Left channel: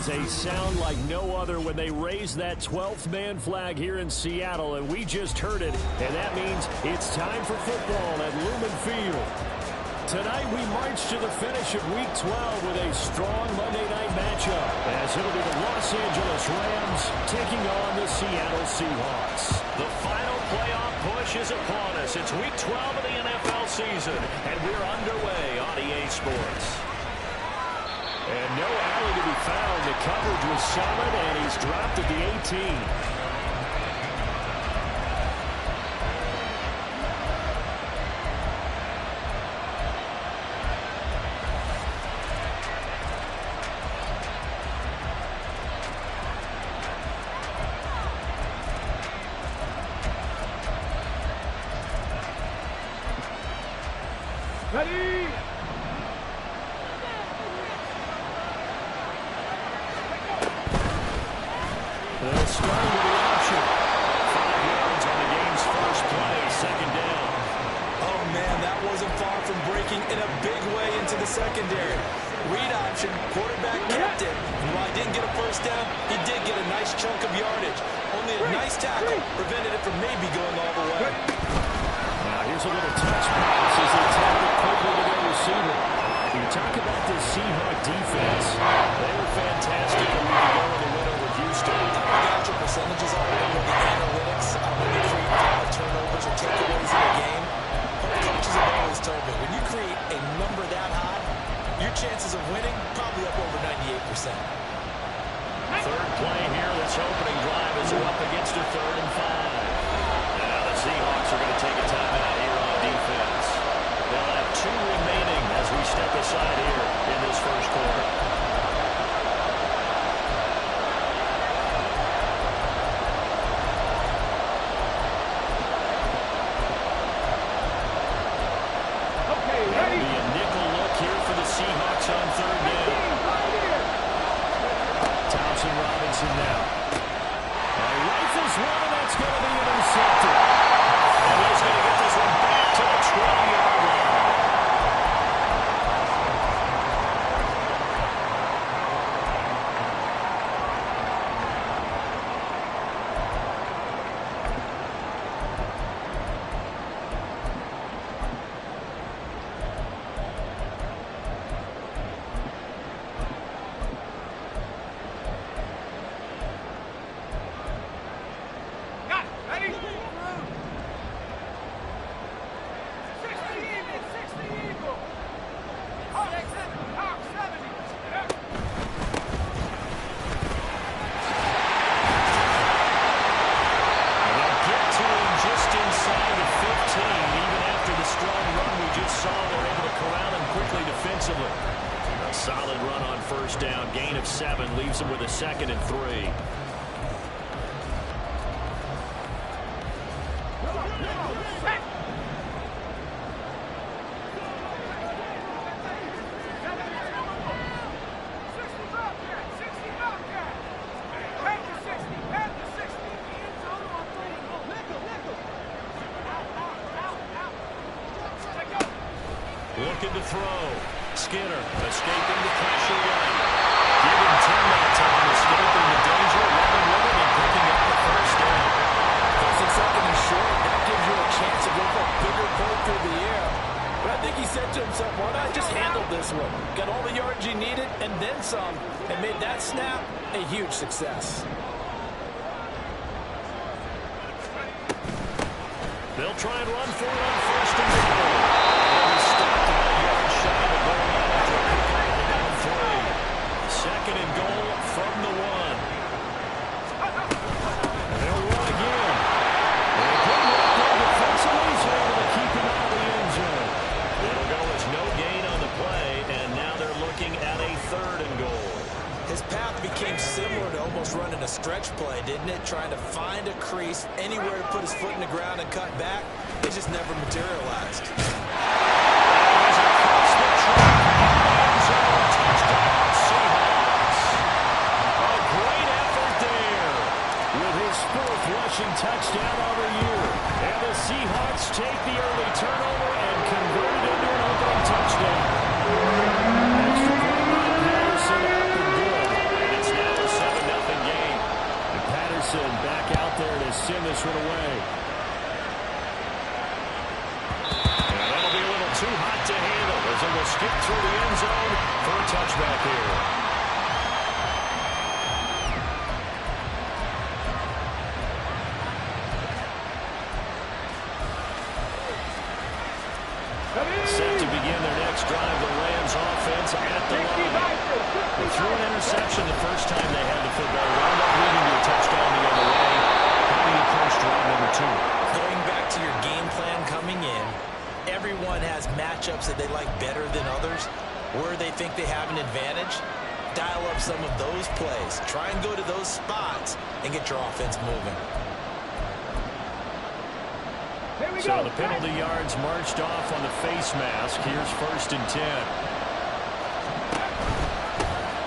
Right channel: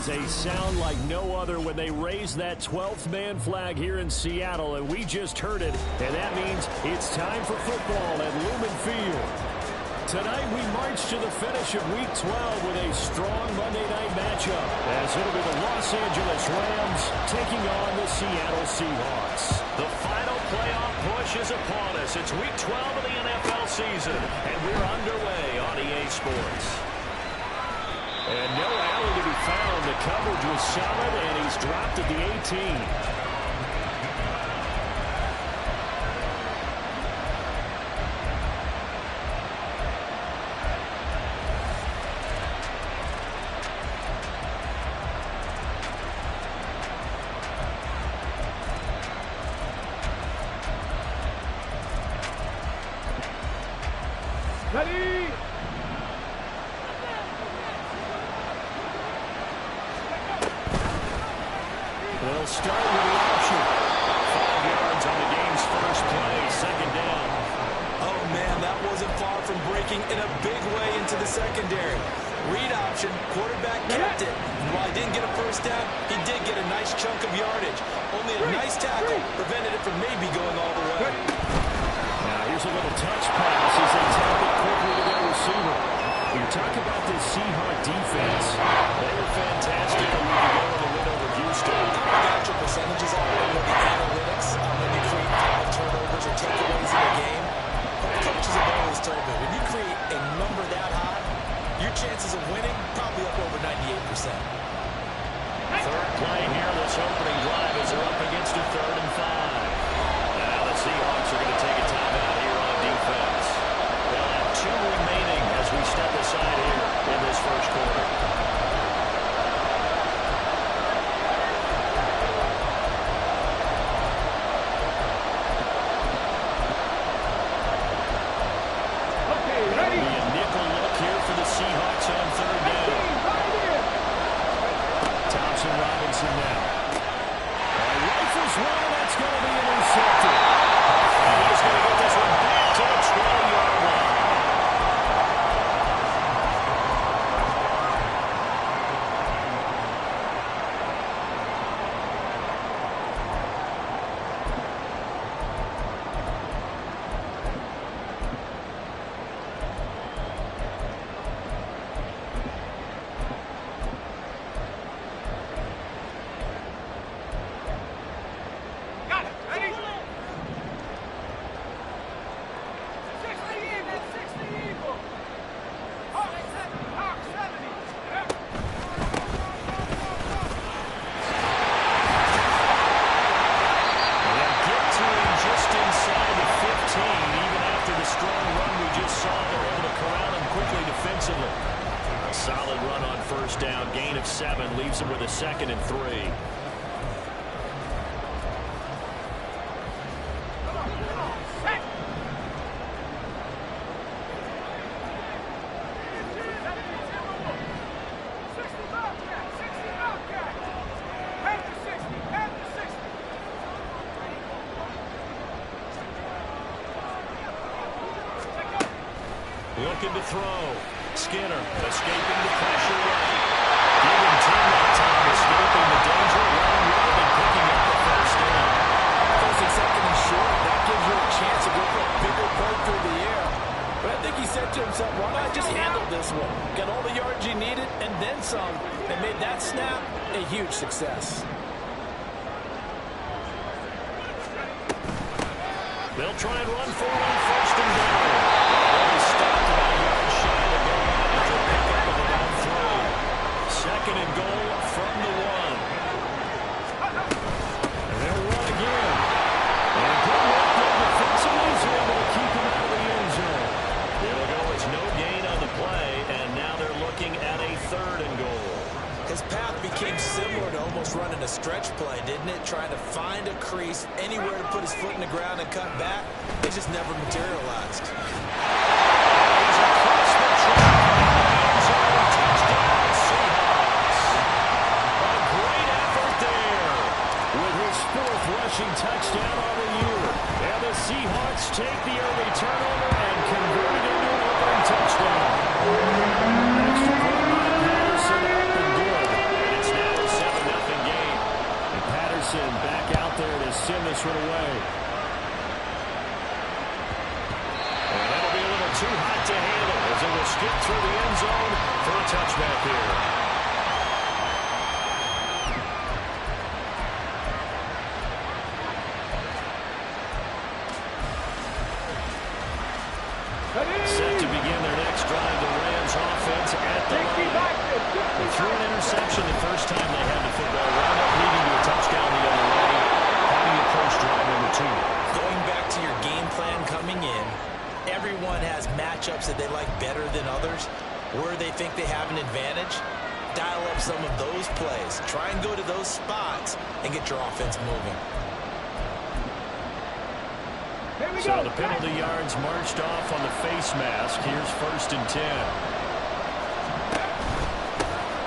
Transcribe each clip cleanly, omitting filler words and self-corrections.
is a sound like no other when they raise that 12th man flag here in Seattle, and we just heard it, and that means it's time for football at Lumen Field. Tonight we march to the finish of Week 12 with a strong Monday night matchup, as it'll be the Los Angeles Rams taking on the Seattle Seahawks. The final playoff push is upon us. It's Week 12 of the NFL season, and we're underway on EA Sports. And no alley to be found. The coverage was solid, and he's dropped at the 18. Ready? They'll start with the option. 5 yards on the game's first play, second down. Oh, man, that wasn't far from breaking in a big way into the secondary. Read option, quarterback kept it. And while he didn't get a first down, he did get a nice chunk of yardage. Only a nice tackle prevented it from maybe going all the way. Now here's a little touch pass as they tap it quickly to their receiver. You talk about this Seahawk defense. They were fantastic a week ago in the win over Houston. I don't got your percentages on it, the analytics, when you create turnovers or takeaways in a game. But coaches have always told me, when you create a number that high, your chances of winning probably up over 98%. Third play here, this opening drive as they're up against a 3rd and 5. Now the Seahawks are going to take a timeout here on defense. They'll have 2 remaining as we step aside here in this first quarter. Okay, ready? It'll be a nickel look here for the Seahawks on 3rd down. Thompson Robinson now. Rifles one, and that's going to be intercepted. And he's going to get this one back to the 20-yard line. Got it. Ready? 60 even, 60 eagle. Hawk 70, Hawk 70. And they'll get to him just inside the 15. Even after the strong run we just saw, they're able to corral him quickly defensively. A solid run on first down. Gain of 7 leaves him with a 2nd and 3. Come on, set. 60 Bobcat, 60 Bobcat. Back to 60, back to 60. Looking to throw. Skinner escaping the pressure right. Give him 10 that time, escaping the danger, running with it, and picking up the first down. First and second and short, that gives you a chance to go for a bigger play through the air. But I think he said to himself, why not just handle this one? Got all the yards he needed and then some, and made that snap a huge success. They'll try and run for it on first and goal. They'll be stopped about a yard shy of the goal line after a pickup of about 3. 2nd and goal from the 1. And they'll run again. And good work there defensively. He's able to keep him out of the end zone. It'll go as no gain on the play, and now they're looking at a 3rd and goal. His path became similar to almost running a stretch play, didn't it? Trying to find a crease, anywhere to put his foot in the ground and cut back. It just never materialized. And he's across the track in the end zone. Touchdown, Seahawks. A great effort there with his 4th rushing touchdown of the year. And the Seahawks take the early turnover and convert it into an opening touchdown. Extra point by Patterson, up and good. And it's this one away. And that'll be a little too hot to handle as it will skip through the end zone for a touchback here. Set to begin their next drive, the Rams offense at the line. They threw an interception the first time they had the football, wound up leading to a touchdown the other way. How do you approach drive number 2? Going back to your game plan coming in, everyone has matchups that they like better than others. Where they think they have an advantage, dial up some of those plays. Try and go to those spots and get your offense moving. So the penalty yards marched off on the face mask. Here's 1st and 10.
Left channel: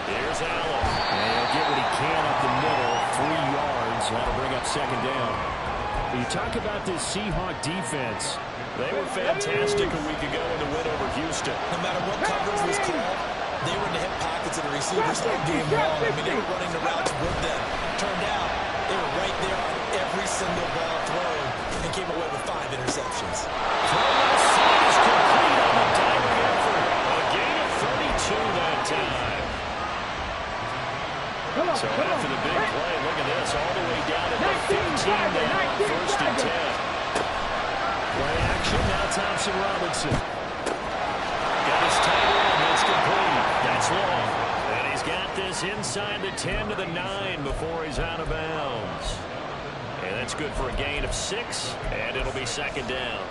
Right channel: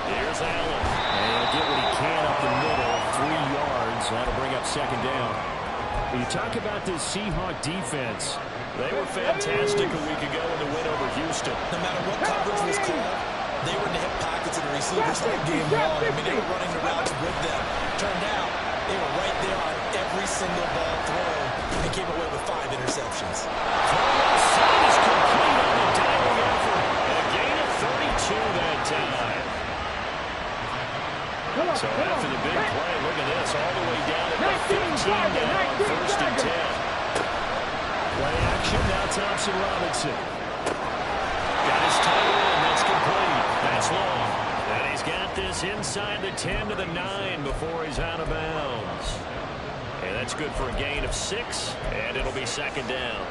Here's Allen. And he'll get what he can up the middle. 3 yards. That'll bring up 2nd down. You talk about this Seahawk defense. They were fantastic a week ago in the win over Houston. No matter what coverage was called, they were in the hip pockets of the receivers all game long. I mean, they were running the routes with them. Turned out, they were right there on every single ball thrown and came away with 5 interceptions. Throw outside is complete on the diving effort. A gain of 32 that time. So after the big play, look at this, all the way down at the 15 now on 1st and 10. Play action, now Thompson Robinson. Got his tight end, that's complete. That's long. And he's got this inside the 10 to the 9 before he's out of bounds. And that's good for a gain of 6, and it'll be 2nd down.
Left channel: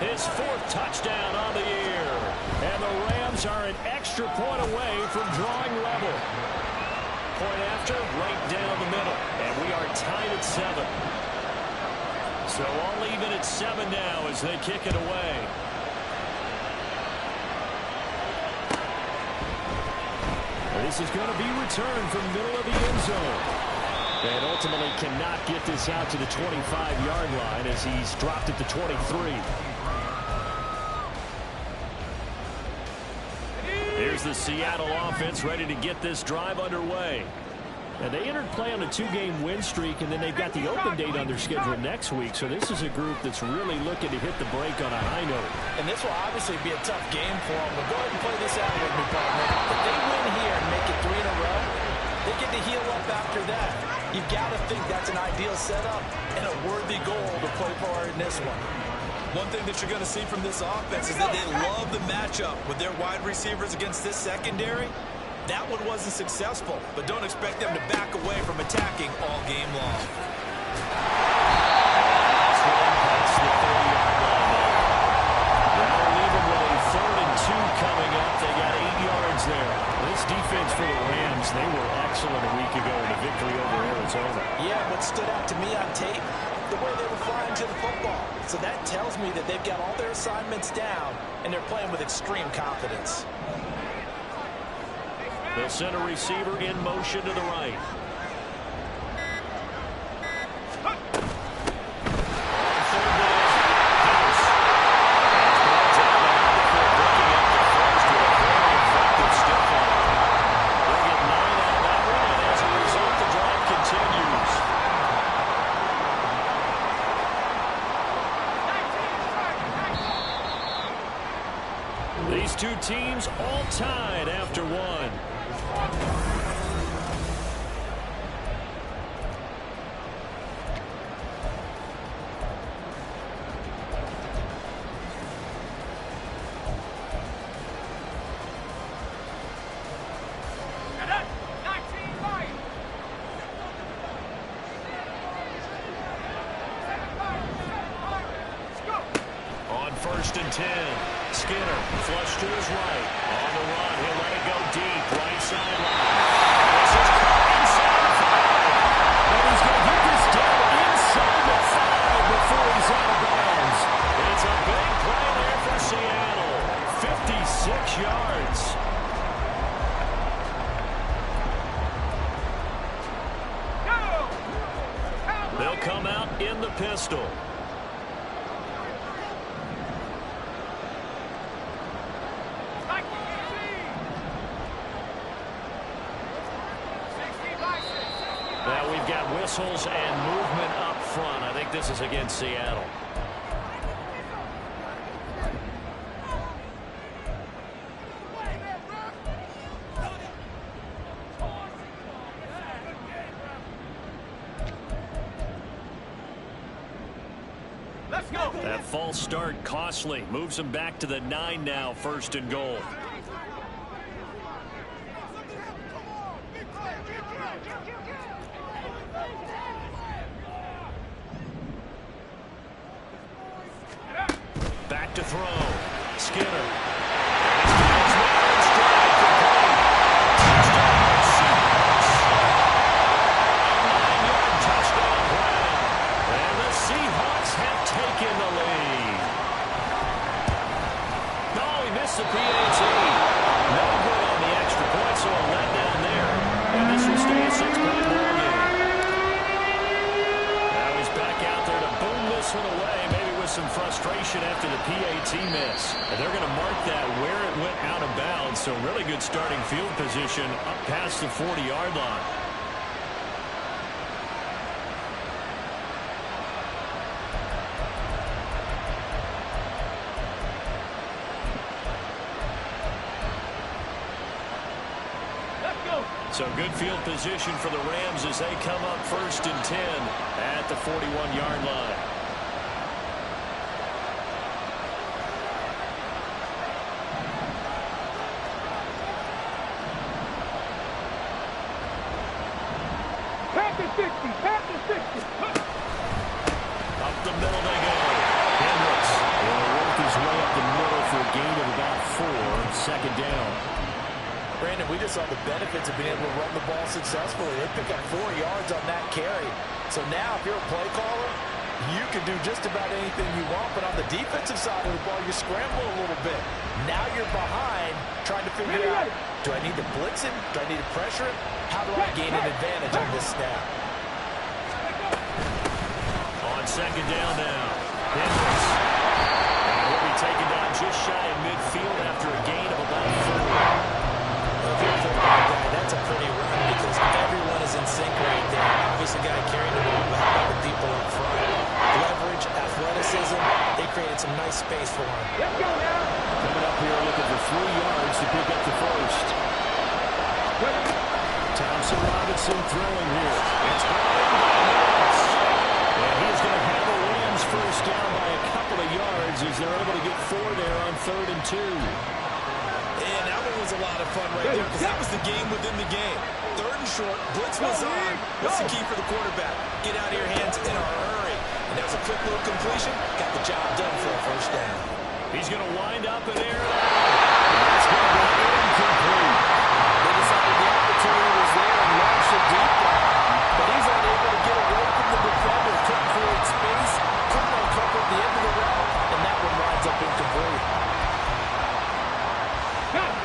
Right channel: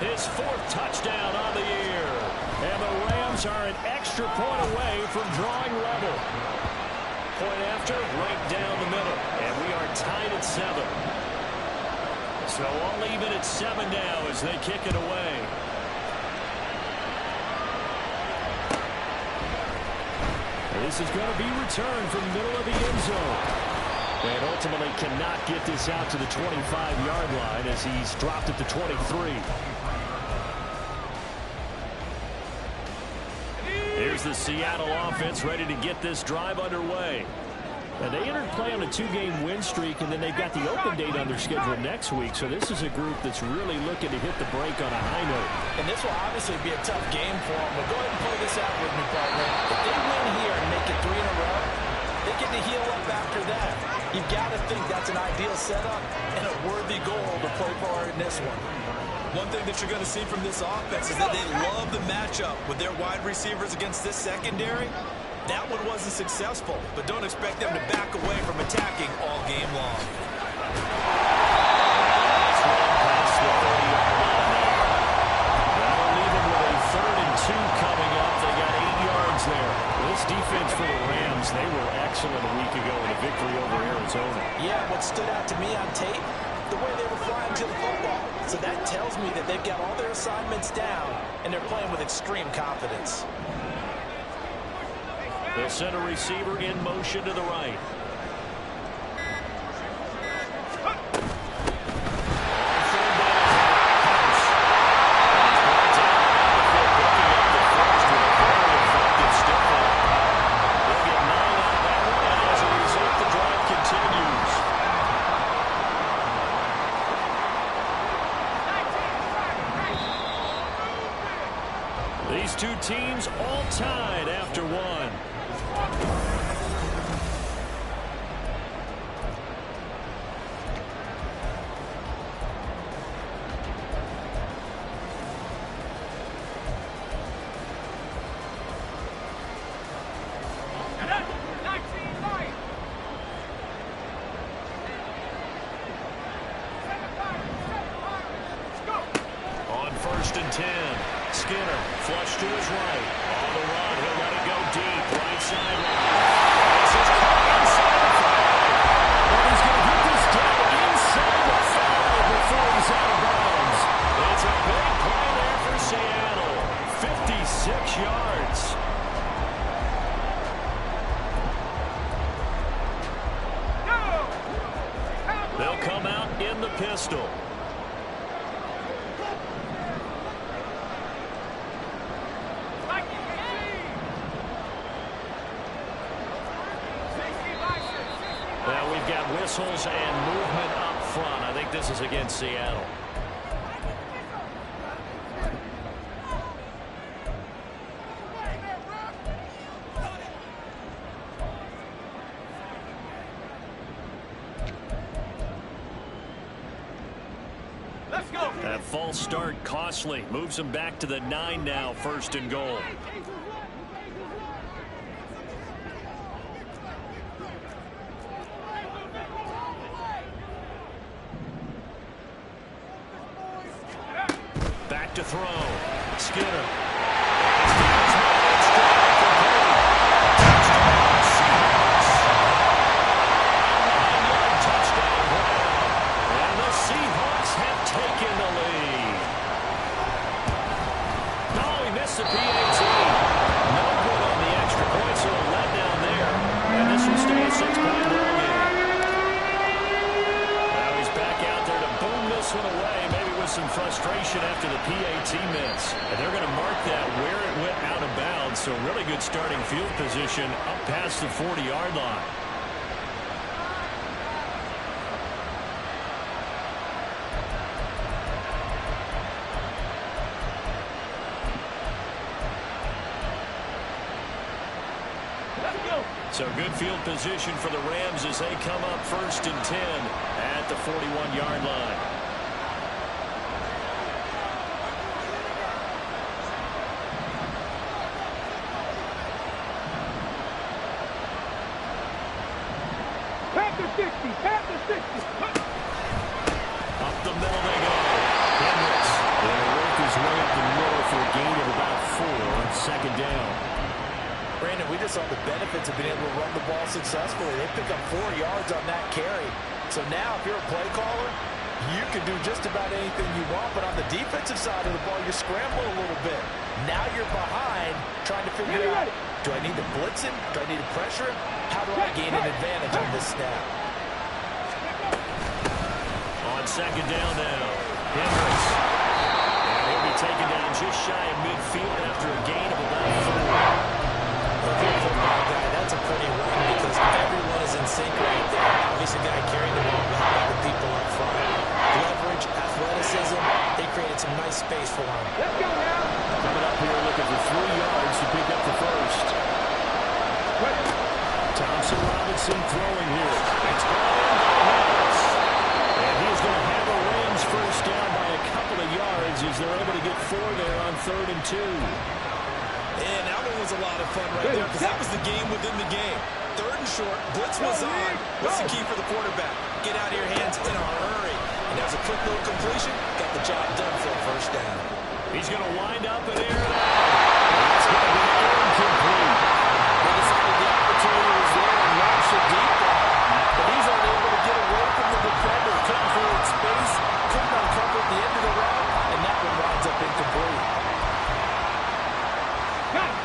His 4th touchdown on the year. And the Rams are an extra point away from drawing level. Point after, right down the middle. And we are tied at 7. So all even at 7 now as they kick it away. And this is going to be returned from the middle of the end zone. And ultimately cannot get this out to the 25-yard line as he's dropped at the 23. Here's the Seattle offense ready to get this drive underway. And they entered play on a 2-game win streak, and then they've got the open date on their schedule next week. So this is a group that's really looking to hit the break on a high note. And this will obviously be a tough game for them. But go ahead and play this out with me, partner. If they win here and make it 3 in a row, they get to heal up after that. You've got to think that's an ideal setup and a worthy goal to play for in this one. One thing that you're going to see from this offense is that they love the matchup with their wide receivers against this secondary. That one wasn't successful, but don't expect them to back away from attacking all game long. That's run past the 30-yard line there. That'll leave them with a 3rd and 2 coming up. They got 8 yards there. This defense for the Rams, they were excellent a week ago in a victory over Arizona. Yeah, what stood out to me on tape, the way they were flying to the football. So that tells me that they've got all their assignments down, and they're playing with extreme confidence. They'll send a receiver in motion to the right. On 3rd down, House. And he's brought down and out before picking up the first with a very effective stiff arm. They'll get 9 out of that one, and as a result, the drive continues. These two teams all tied after 1. On 1st and 10, Skinner flush to his right. On the run, he'll let it go deep, right sideline. This is caught inside the 5. And he's going to get this down inside the 5 before he's out of bounds. It's a big play there for Seattle. 56 yards. and the pistol. Now we've got whistles and movement up front. I think this is against Seattle. Let's go. That false start costly. Moves him back to the 9 now, 1st and goal. Back to throw. Skinner. And he steals one and strike complete. Touchdown, Seahawks. A 9-yard touchdown Brown. And the Seahawks have taken the lead. No, he missed the PAT. No good on the extra point, so a letdown there. And this will stay a 6-point ball game. Now he's back out there to boom this one away. Maybe with some frustration after the PAT miss. And they're going to mark that where it went out of bounds. So really good starting field position up past the 40-yard line. So good field position for the Rams as they come up 1st and 10 at the 41-yard line. Panther 60, Panther 60. Up the middle they go. Hendricks will work his way up the middle for a gain of about 4. 2nd down. Brandon, we just saw the benefits of being able to run the ball successfully. They pick up 4 yards on that carry. So now if you're a play caller, you can do just about anything you want. But on the defensive side of the ball, you scramble a little bit. Now you're behind trying to figure out, do I need to blitz him? Do I need to pressure him? How do I gain an advantage on this snap? On 2nd down now, Hendricks. And he'll be taken down just shy of midfield after a gain of about 4. If you're a football guy, that's a pretty run because everyone is in sync right there. Obviously, the guy carrying the ball, but how about the people up front? Leverage, athleticism, they created some nice space for him. Let's go now. Coming up here looking for 3 yards to pick up the first. Thompson Robinson throwing here. It's brought in by Harris. And he's going to have a Rams first down by a couple of yards as they're able to get 4 there on 3rd and 2. And that one was a lot of fun right there because that was the game within the game. 3rd and short, blitz was on. What's the key for the quarterback? Get out of your hands in a hurry. And that was a quick little completion. Got the job done for a first down. He's going to wind up and air it out. That's going to be incomplete. They decided the opportunity was there and launched a deep ball. But he's unable to get away from the defender. Couldn't create space. Couldn't uncover the end of the route. And that one winds up incomplete.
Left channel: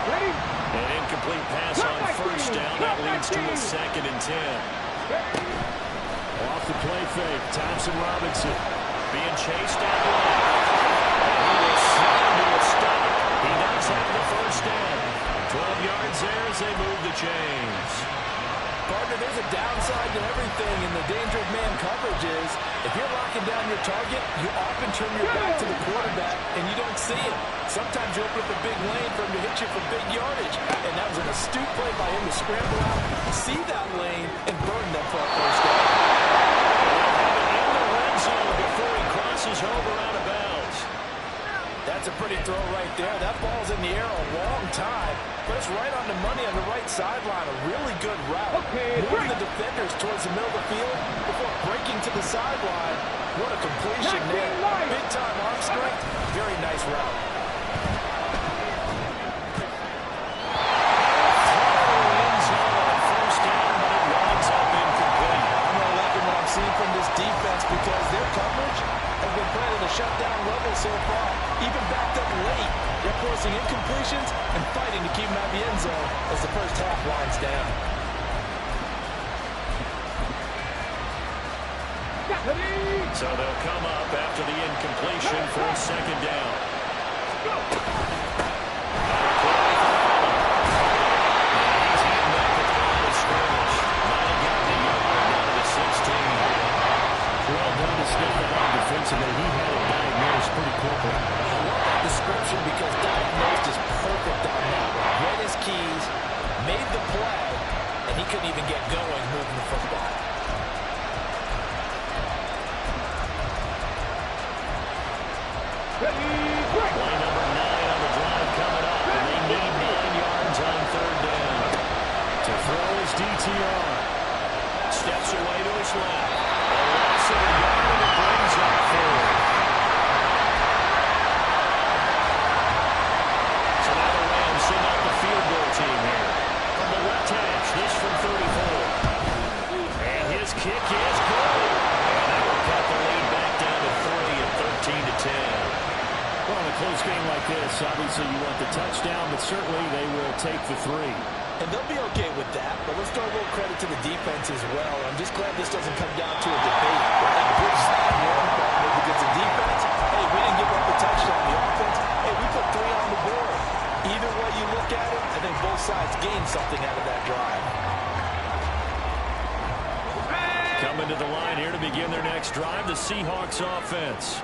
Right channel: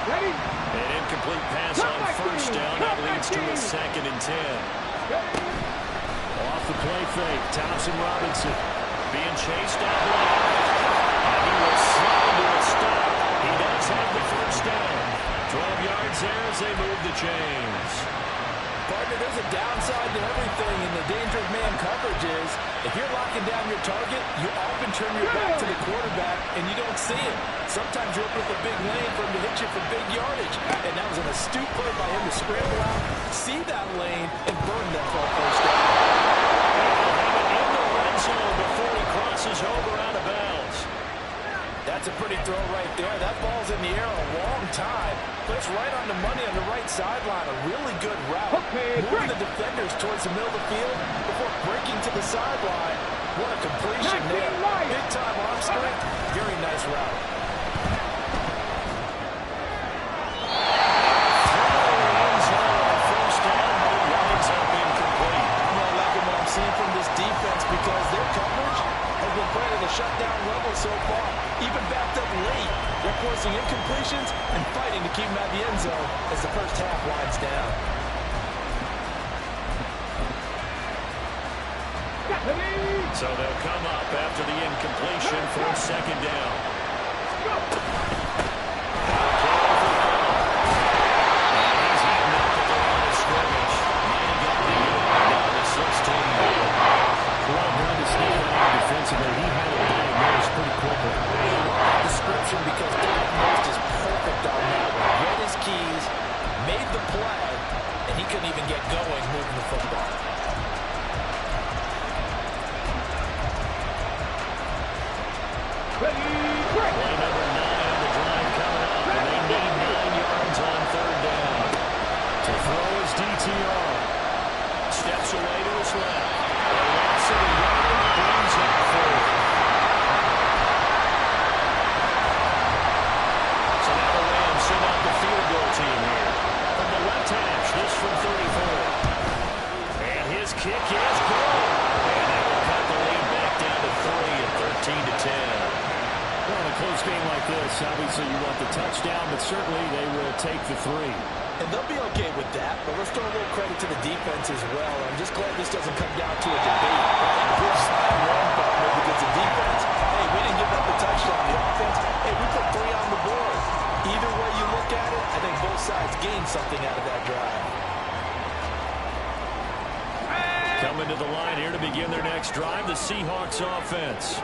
Ready? An incomplete pass on first down. That leads to a 2nd and 10. Off the play fake, Thompson Robinson. Being chased out left. And he will slide to a stop. He does have the first down. 12 yards there as they move the chains. Partner, there's a downside to everything, and the danger of man coverage is if you're locking down your target, you often turn your back to the quarterback, and you don't see him. Sometimes you open up a big lane for him to hit you for big yardage, and that was an astute play by him to scramble out, see that lane, and burn that for a first down. And he'll have it in the red zone before he crosses over out of bounds. That's a pretty throw right there. That ball's in the air a long time, but it's right on the money on the right sideline. A really good route. Moving the defenders towards the middle of the field before breaking to the sideline. What a completion there. Big-time arm strength. Very nice route. Seeing from this defense because their coverage has been playing at a shutdown level so far. Even backed up late, they're forcing incompletions and fighting to keep them at the end zone as the first half winds down. So they'll come up after the incompletion for a second down. Now a carry for Allen. And he's eaten up at the line of scrimmage. Might have gotten the yard down to the 16. Well done to sniff that out defensively. He had it diagnosed pretty quickly. I love that description because diagnosed is perfect on that one. Read his keys, made the play, and he couldn't even get going moving the football. Play number 9 on the drive coming up, and they need 9 yards on third down. To throw his DTR. Steps away to his left. A loss of a yard, and it brings up forward. So now the Rams send out the field goal team here. From the left hash, this from 34. And his kick is good. And that will cut the lead back down to 3 at 13-10. Well, in a close game like this, obviously you want the touchdown, but certainly they will take the 3. And they'll be okay with that, but let's throw a little credit to the defense as well. I'm just glad this doesn't come down to a debate. Right? Good side win, but maybe because the defense, hey, we didn't give up a touchdown. The offense, hey, we put 3 on the board. Either way you look at it, I think both sides gained something out of that drive. Coming to the line here to begin their next drive, the Seahawks offense.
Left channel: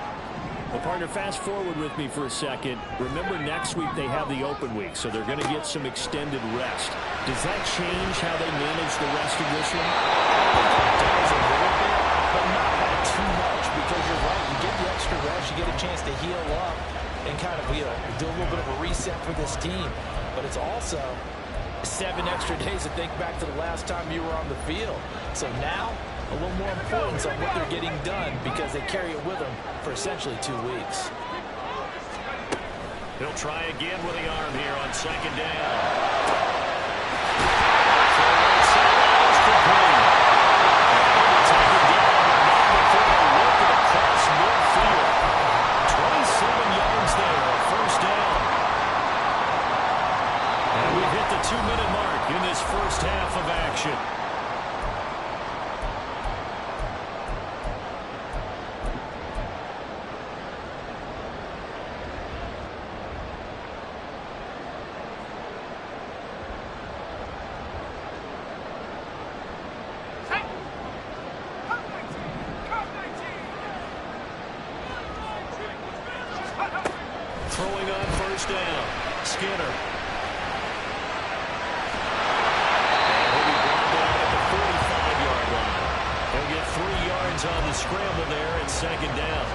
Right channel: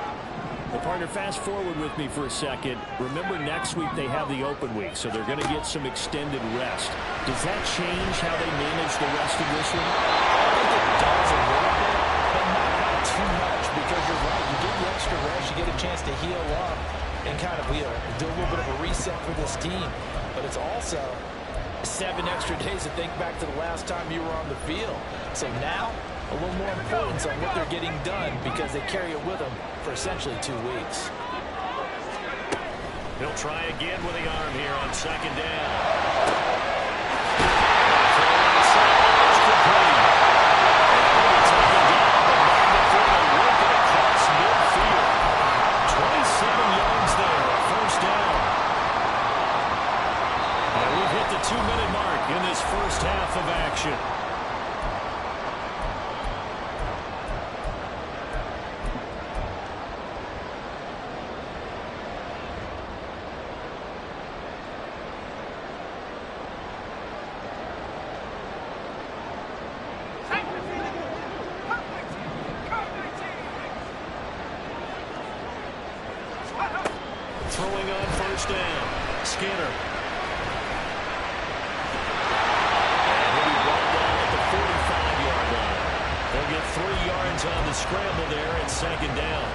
Well, partner, fast forward with me for a second. Remember, next week they have the open week, so they're going to get some extended rest. Does that change how they manage the rest of this one? I think it does a little bit, but not by too much, because you're right. You get the extra rest, you get a chance to heal up and kind of do a little bit of a reset for this team. But it's also 7 extra days to think back to the last time you were on the field. So now, a little more importance on what they're getting done because they carry it with them for essentially 2 weeks. He'll try again with the arm here on second down. He'll be taken down, but not before they work it across midfield. 27 yards there, a first down. And we've hit the 2-minute mark in this first half of action. Throwing on first down, Skinner. And he'll be brought down at the 45-yard line. He'll get 3 yards on the scramble there at second down.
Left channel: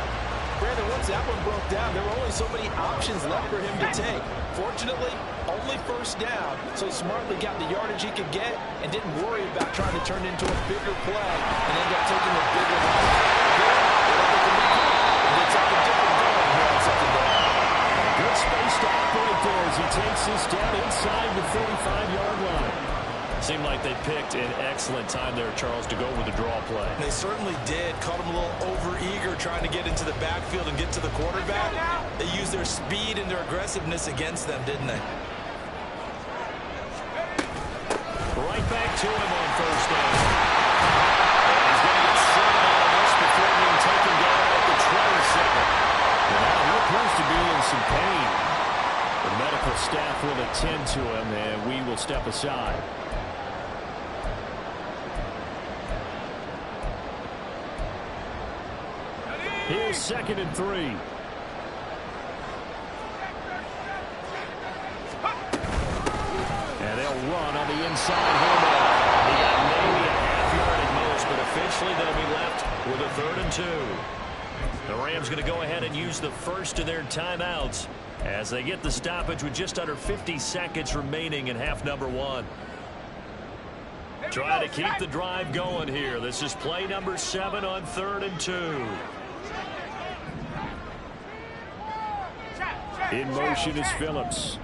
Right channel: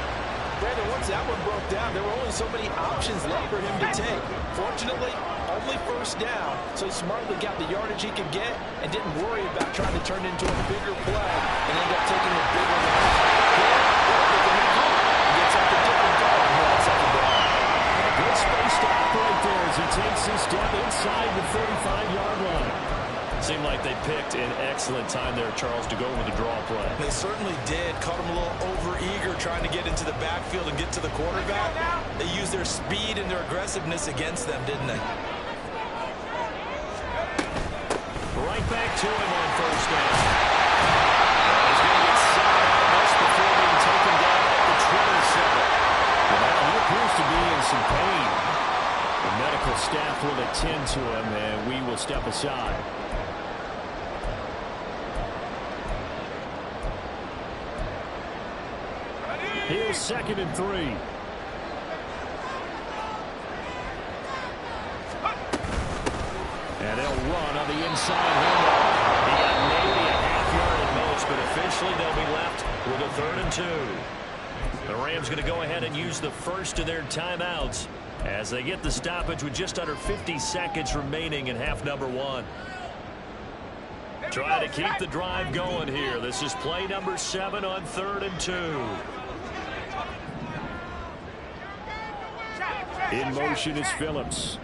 Brandon, once that one broke down, there were only so many options left for him to take. Fortunately, only first down, so he smartly got the yardage he could get and didn't worry about trying to turn it into a bigger play and end up taking a bigger loss. Here, they can regroup and get something different going here on second down. Good space to operate there as he takes this down inside the 35-yard line. Seemed like they picked an excellent time there, Charles, to go with the draw play. They certainly did. Caught him a little over-eager trying to get into the backfield and get to the quarterback. They used their speed and their aggressiveness against them, didn't they? Right back to him on first down. And he's going to get 7 out of this before being taken down at the 27. Well, now he appears to be in some pain. The medical staff will attend to him, and we will step aside. Here's 2nd and 3. And they'll run on the inside handoff. He got maybe a half yard at most, but officially they'll be left with a 3rd and 2. The Rams going to go ahead and use the first of their timeouts as they get the stoppage with just under 50 seconds remaining in half number 1. Trying to keep the drive going here. This is play number 7 on 3rd and 2. In motion is Phillips.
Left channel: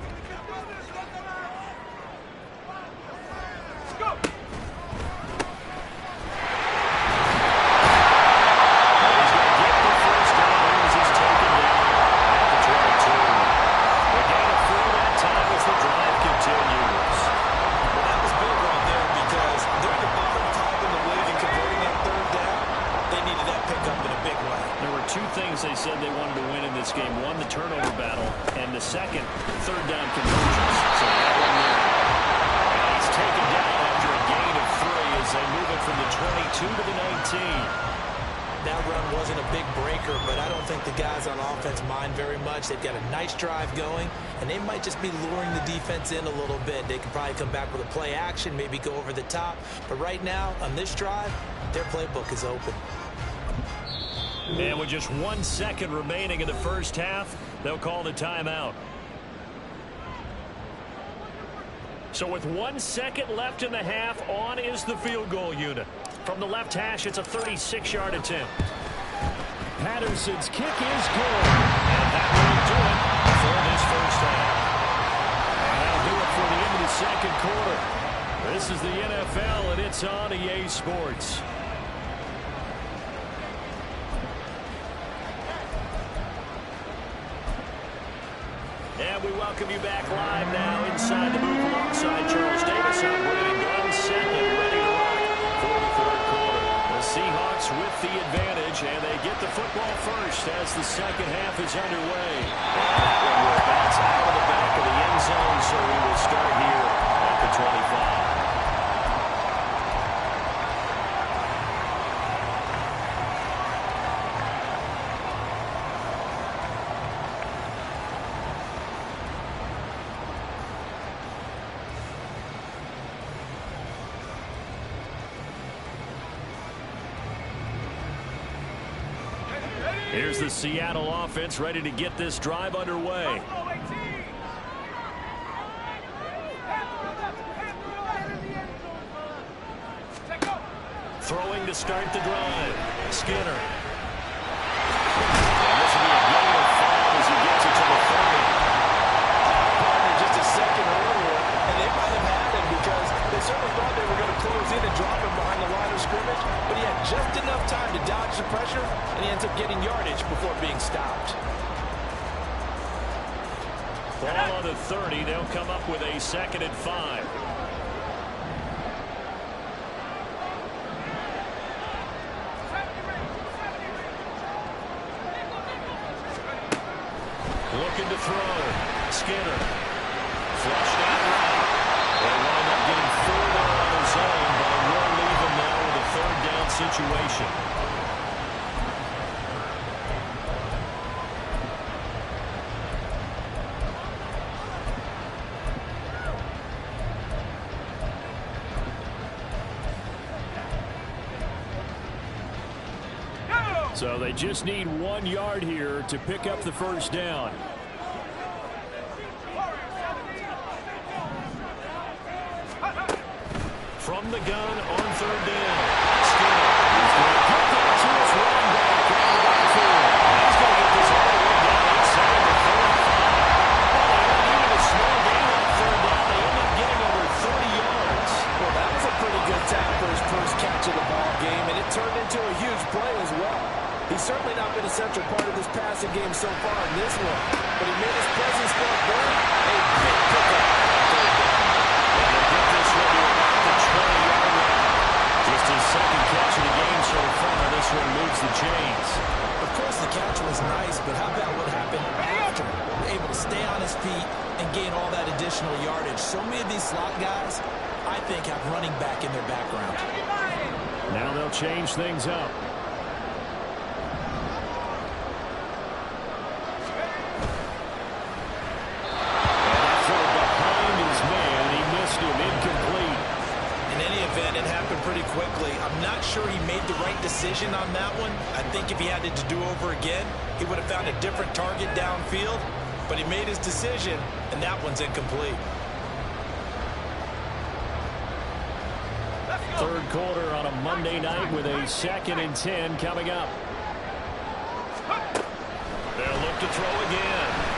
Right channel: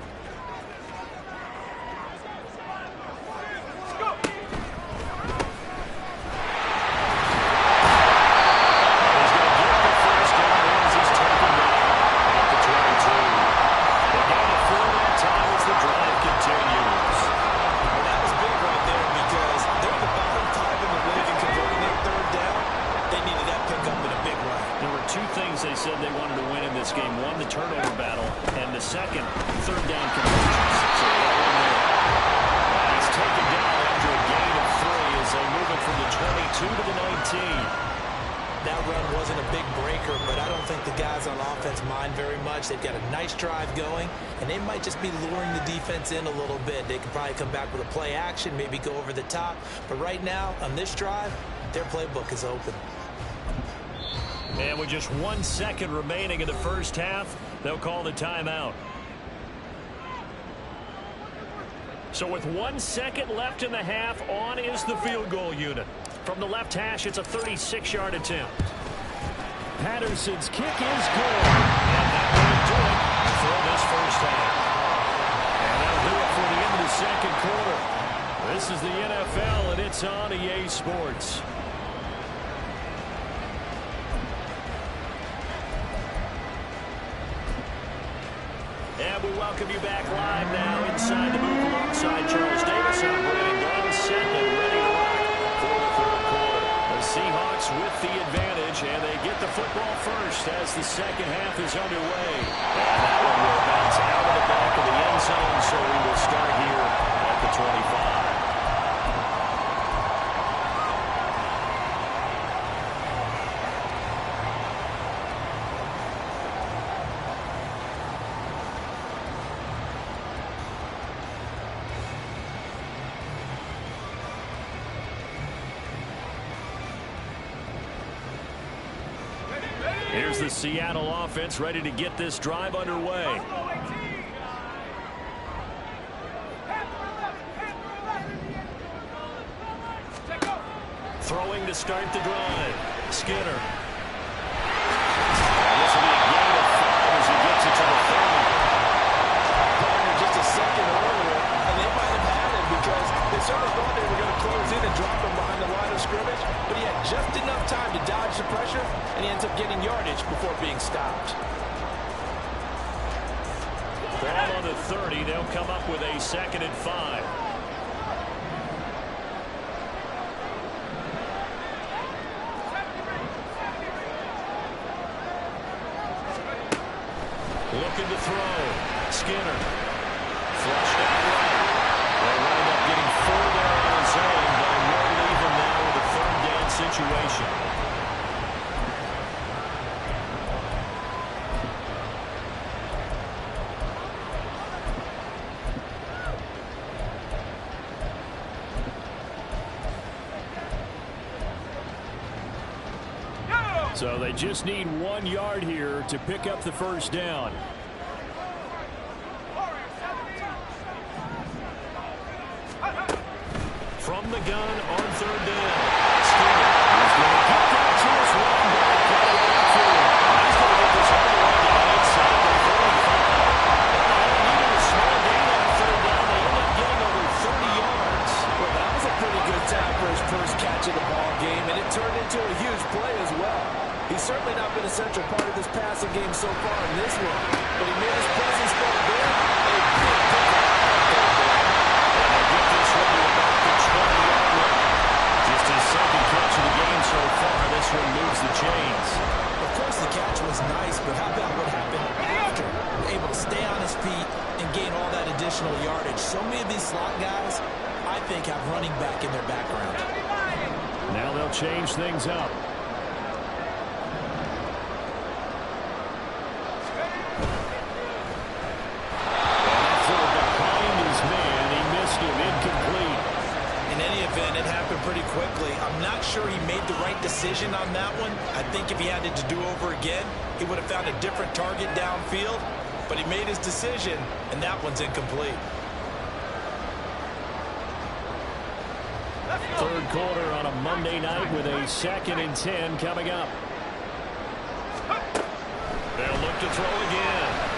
They needed that pickup in a big game, won the turnover battle, and the second third down conversions. So they got one there. And he's taken down after a gain of 3 as they move it from the 22 to the 19. That run wasn't a big breaker, but I don't think the guys on offense mind very much. They've got a nice drive going, and they might just be luring the defense in a little bit. They could probably come back with a play action, maybe go over the top. But right now, on this drive, their playbook is open. And with just 1 second remaining in the first half, they'll call the timeout. So with 1 second left in the half, on is the field goal unit. From the left hash, it's a 36-yard attempt. Patterson's kick is good. And that will do it for this first half. And that'll do it for the end of the second quarter. This is the NFL, and it's on EA Sports. And we welcome you back live now inside the booth alongside Charles Davis. I'm Brandon Gaudin, set and ready to rock for the third quarter. The Seahawks with the advantage, and they get the football first as the second half is underway. And that one will bounce out of the back of the end zone, so we will start here at the 25. Here's the Seattle offense ready to get this drive underway. Throwing to start the drive. Skinner. And this will be a gain of 5 as he gets it to the 30. Partner just a second earlier, and they might have had him because they certainly thought they were going to close in and drop him behind the line of scrimmage, but he had just enough time to dodge the pressure, and he ends up getting yardage before being stopped. Ball on the 30. They'll come up with a 2nd and 5. Looking to throw. Skinner. Flushed out right. They wind up getting 4 there on his own, but it will leave him now with a 3rd down situation. So they just need 1 yard here to pick up the first down. From the gun on 3rd down. Skinner is going to get that to his running back out of the backfield. He's going to get this all the way down inside the 35. Well, they only needed a small gain on 3rd down. They end up getting over 30 yards. Well, that was a pretty good time for his first catch of the ball game, and it turned into a huge play as well. He's certainly not been a central part of this passing game so far in this one, but he made his presence felt good. A big pickup on 3rd down. And they get this one to about the 20-yard line. Just his 2nd catch of the game so far. This one moves the chains. Of course, the catch was nice, but how about what happened after? Able to stay on his feet and gain all that additional yardage. So many of these slot guys, I think, have running back in their background. Now they'll change things up. Incomplete. In any event, it happened pretty quickly. I'm not sure he made the right decision on that one. I think if he had it to do over again, he would have found a different target downfield. But he made his decision, and that one's incomplete. 3rd quarter on a Monday night with a 2nd and 10 coming up. They'll look to throw again.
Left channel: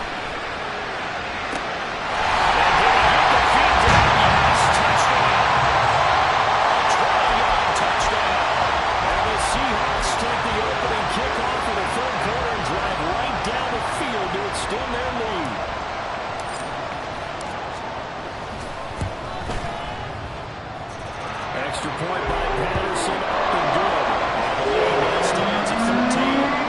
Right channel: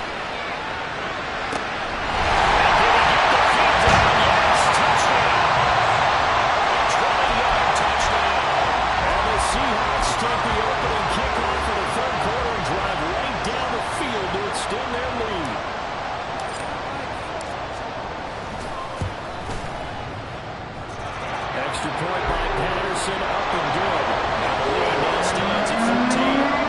Seahawks take the opening kickoff of the 3rd quarter and drive right down the field to extend their lead. Extra point by Patterson, up and good. And the lead now stands at 13.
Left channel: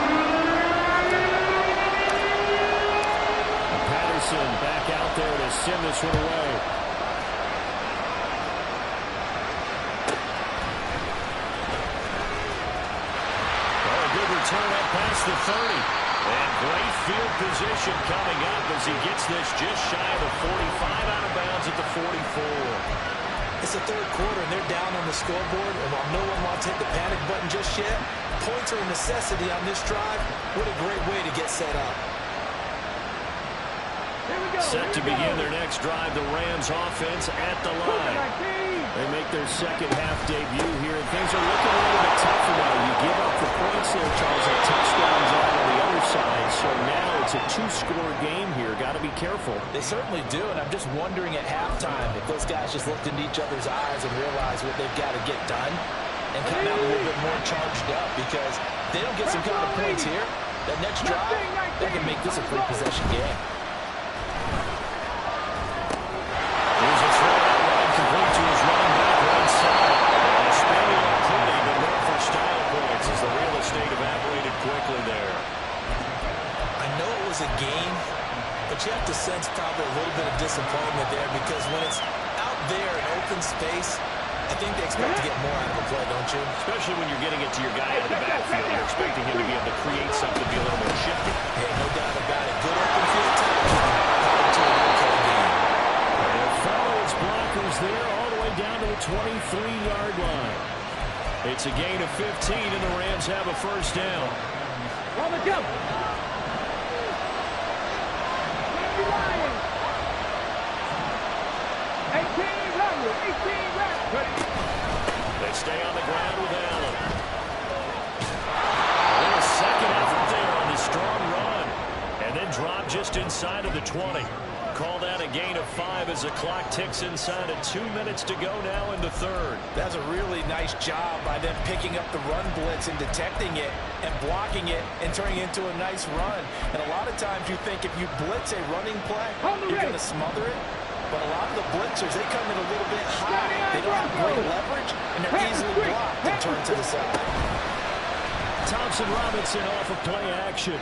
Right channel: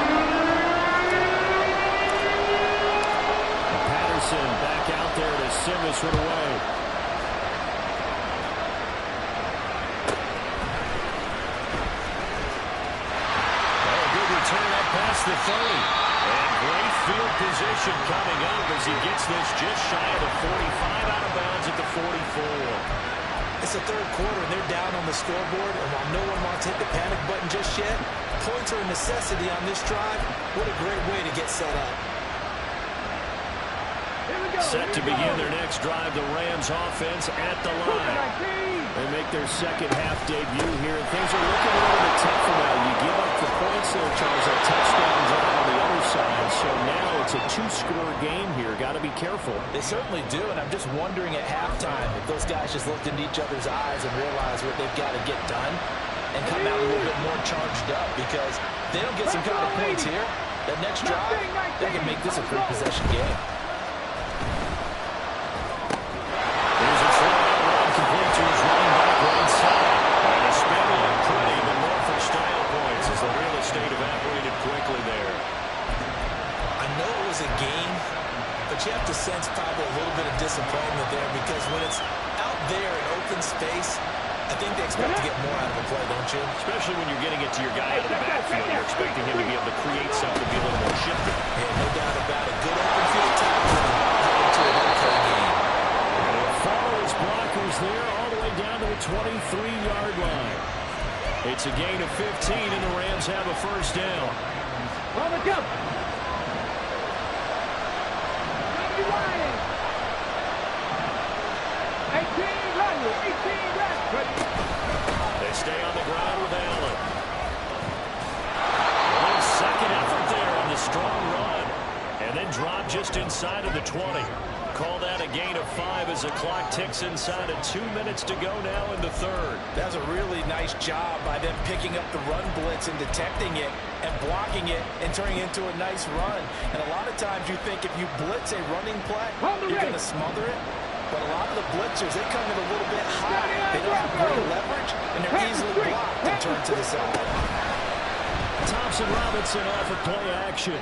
Robinson back out there to send this one away. Oh, a good return up past the 30. And great field position coming up as he gets this just shy of the 45, out of bounds at the 44. It's the third quarter, and they're down on the scoreboard. And while no one wants to hit the panic button just yet, points are a necessity on this drive. What a great way to get set up. Set to begin their next drive, the Rams offense at the line. They make their second half debut here, and things are looking a little bit tougher now. You give up the points there, Charles, a touchdown drive on the other side. So now it's a two-score game here. Got to be careful. They certainly do, and I'm just wondering at halftime if those guys just looked into each other's eyes and realized what they've got to get done and come out a little bit more charged up, because they don't get some kind of points here. That next drive, they can make this a three-possession game. Here's a throw-out line complete to his running back right side. And a spin looked pretty, but more for style points as the real estate evaporated quickly there. I know it was a game, but you have to sense probably a little bit of disappointment there, because when it's out there in open space, I think they expect to get more out of a play, don't you? Especially when you're getting it to your guy out of the backfield. You're expecting him to be able to create something, be a little more shifty. Yeah, no doubt about it. Good open field tackling, headed to an okay game. Follow his blockers there all the way down to the 23-yard line. It's a gain of 15, and the Rams have a first down. On the jump. 18, run, 18, run. They stay on the ground with Allen. A little second effort there on the strong run, and then drop just inside of the 20. Call that a gain of 5 as the clock ticks inside of 2 minutes to go now in the third. That's a really nice job by them picking up the run blitz and detecting it and blocking it and turning it into a nice run. And a lot of times you think if you blitz a running play, you're going to smother it. But a lot of the blitzers, they come in a little bit high. They don't have great leverage, and they're easily blocked and turned to the side. Thompson Robinson off of play action.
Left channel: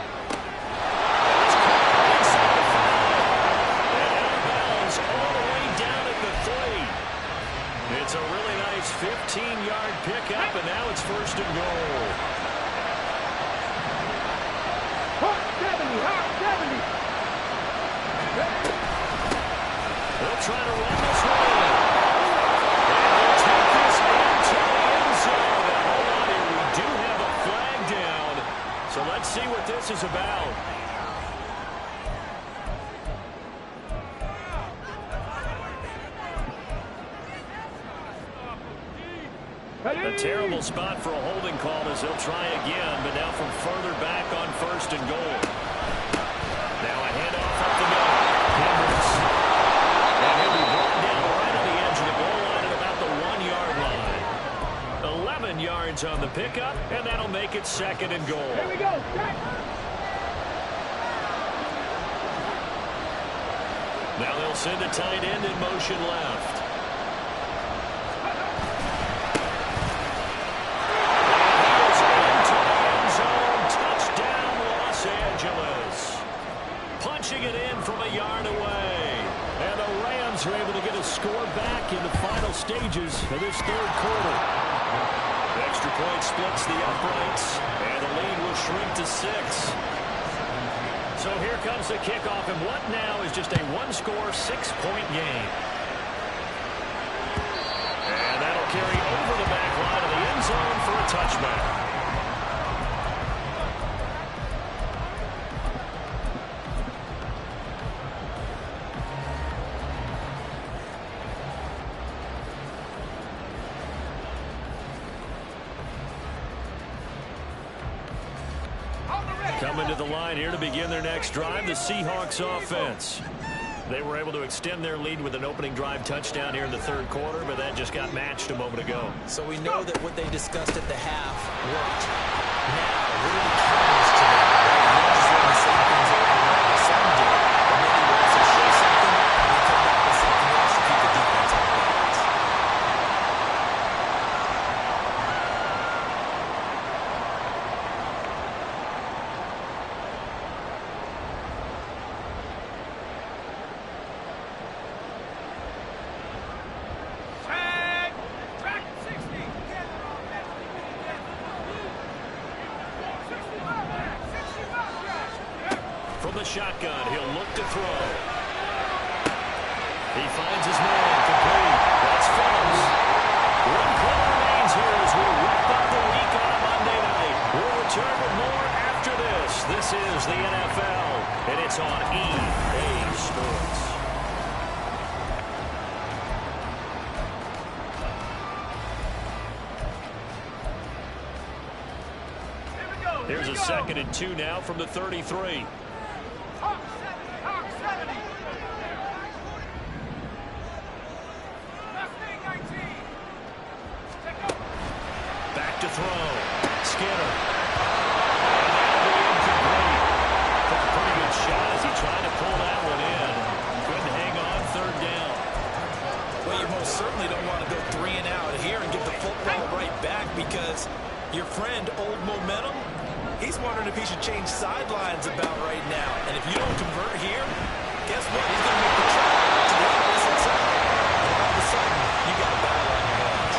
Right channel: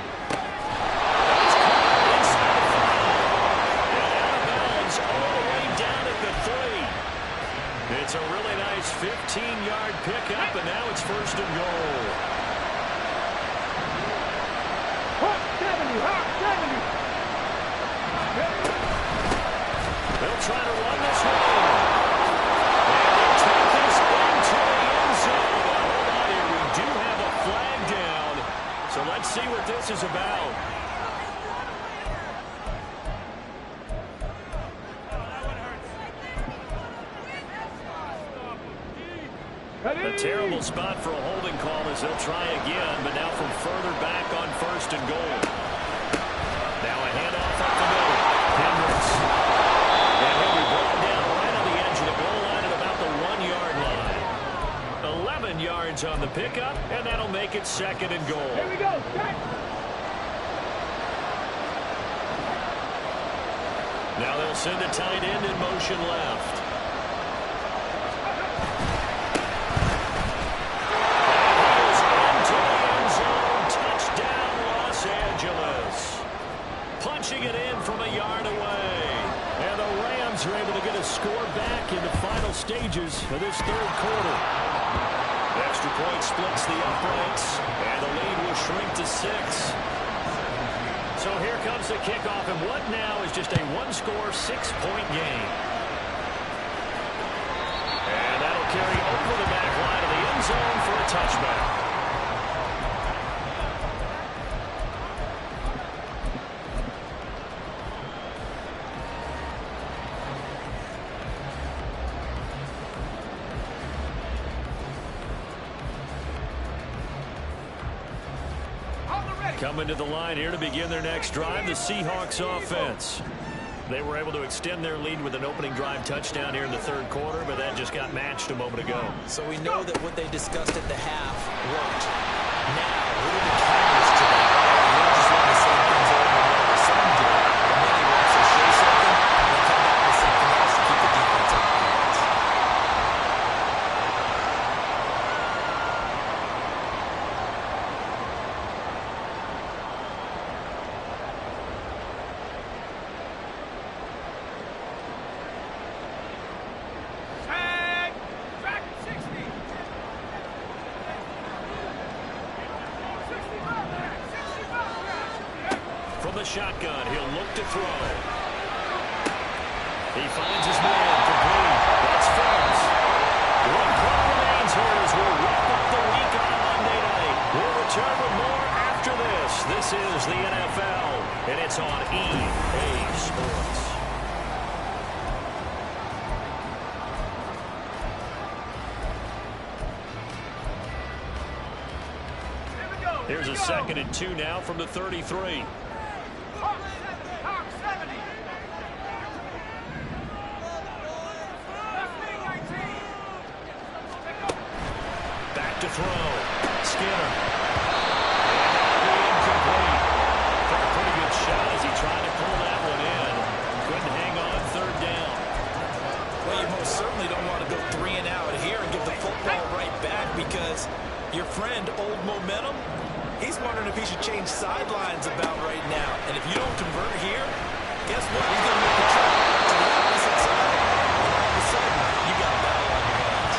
All the way down at the 3. It's a really nice 15-yard pickup, and now it's first and goal. Hawk 70, Hawk 70. They'll try to run this one in. And they'll take this into the end zone. Now, hold on here. We do have a flag down. So let's see what this is about. A terrible spot for a holding call as they'll try again, but now from further back on first and goal. Now a handoff up the middle. Hendricks. And he'll be brought down right on the edge of the goal line at about the 1 yard line. 11 yards on the pickup, and that'll make it second and goal. Here we go. Start. Now they'll send a tight end in motion left. Punching it in from a yard away. And the Rams are able to get a score back in the final stages of this third quarter. The extra point splits the uprights, and the lead will shrink to 6. So here comes the kickoff, and what now is just a one-score, 6-point game. And that'll carry over the back line of the end zone for a touchback. Coming to the line here to begin their next drive, the Seahawks offense. They were able to extend their lead with an opening drive touchdown here in the third quarter, but that just got matched a moment ago. So we know that what they discussed at the half worked. Now, what are the counters to that? Right? You don't just run the same things over and over. Some do, but many will also show something and then come back with something else to keep the defense on balance. the shotgun. He'll look to throw. He finds his man complete. That's Phillips. 1 quarter remains here as we wrap up the week on a Monday night. We'll return with more after this. This is the NFL, and it's on EA Sports. Here's a 2nd and 2 now from the 33. Hawk 70. Left wing 19. Take over. Back to throw. Skinner. And that'll be incomplete. Took a pretty good shot as he tried to pull that one in. Couldn't hang on 3rd down. Well, you most certainly don't want to go 3 and out here and give the football right back because your friend, Old Momentum, he's wondering if he should change sidelines about right now. And if you don't convert here, guess what? He's going to make the trip to the opposite side. And all of a sudden, you got a battle on your hands.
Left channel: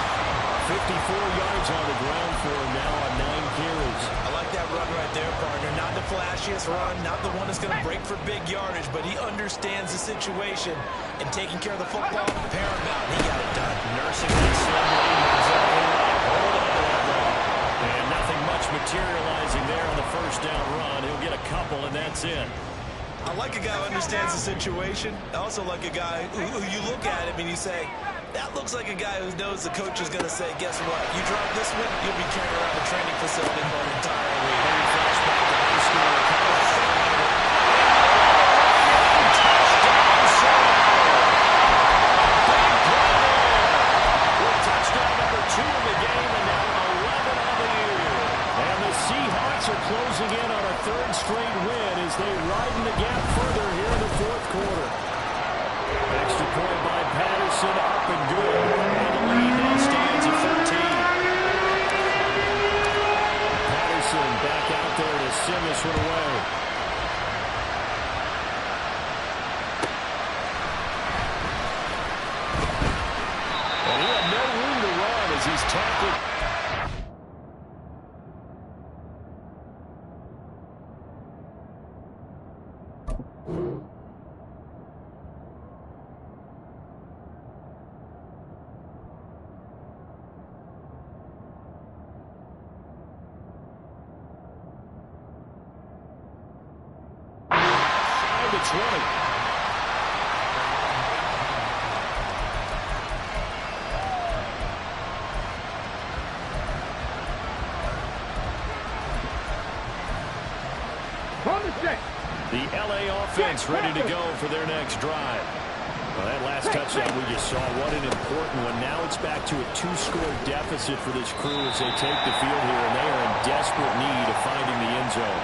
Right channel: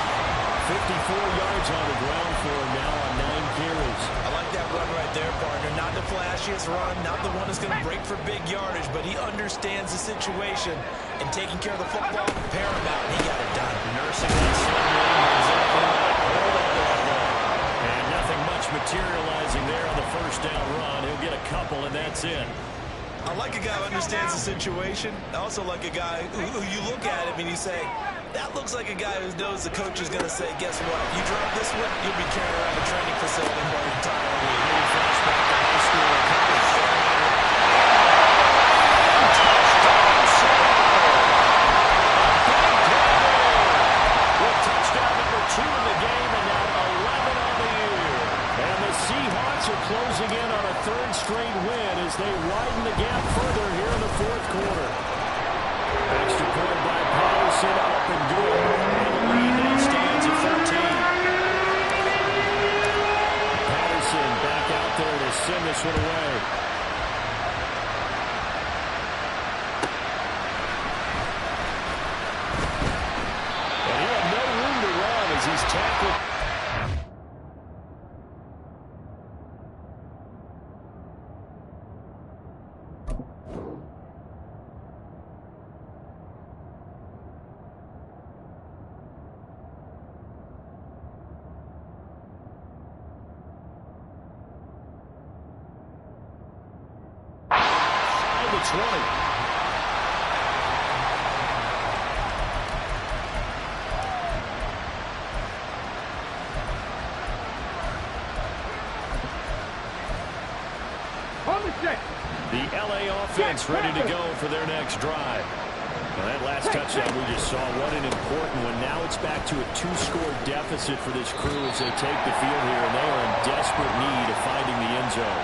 54 yards on the ground for him now on 9 carries. I like that run right there, partner. Not the flashiest run, not the one that's going to break for big yardage, but he understands the situation. And taking care of the football, paramount. He got it done. Nursing that slim lead. Exactly right. Hold on to that ball. And nothing much materializing there on the 1st down run. He'll get a couple, and that's it. I like a guy who understands the situation. I also like a guy who you look at him and you say, that looks like a guy who knows the coach is going to say, guess what? You drop this one, you'll be carrying around the training facility for an entire week. Maybe flashback to high school or college. Touchdown, Seattle. A big play there. With touchdown number 2 in the game, and now 11 on the year. And the Seahawks are closing in on a 3rd straight win as they widen the gap further here in the 4th quarter. Extra point by Patterson, up and good. And the lead now stands at 13. Patterson back out there to send this one away. And he had no room to run as he's tackled. The 20. The LA offense ready to go for their next drive. Well, that last touchdown we just saw, what an important one. Now it's back to a 2-score deficit for this crew as they take the field here, and they are in desperate need of finding the end zone.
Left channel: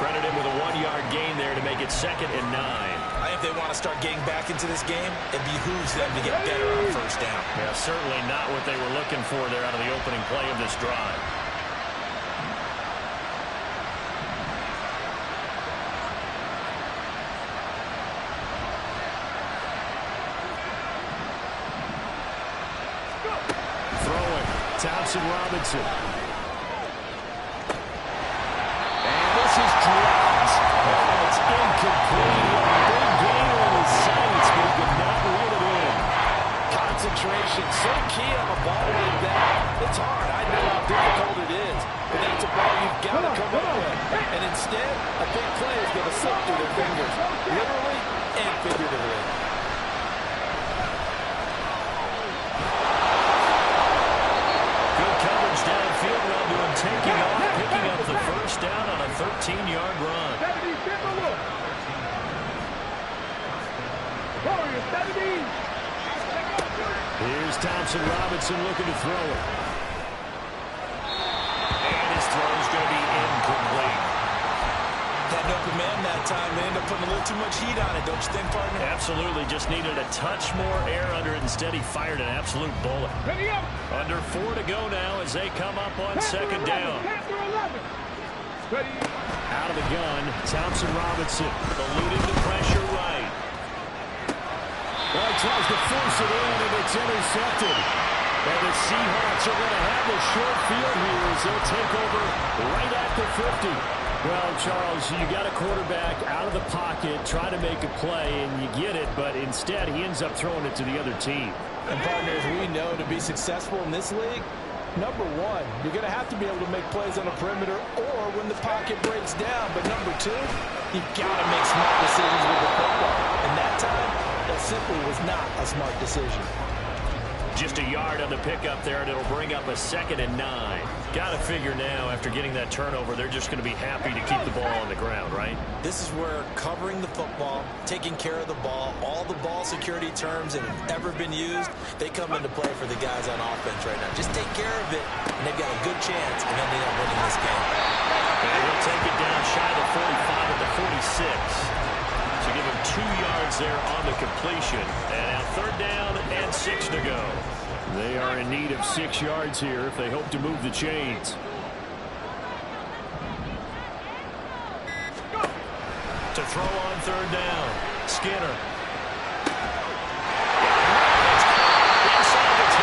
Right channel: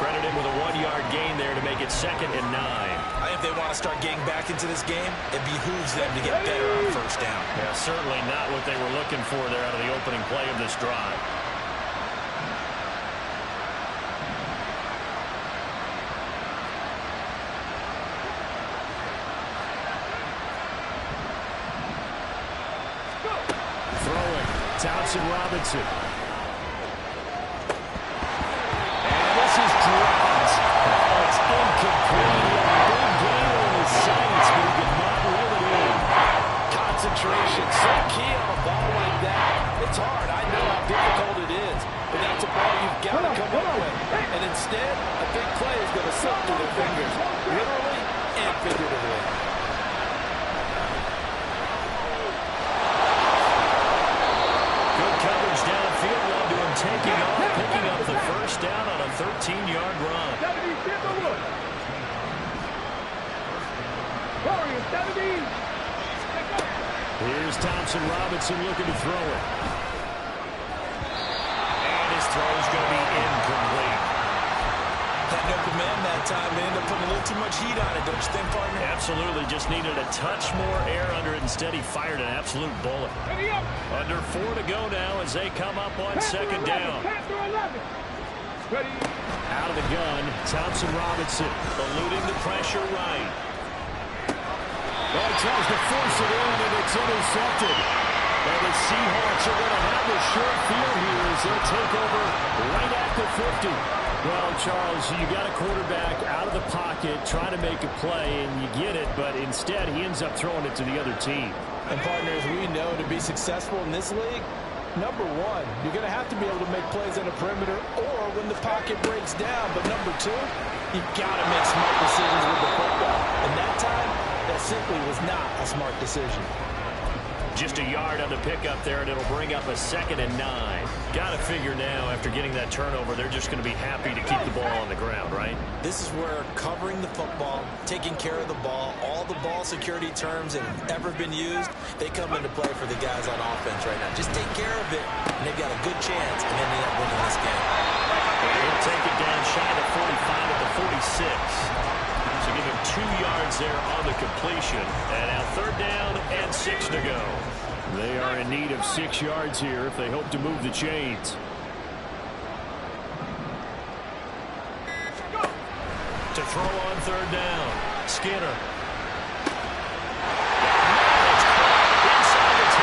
Credit him with a 1-yard gain there to make it 2nd and 9. If they want to start getting back into this game, it behooves them to get better on 1st down. Yeah, certainly not what they were looking for there out of the opening play of this drive. Throwing, Thompson Robinson. This is dropped. Oh, it's incomplete. He had a big gain on his sights, but he could not reel it in. Concentration, so key on a ball like that. It's hard. I know how difficult it is, but that's a ball you've got to come up with. And instead, a big play is going to slip through their fingers, literally and figuratively. Good coverage downfield led to him taking off, picking up the 1st down on a 13-yard run. 70, Timberwood. Warriors, 70. Here's Thompson Robinson looking to throw it. And his throw's going to be incomplete. Had no command that time. They ended up putting a little too much heat on it, don't you think, partner? Absolutely. Just needed a touch more air under it. Instead, he fired an absolute bullet. Under 4 to go now as they come up on 2nd down. Out of the gun, Thompson Robinson. Eluding the pressure right. Well, he tries to force it in, and it's intercepted. And the Seahawks are going to have the short field here as they'll take over right at the 50. Well, Charles, you got a quarterback out of the pocket trying to make a play, and you get it, but instead he ends up throwing it to the other team. And partners, we know to be successful in this league, number one, you're going to have to be able to make plays on the perimeter or when the pocket breaks down. But number two, you've got to make smart decisions with the football. And that time, that simply was not a smart decision. Just a yard on the pickup there, and it'll bring up a 2nd and 9. Got to figure now, after getting that turnover, they're just going to be happy to keep the ball on the ground, right? This is where covering the football, taking care of the ball, all the ball security terms that have ever been used, they come into play for the guys on offense right now. Just take care of it, and they've got a good chance of ending up winning this game. And he'll take it down shy of the 45 at the 46. So give him 2 yards there on the completion. And now 3rd down and 6 to go. They are in need of 6 yards here if they hope to move the chains. To throw on 3rd down. Skinner. Inside the 10.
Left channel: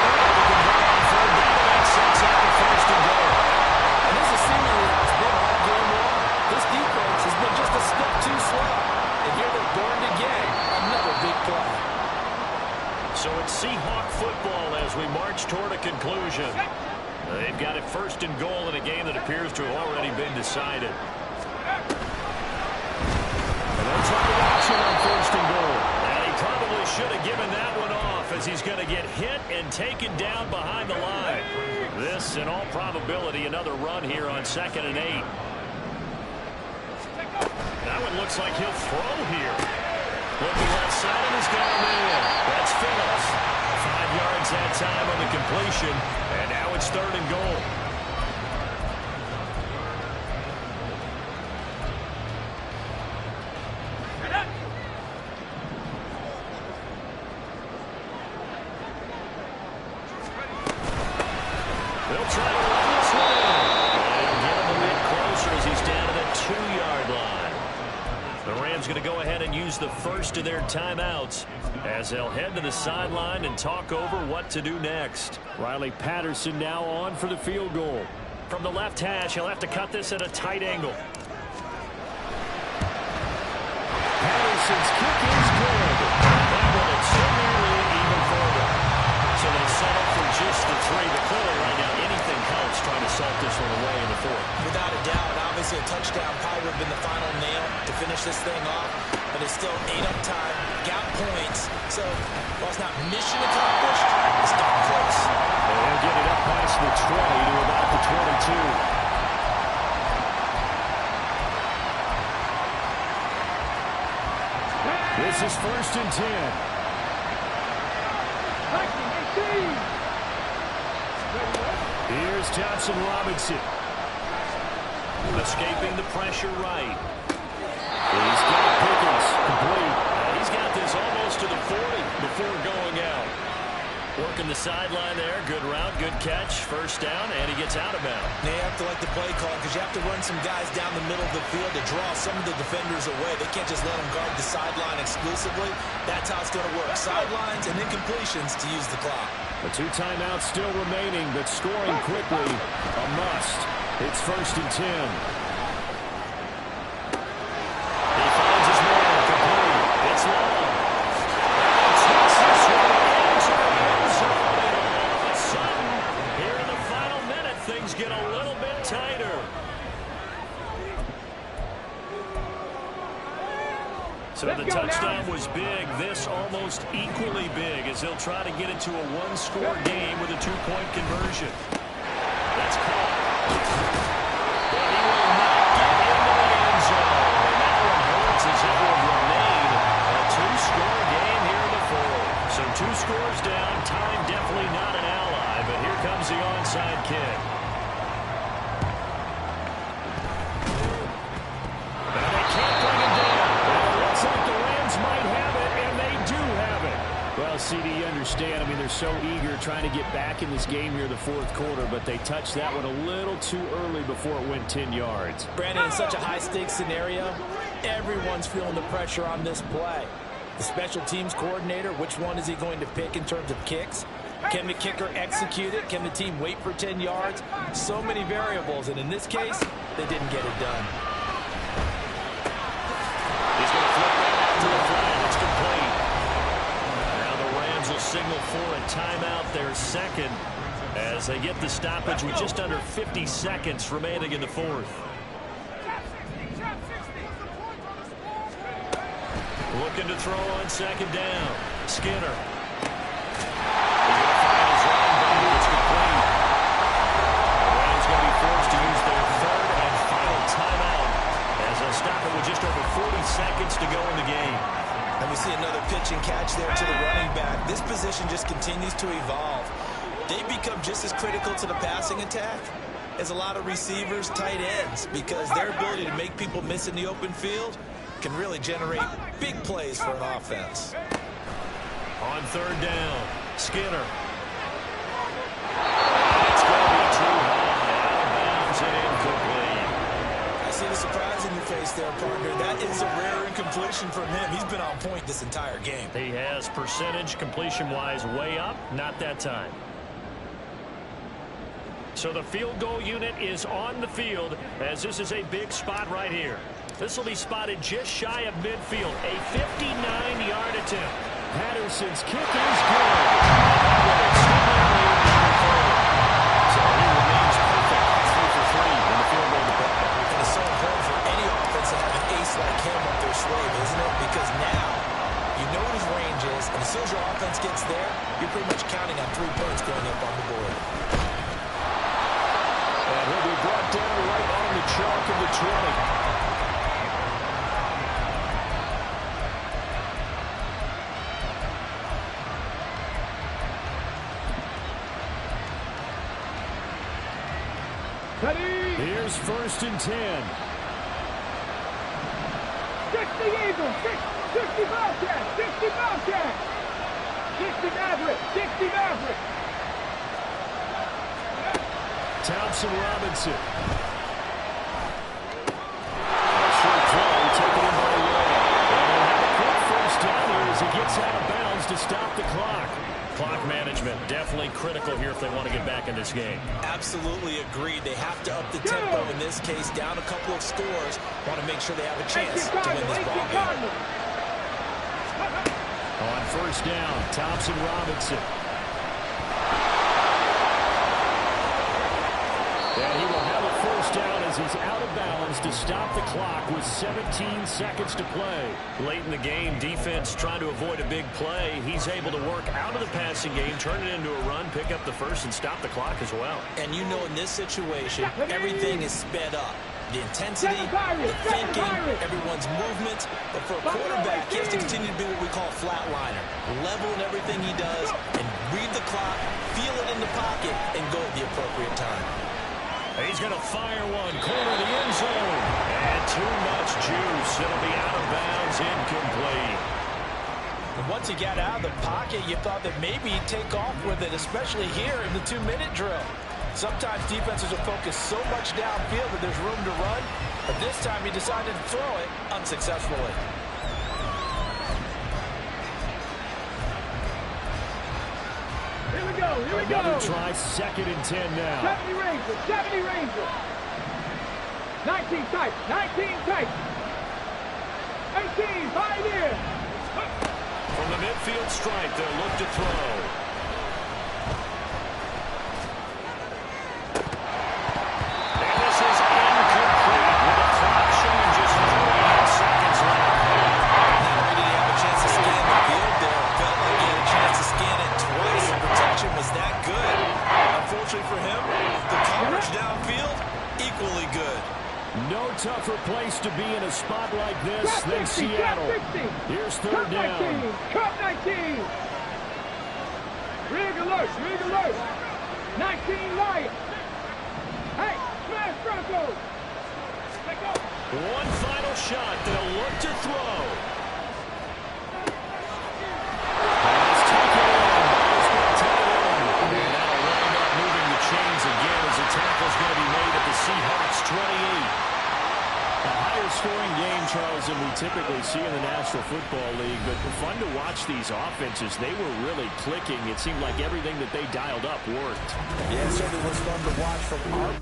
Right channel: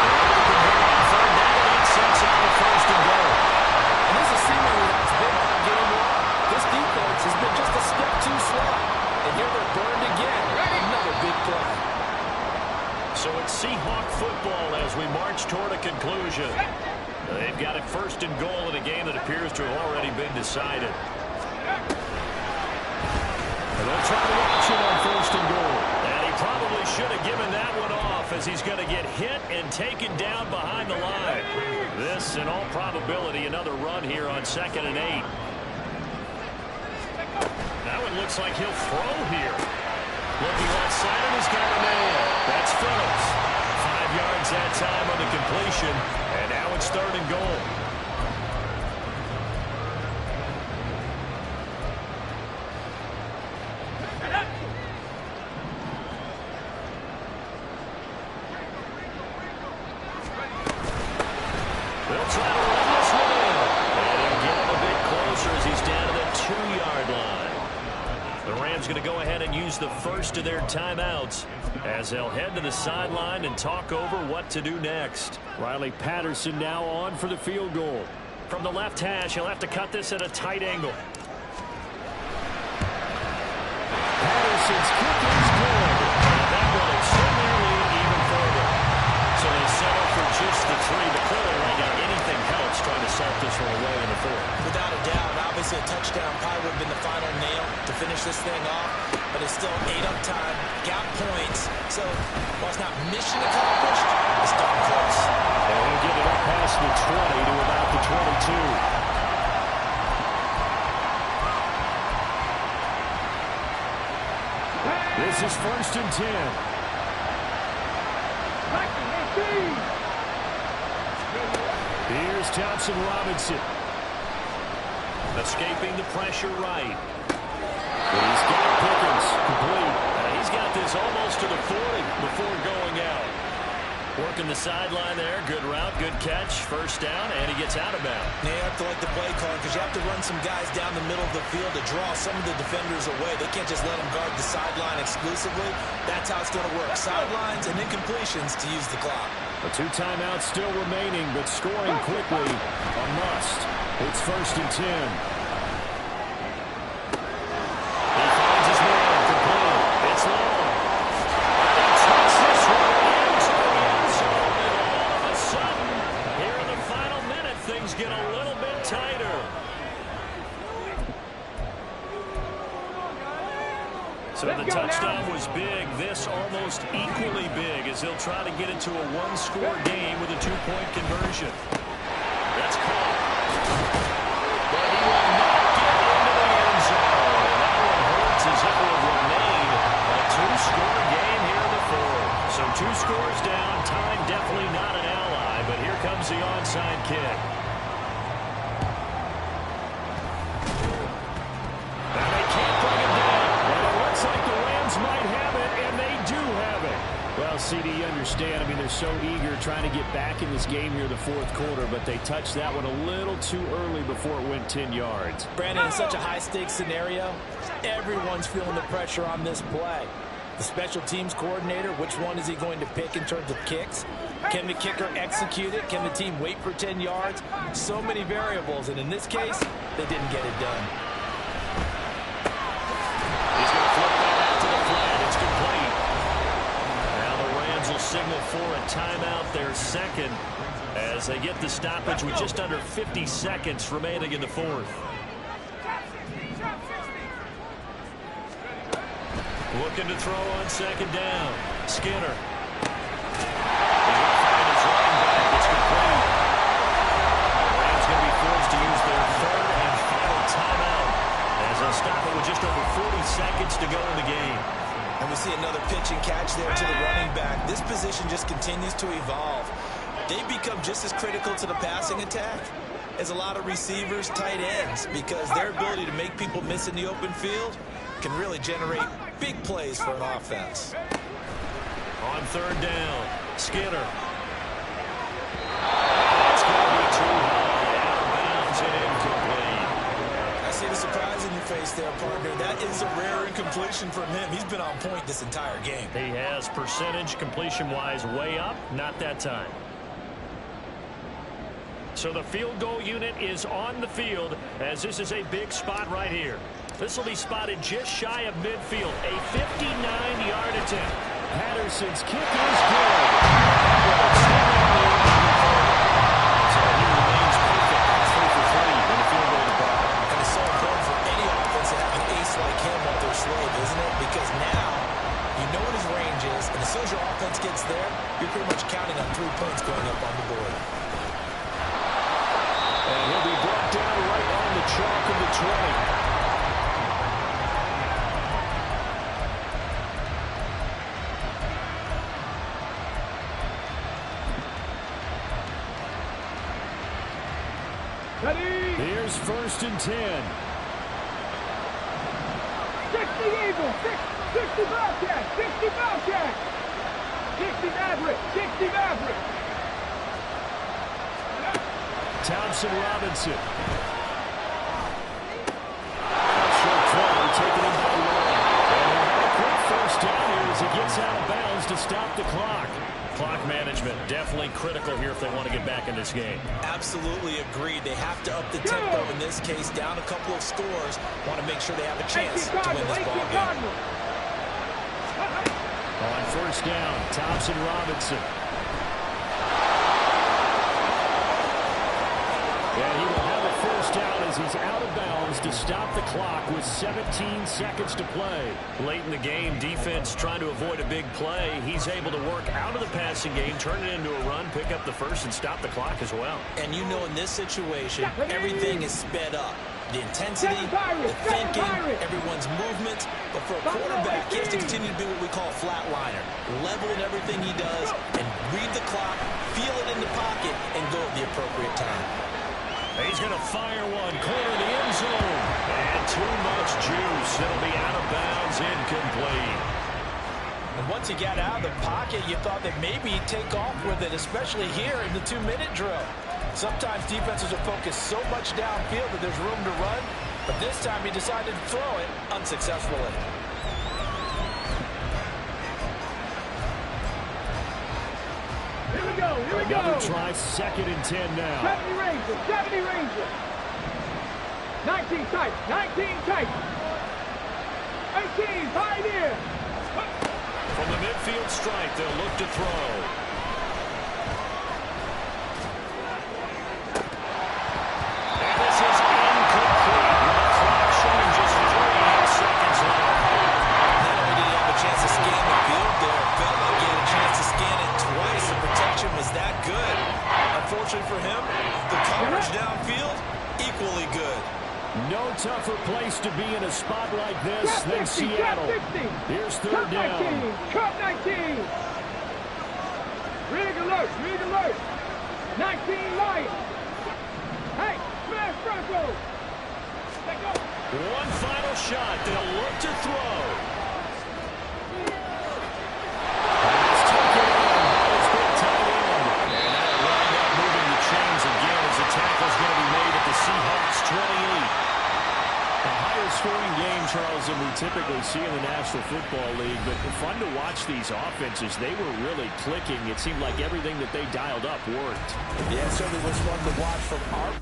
They're able to convert on 3rd down, and that sets up the 1st and goal. And this is seemingly how it's been all game long. This defense has been just a step too slow. And here they're burned again. Another big play. So it's Seahawk football as we march toward a conclusion. They've got it 1st and goal in a game that appears to have already been decided. And they'll try the option on 1st and goal. And he probably should have given that one off as he's going to get hit and taken down behind the line. This, in all probability, another run here on 2nd and 8. That one looks like he'll throw here. Looking left side, and he's got a man. That's Phillips. 5 yards that time on the completion, and now it's 3rd and goal. They'll try to run this one in. And he'll get him a bit closer as he's down to the 2-yard line. The Rams going to go ahead and use the first of their timeouts as they'll head to the sideline and talk over what to do next. Riley Patterson now on for the field goal. From the left hash, he'll have to cut this at a tight angle. Patterson's kick is good. And that will extend their lead even further. So they settle for just the 3, but clearly right now anything helps trying to salt this one away in the 4th. Without a doubt, obviously a touchdown probably would have been the final nail to finish this thing off, but it's still 8 up time, got points, so while it's not mission accomplished, it's darn close. And he'll get it up past the 20 to about the 22. This is 1st and 10. Here's Thompson Robinson. Escaping the pressure right. He's got Pickens complete. He's got this almost to the 40 before going out. Working the sideline there. Good route, good catch. 1st down, and he gets out of bounds. Now you have to like the play call because you have to run some guys down the middle of the field to draw some of the defenders away. They can't just let them guard the sideline exclusively. That's how it's going to work. Sidelines and then completions to use the clock. The 2 timeouts still remaining, but scoring quickly a must. It's 1st and 10. He finds his man complete. It's long. And he takes this one into the end zone. And all of a sudden, here in the final minute, things get a little bit tighter. So the touchdown was big. This almost equally big as they'll try to get it to a 1-score game with a 2-point conversion. That's caught. But he will not get into the end zone. And that one hurts as it will remain a 2-score game here in the 4th. So 2 scores down. Time definitely not an ally. But here comes the onside kick. And they can't bring him down. And it looks like the Rams might have it, and they do have it. Well, CD, you understand. I mean, they're so eager trying to get back in this game here in the 4th quarter, but they touched that one a little too early before it went 10 yards. Brandon, in such a high-stakes scenario, everyone's feeling the pressure on this play. The special teams coordinator, which one is he going to pick in terms of kicks? Can the kicker execute it? Can the team wait for 10 yards? So many variables, and in this case, they didn't get it done. He's going to flip that out to the flat. It's complete. Now the Rams will signal for a timeout, their second, as they get the stoppage with just under 50 seconds remaining in the fourth. Looking to throw on second down. Skinner. He's going to find his running back. It's complete. The Rams going to be forced to use their third and final timeout as they'll stop it with just over 40 seconds to go in the game. And we see another pitch and catch there to the running back. This position just continues to evolve. They become just as critical to the passing attack as a lot of receivers, tight ends, because their ability to make people miss in the open field can really generate big plays for an offense. On third down, Skinner. And it's going to be too high, out of bounds and incomplete. I see the surprise in your face there, partner. That is a rare incompletion from him. He's been on point this entire game. He has percentage completion-wise way up, not that time. So the field goal unit is on the field as this is a big spot right here. This will be spotted just shy of midfield, a 59-yard attempt. Patterson's kick is good. So he remains perfect, 3 for 3 in the field goal department. And it's so important for any offense to have an ace like him up their sleeve, isn't it? Because now you know what his range is, and as soon as your offense gets there, you're pretty much counting on 3 points going up on the board. And he'll be brought down right on the chalk of the 20. Here's 1st and 10. 60 Eagles, 60 Bobcats, 60 Bobcats, 60 Maverick, 60 Maverick. Thompson Robinson. A short throw taken in by Law. And he'll have a quick 1st down here as he gets out of bounds to stop the clock. Clock management definitely critical here if they want to get back in this game. Absolutely agreed. They have to up the tempo in this case, down a couple of scores. Want to make sure they have a chance to win this ball game. On 1st down, Thompson Robinson. And he will have a 1st down as he's out of bounds to stop the clock with 17 seconds to play. Late in the game, defense trying to avoid a big play. He's able to work out of the passing game, turn it into a run, pick up the 1st, and stop the clock as well. And you know in this situation, everything is sped up. The intensity, the thinking, everyone's movement. But for a quarterback, he has to continue to be what we call a flatliner. Level in everything he does and read the clock, feel it in the pocket, and go at the appropriate time. He's going to fire one, corner of the end zone. And too much juice. It'll be out of bounds, incomplete. And once he got out of the pocket, you thought that maybe he'd take off with it, especially here in the 2-minute drill. Sometimes defenses are focused so much downfield that there's room to run, but this time he decided to throw it unsuccessfully. Here we go, here we go. Another try, 2nd and 10 now. 70 Rangers, 70 Rangers. 19 tight, 19 tight. 18, Pioneer. From the midfield stripe, they'll look to throw. And this is incomplete with the clock showing just 3 seconds left. Not only did he have a chance to scan the field there, it felt like he had a chance to scan it twice. The protection was that good. Unfortunately for him, the coverage downfield, equally good. No tougher place to be in a spot like this than Seattle. Here's 3rd down. Cup 19. Rig alert, rig alert. 19 Lions. Hey, smash Bronco. Let go. One final shot. They'll look to throw. Pass taken in by his big tight end. And that'll wind up moving the chains again as the tackle's going to be made at the Seahawks 28. A higher scoring game, Charles, than we typically see in the National Football League, but fun to watch these offenses. They were really clicking. It seemed like everything that they dialed up worked. Yeah, it certainly was fun to watch from our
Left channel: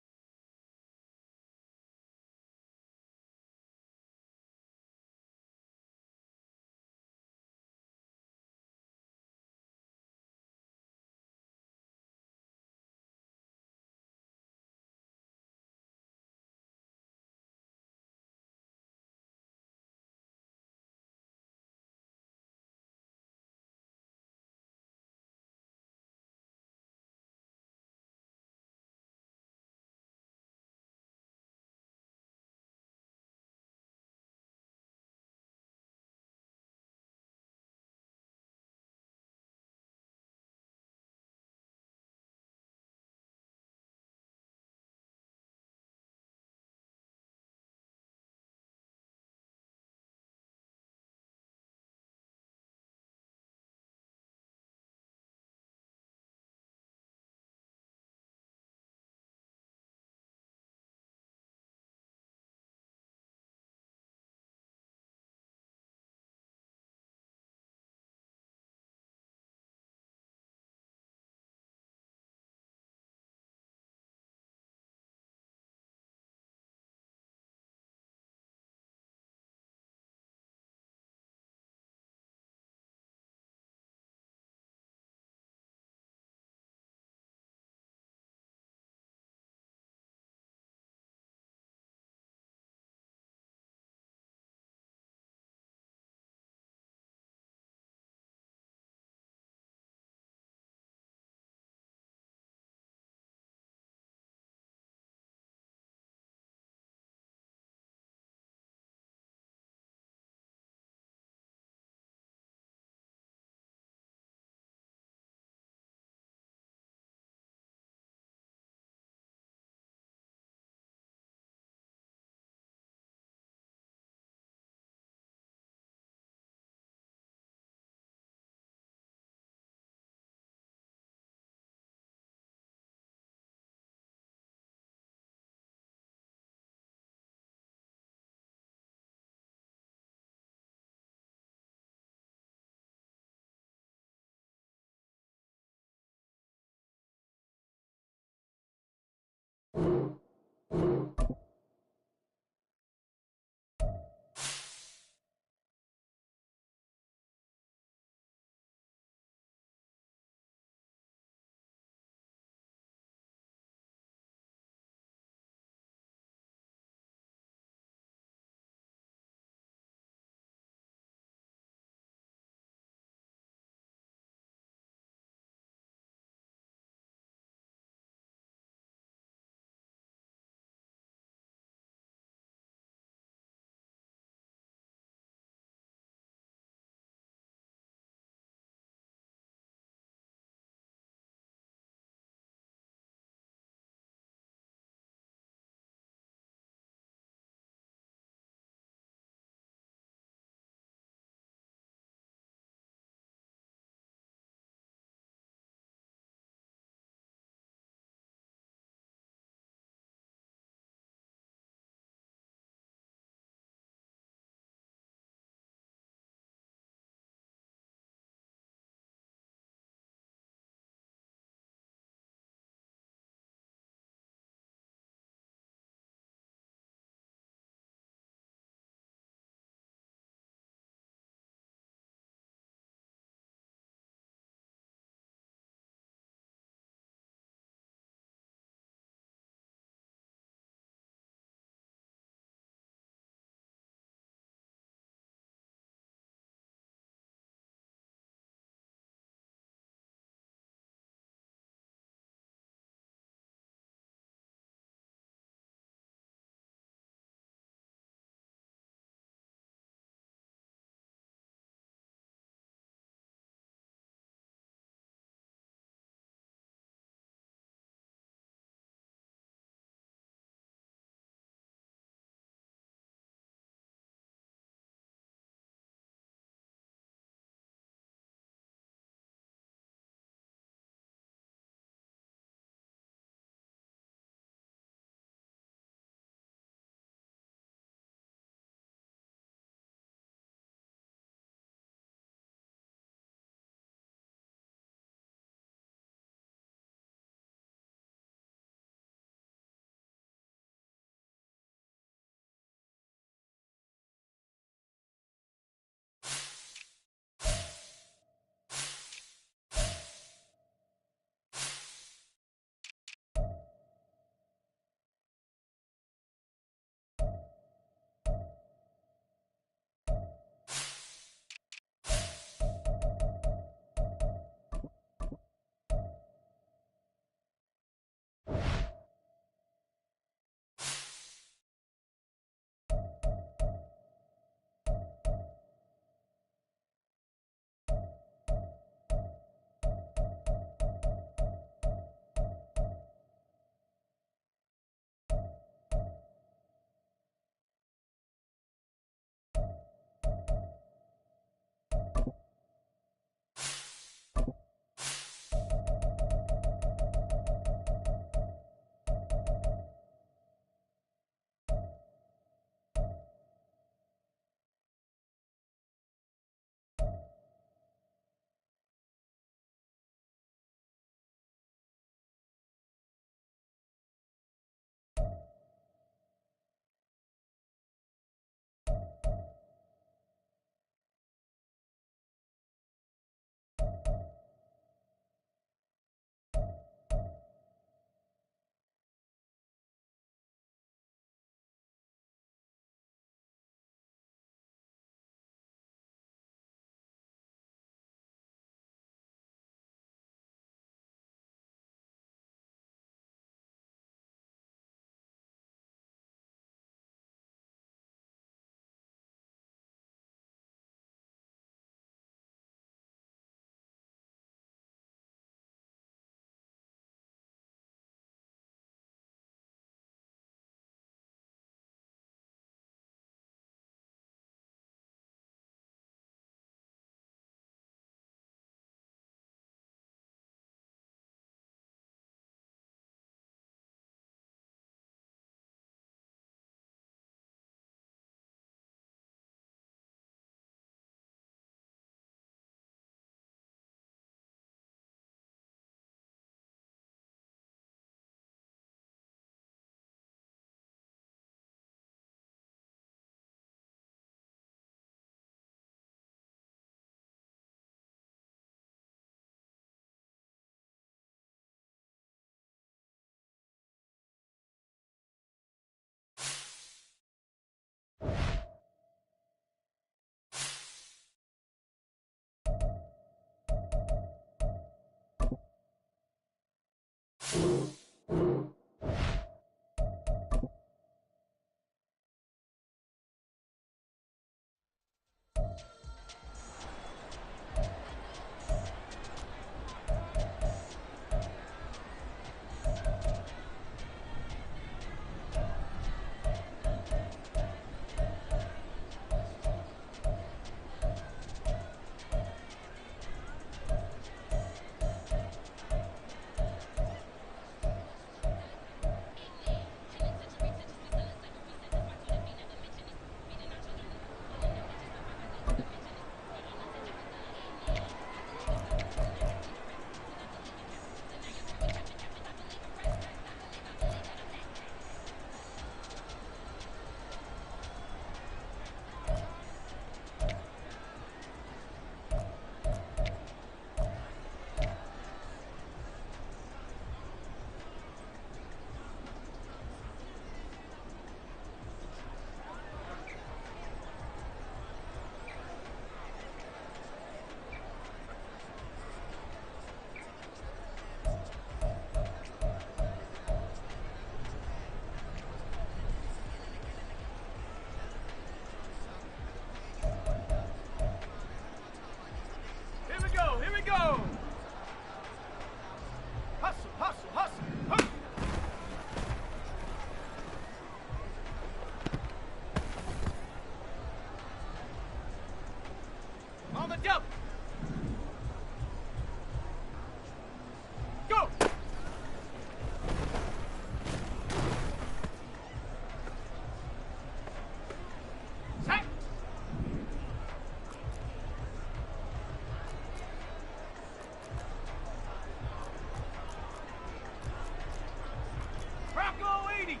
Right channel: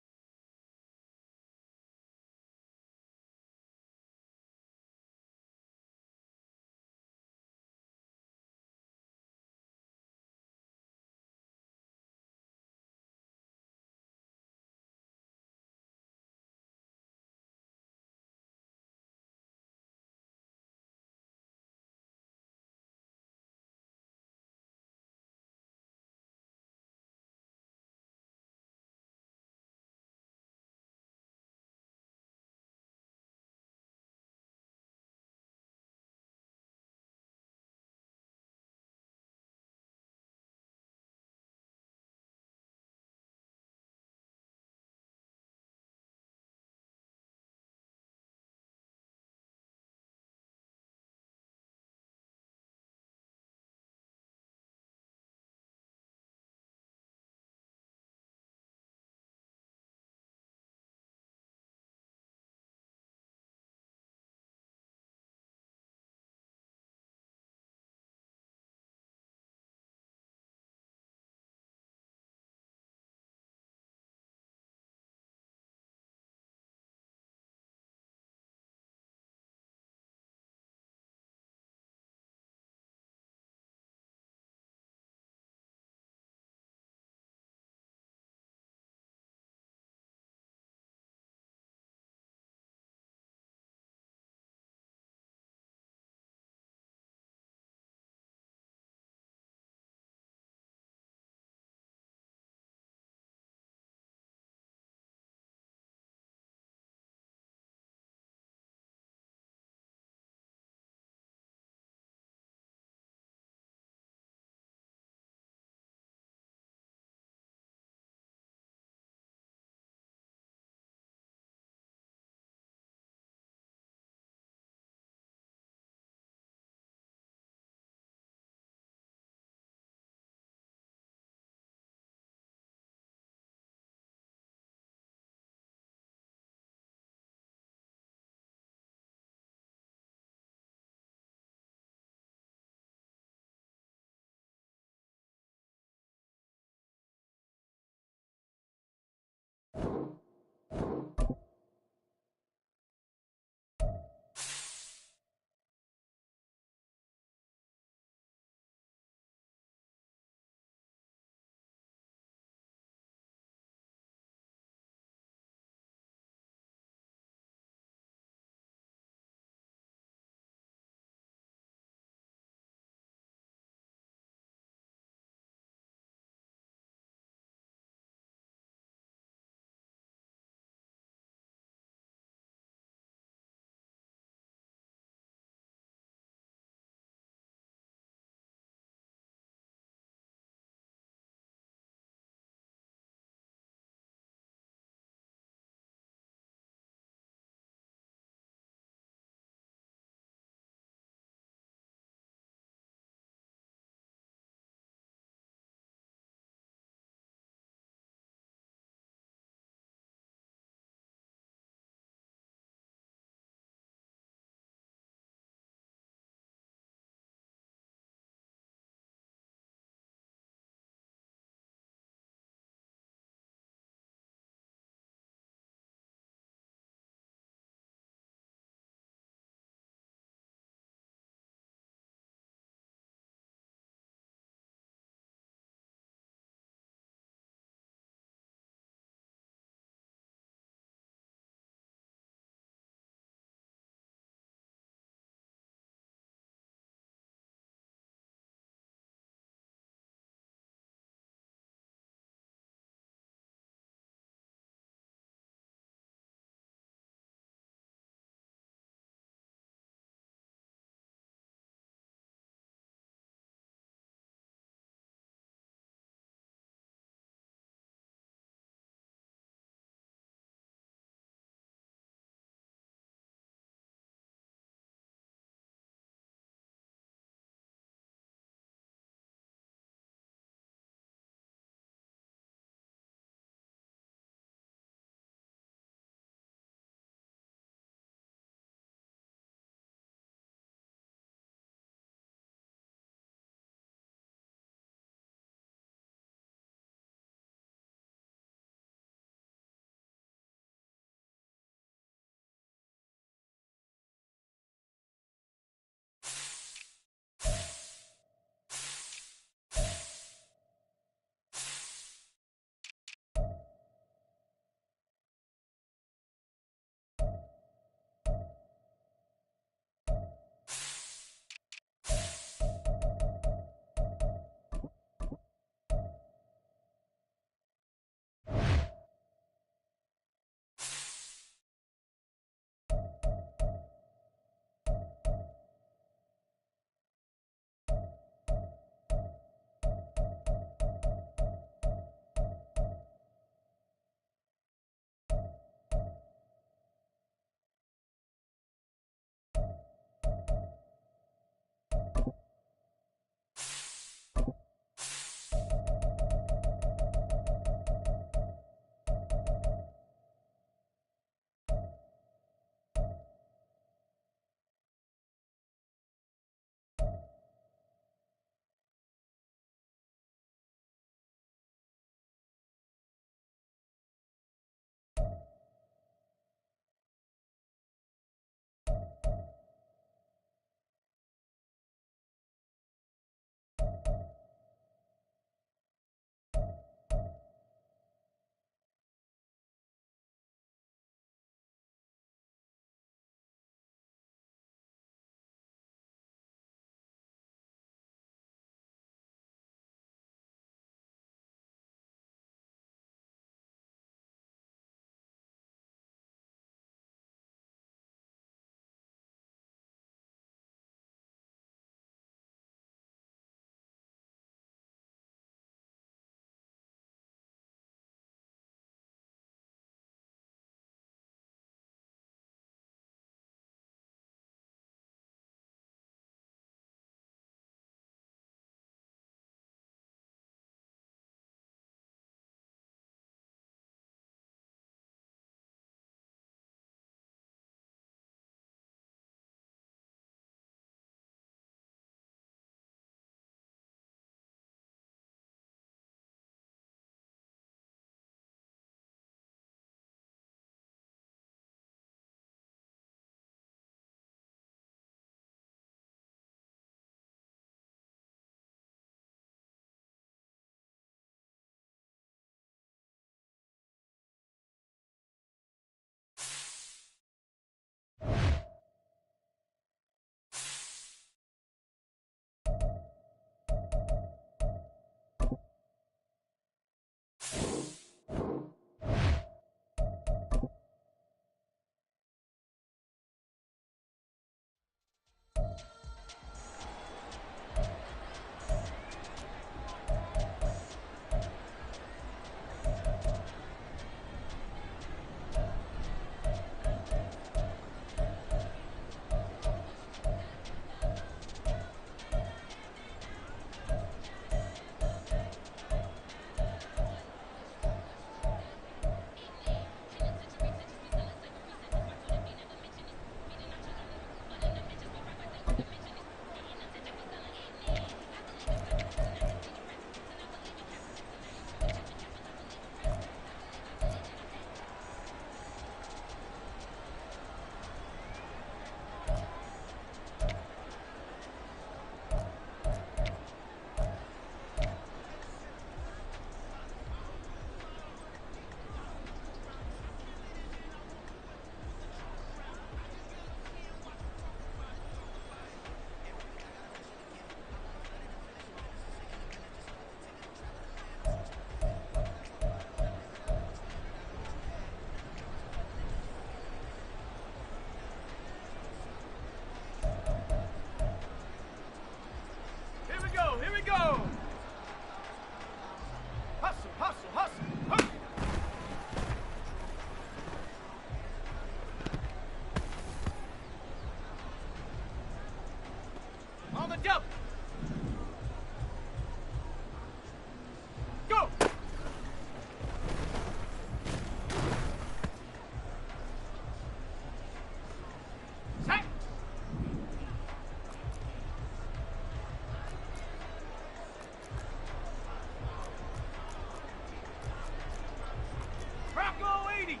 Speedy.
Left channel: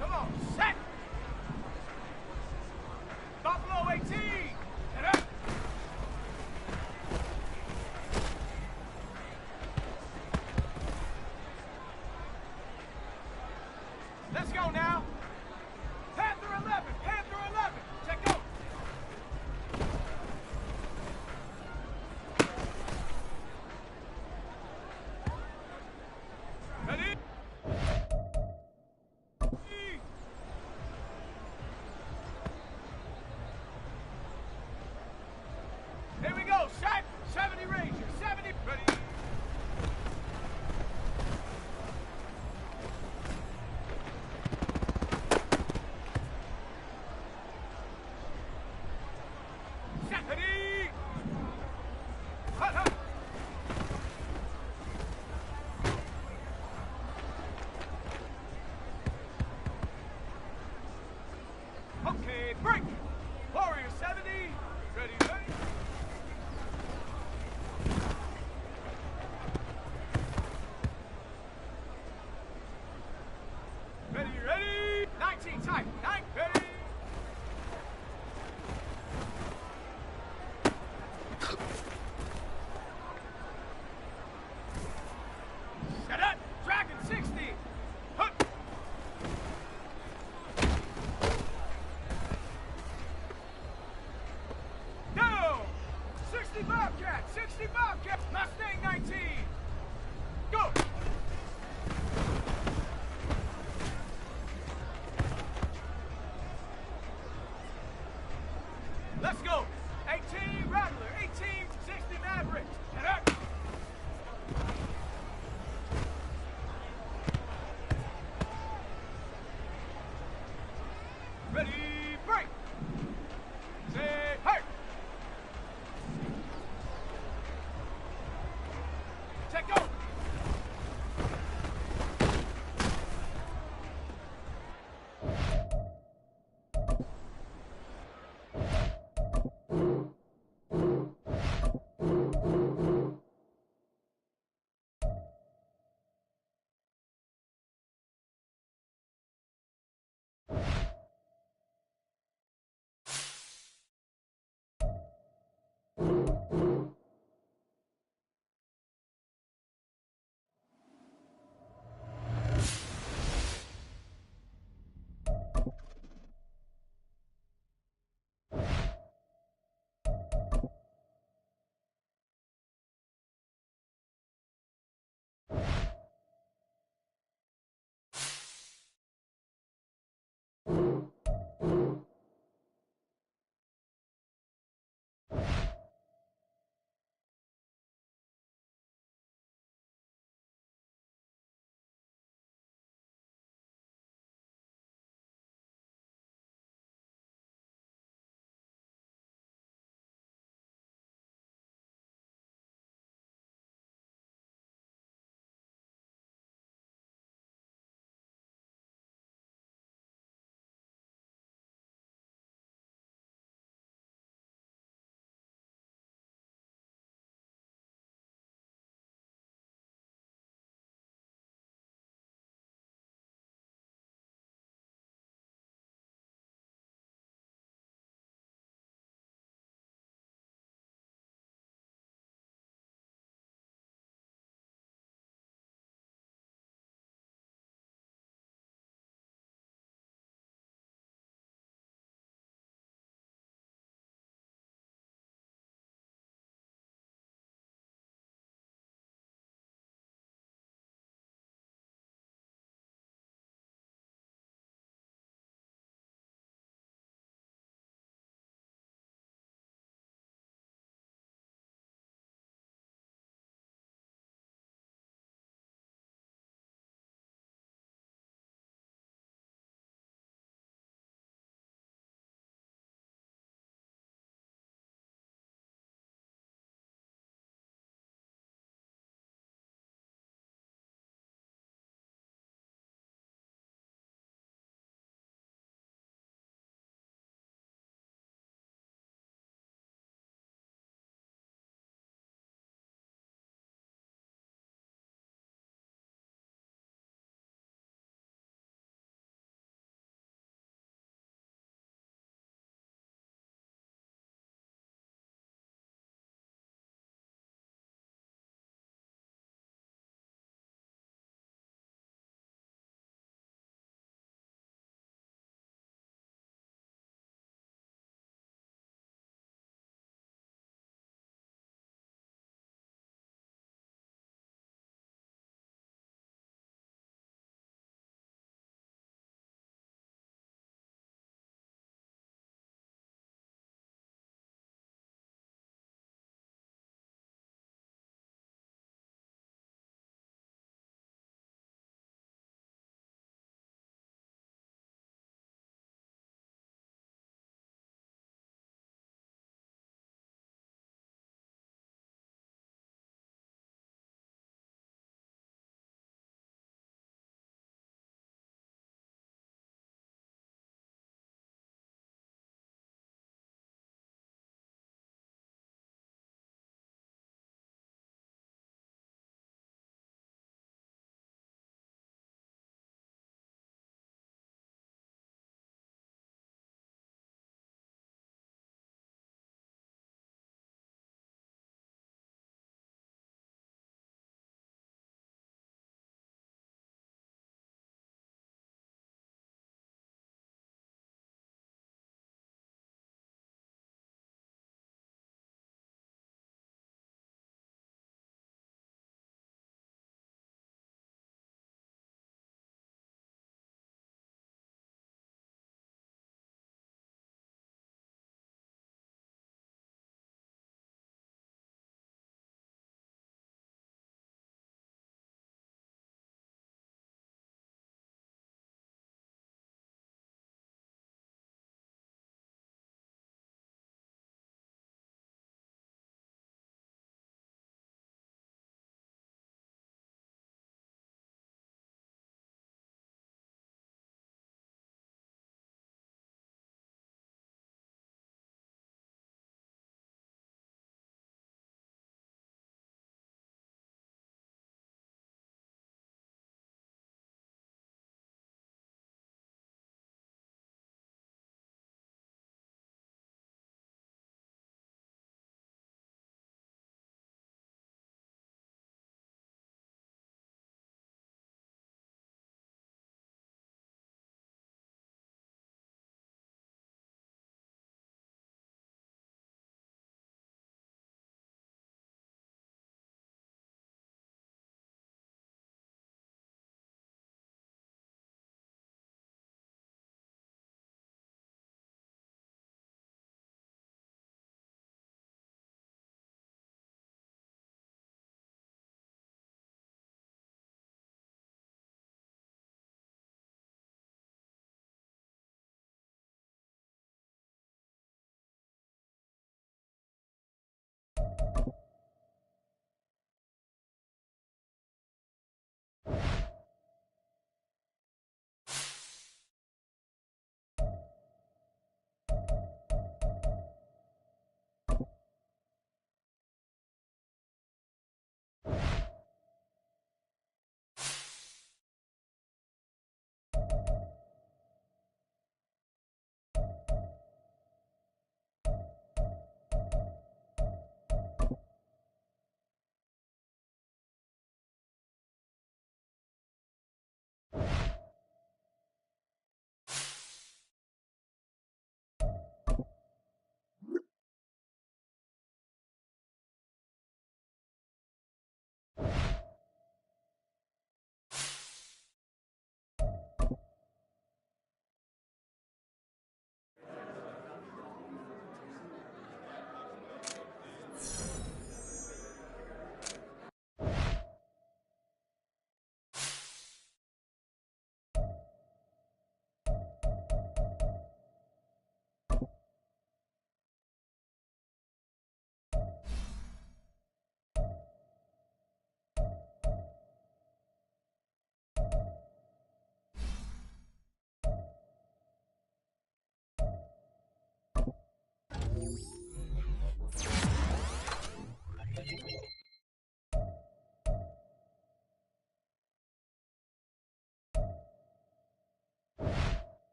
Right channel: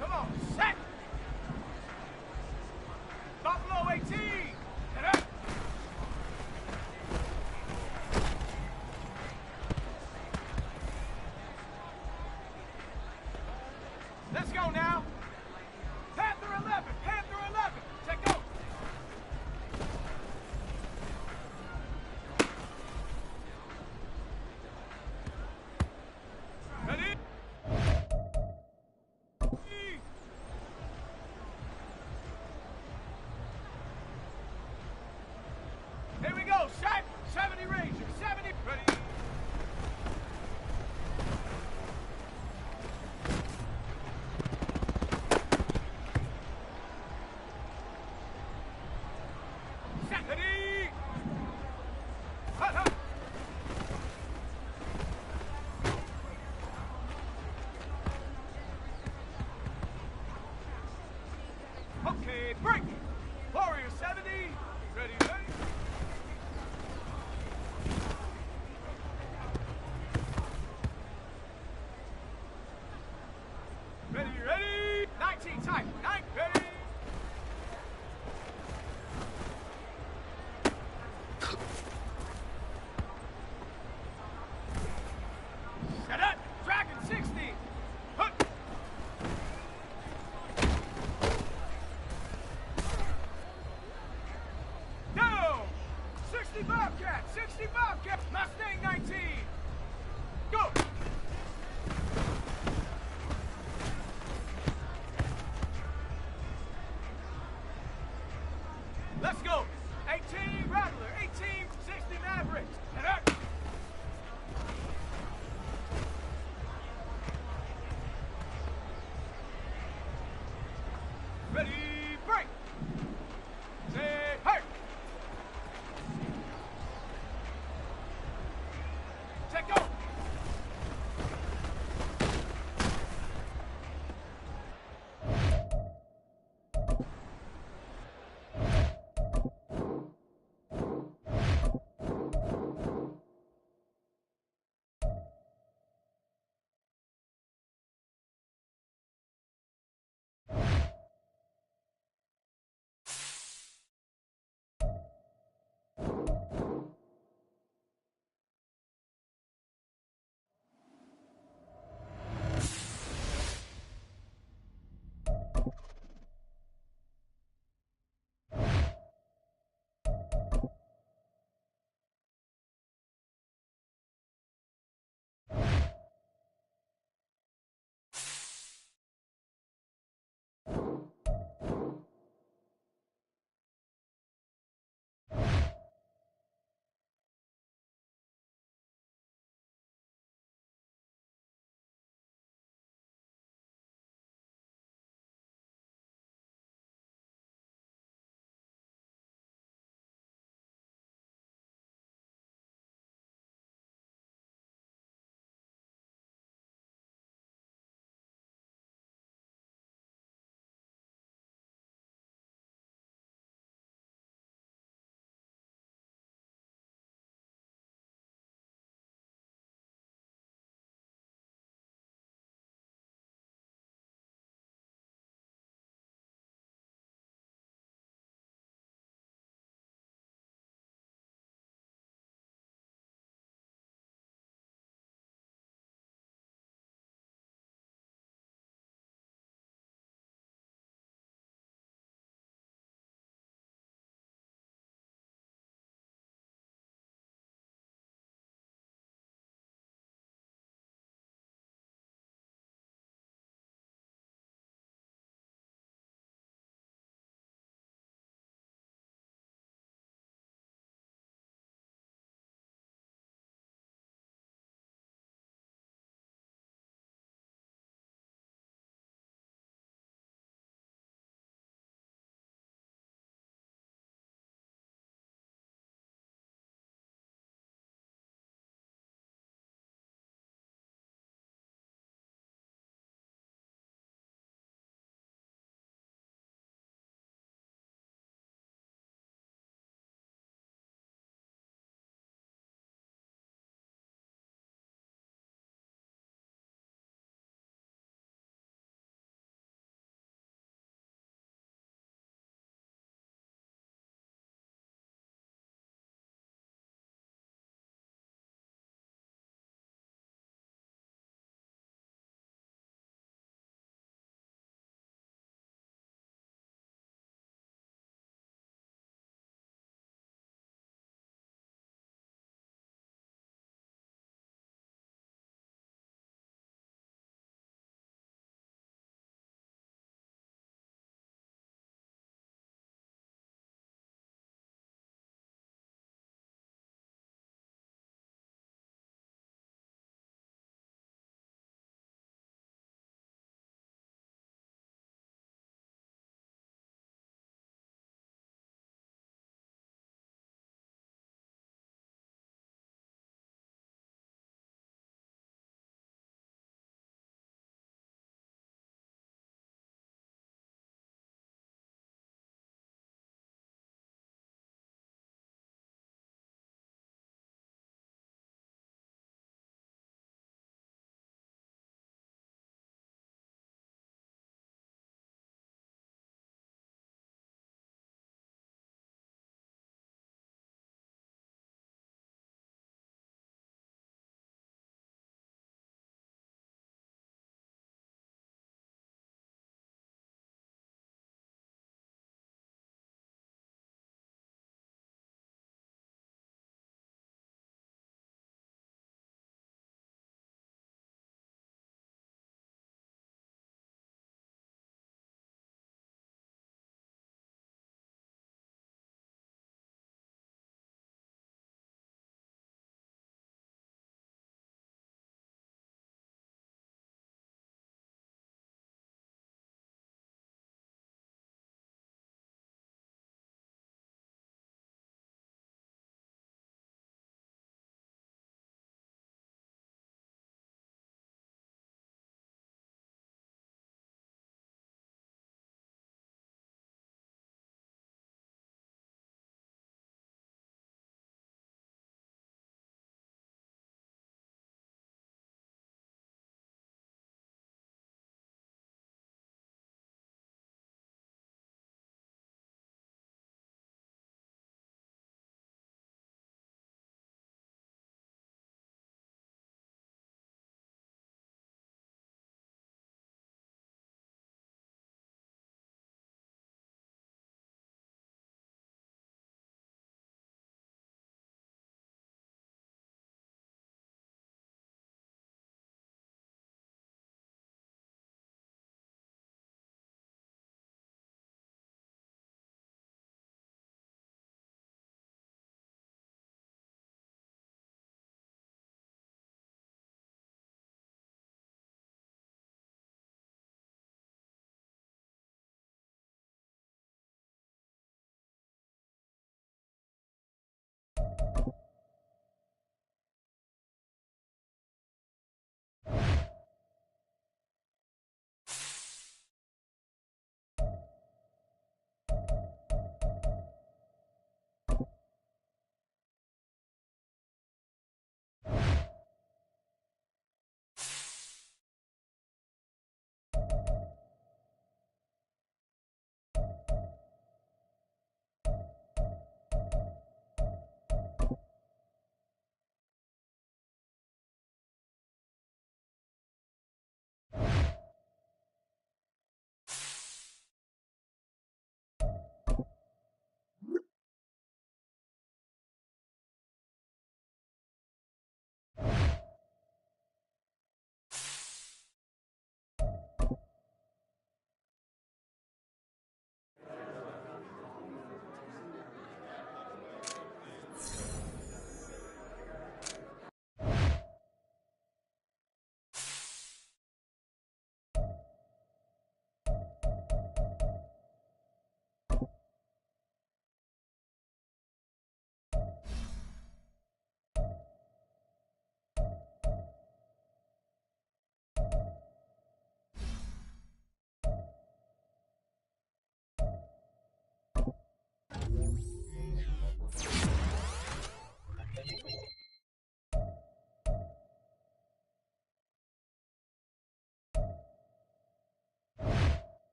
Come on, set! Buffalo 18! Get up! Let's go now! Panther 11! Panther 11! Check go! Ready? Here we go, shot! 70 Ranger, 70, ready? Shot, ready? Hut, hut. Okay, break! Warrior 70, ready, ready? Ready, ready? 19 type. 9, ready? Shut up! Dragon 60! Hook! Down! 60 Bobcat! 60 Bobcat! Mustang 19! Go! Let's go! 18 Rattler, 18, 60 Mavericks. Get up! Ready, break! Say, hey! Check go!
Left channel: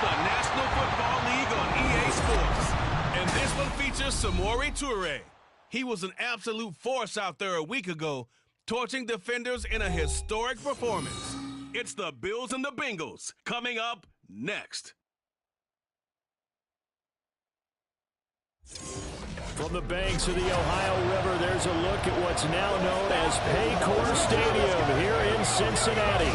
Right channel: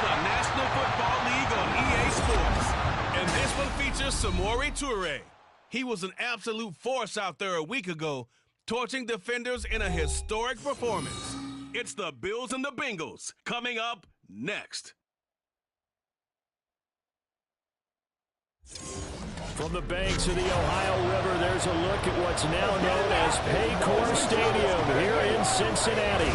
the National Football League on EA Sports. And this one features Samori Toure. He was an absolute force out there a week ago, torching defenders in a historic performance. It's the Bills and the Bengals coming up next. From the banks of the Ohio River, there's a look at what's now known as Paycor Stadium here in Cincinnati.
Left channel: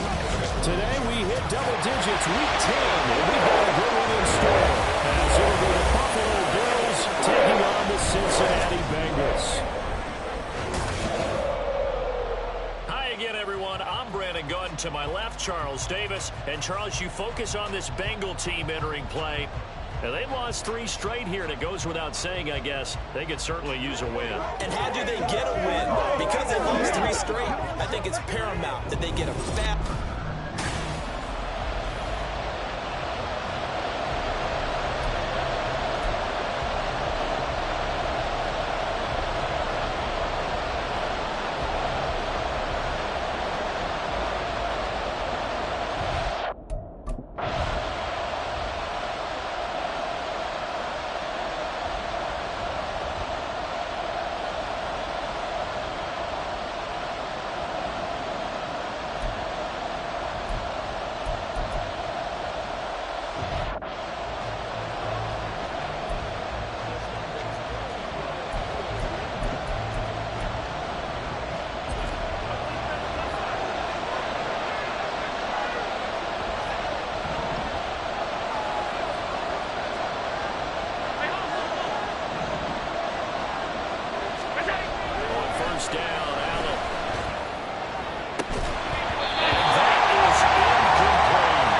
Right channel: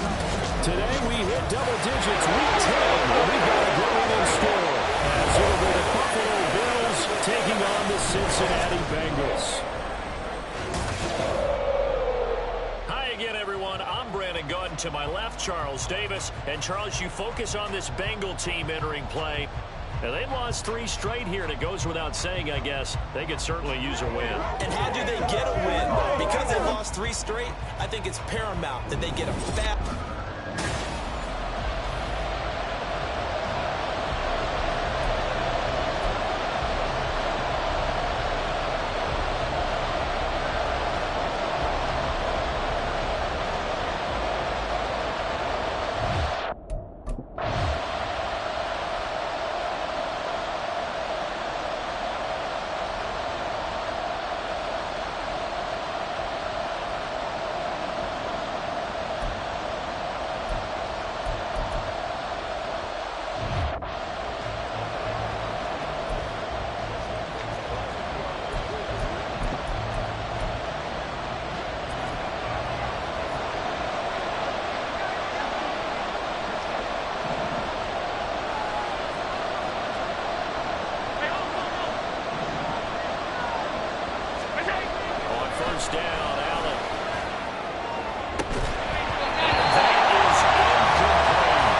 Today we hit double digits week 10, and we've got a good one in store, as it'll be the Buffalo Bills taking on the Cincinnati Bengals. Hi again, everyone. I'm Brandon Gaudin. To my left, Charles Davis. And Charles, you focus on this Bengal team entering play. Now, they've lost 3 straight here, and it goes without saying, I guess, they could certainly use a win. And how do they get a win? Because they lost 3 straight, I think it's paramount that they get a fat... First down, Allen. And that is incomplete.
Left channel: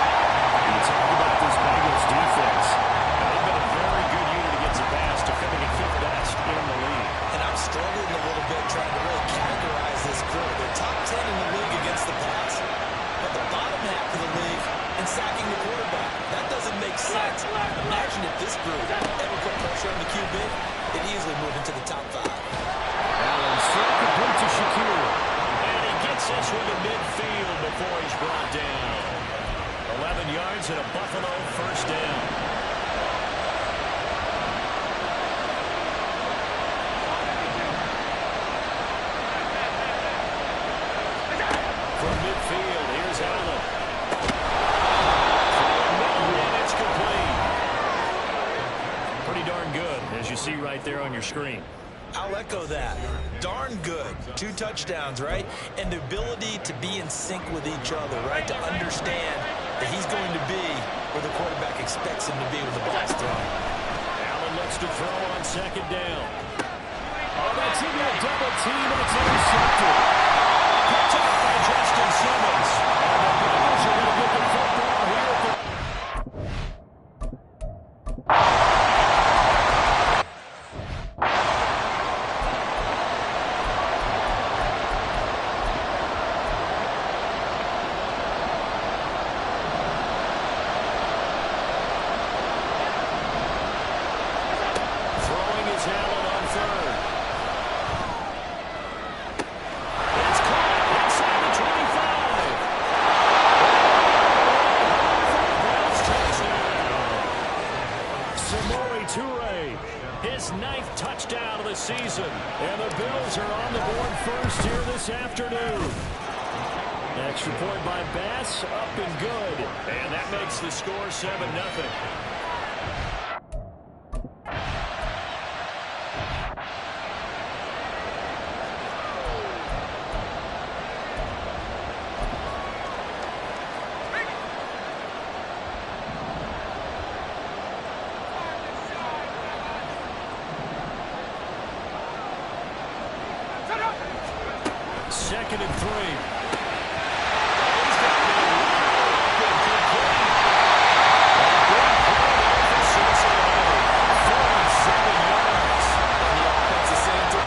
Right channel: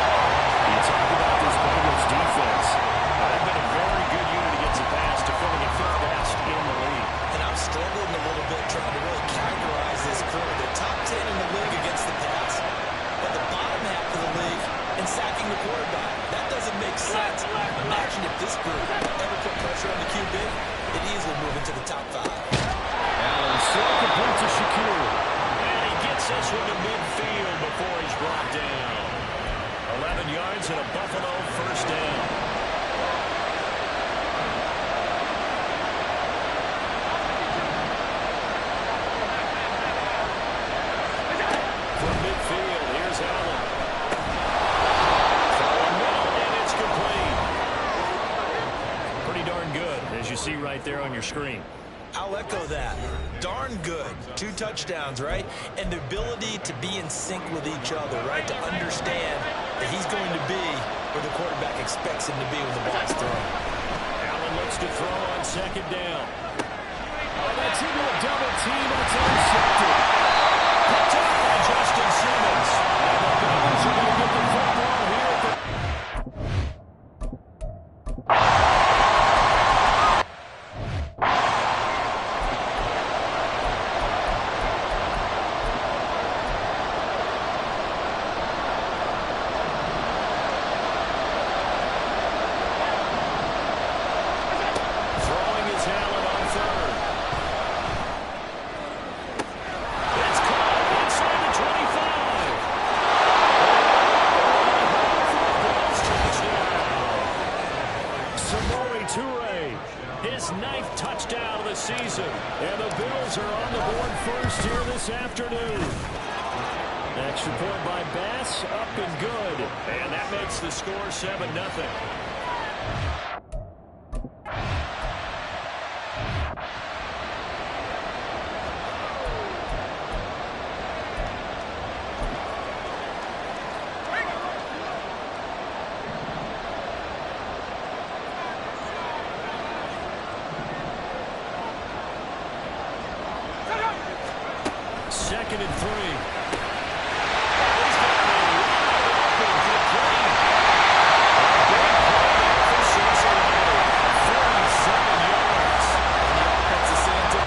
You talk about this Bengals defense. Now, they've been a very good unit against the pass, defending at 5th best in the league. And I'm struggling a little bit trying to really categorize this crew. They're top 10 in the league against the pass, but the bottom half of the league in sacking the quarterback. That doesn't make sense. Imagine if this group ever put pressure on the QB, it'd easily move into the top 5. Allen still complete to Shakir. And he gets this one to midfield before he's brought down. 11 yards and a Buffalo first down. From midfield, here's Allen. Throwing middle, and it's complete. Pretty darn good, as you see right there on your screen. I'll echo that. Darn good. 2 touchdowns, right? And the ability to be in sync with each other, right? To understand that he's going to be where the quarterback expects him to be when the ball's thrown. Allen looks to throw on second down. Oh, that's into a double team, and it's intercepted. Picked up by Justin Simmons. And the Bengals are going to get the football here at the... Allen on third. It's caught inside the 25. Bills touchdown. Samori Toure, his 9th touchdown of the season. And the Bills are on the board first here this afternoon. Extra point by Bass, up and good. And that makes the score 7-0. Second and 3. He's got it open, complete. A big play there for Cincinnati. 47 yards. And the offense is saying to...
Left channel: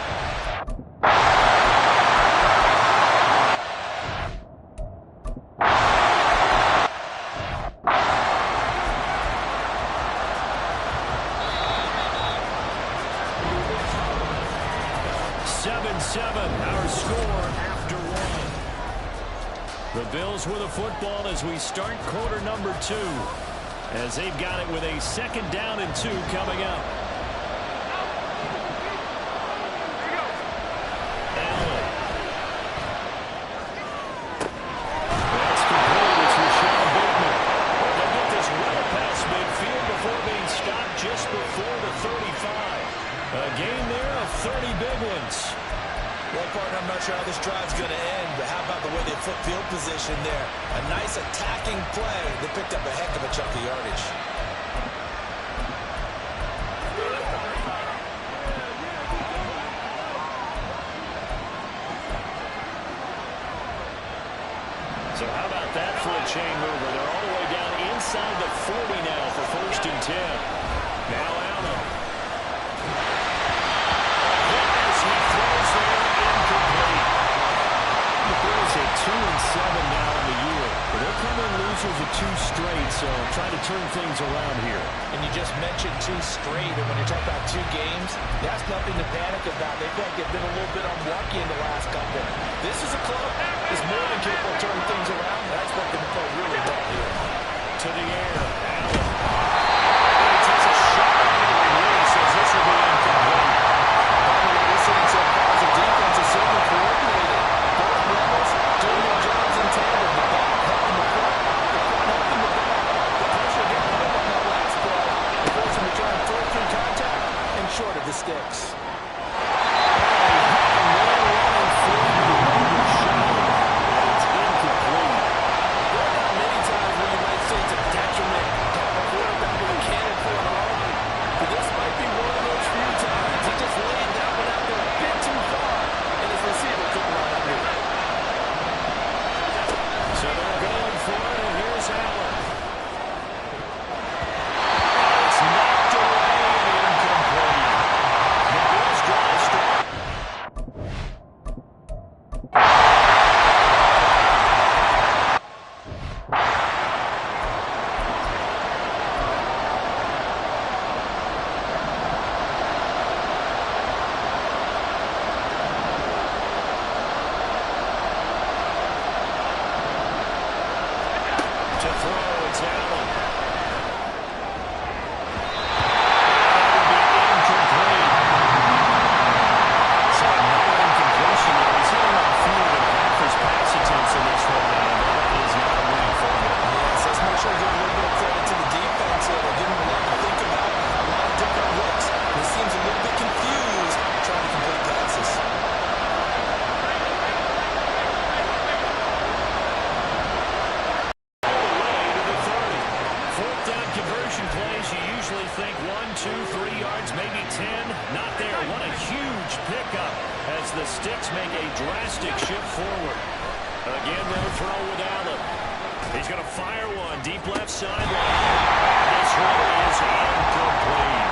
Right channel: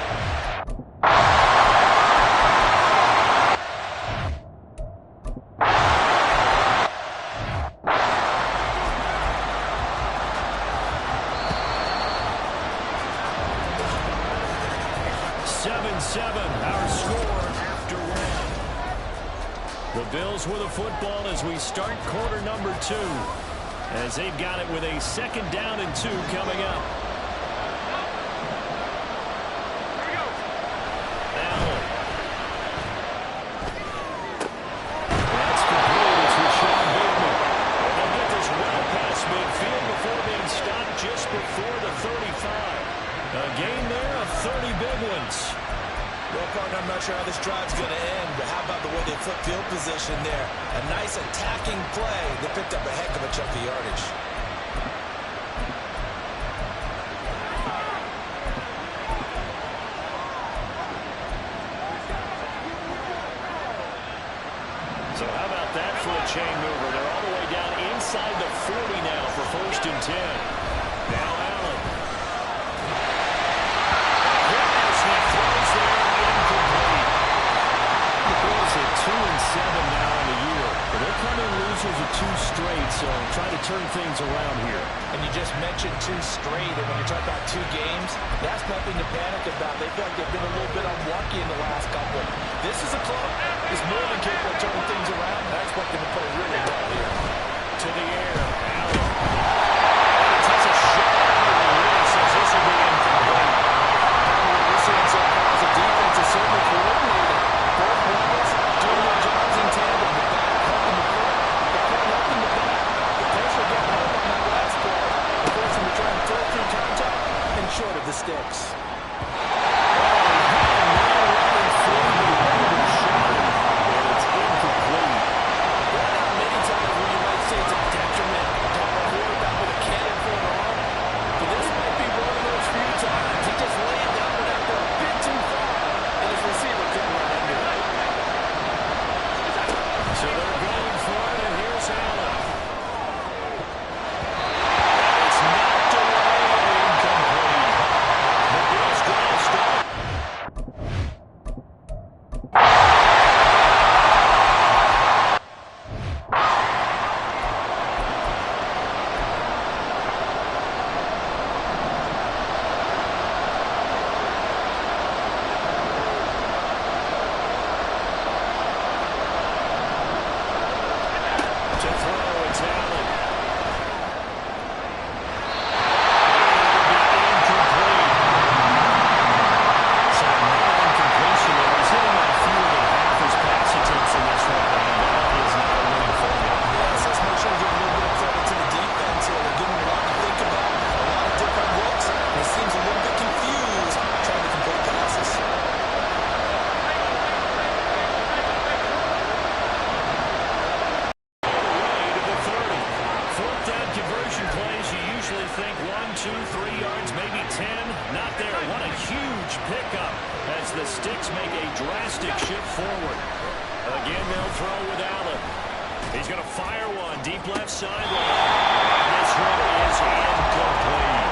Our score after 1. The Bills with a football as we start quarter number 2. as they've got it with a 2nd down and 2 coming up. Allen. That's complete. It's Rashad Bateman. And they'll get this well past midfield before being stopped just before the 35. A gain there of 30 big ones. Well, partner, I'm not sure how this drive's going to end, but how about the way they flip field position there? A nice attacking play. They picked up a heck of a chunk of yardage. So how about that for a chain mover? They're all the way down inside the 40 now for 1st and 10. Now Allen. As he throws there, incomplete. The Bills at 2-7 now in the year. But they're coming losers of 2 straight, so trying to turn things around here. And you just mentioned 2 straight, and when you're talking about 2 games, that's nothing to panic about. They feel like they've been a little bit unlucky in the last couple. This is a club that's more than capable of turning things around, and I expect them to play really well here. To the air, Allen. And he takes a shot on the release as this will be incomplete. Probably what we're seeing so far is the defense is certainly coordinated. Both levels doing their jobs in tandem. The back helping the front helping the back. The pressure getting home on that last play and forcing them to try and throw through contact and short of the sticks. So they're going for it, and here's Allen. And it's knocked away and incomplete. The Bills drive strong. To throw, it's Allen. And that will be incomplete. So another incompletion there. He's hitting on fewer than half his pass attempts in this one, and that is not a winning formula. Yes, let's make sure we give a little bit of credit to the defense here. They're giving him a lot to think about, a lot of different looks. He seems a little bit confused trying to complete passes. Conversion plays, you usually think 1, 2, 3 yards, maybe 10. Not there. What a huge pickup as the Sticks make a drastic shift forward. Again, they'll throw with Allen. He's going to fire one deep left sideline. And this one is incomplete.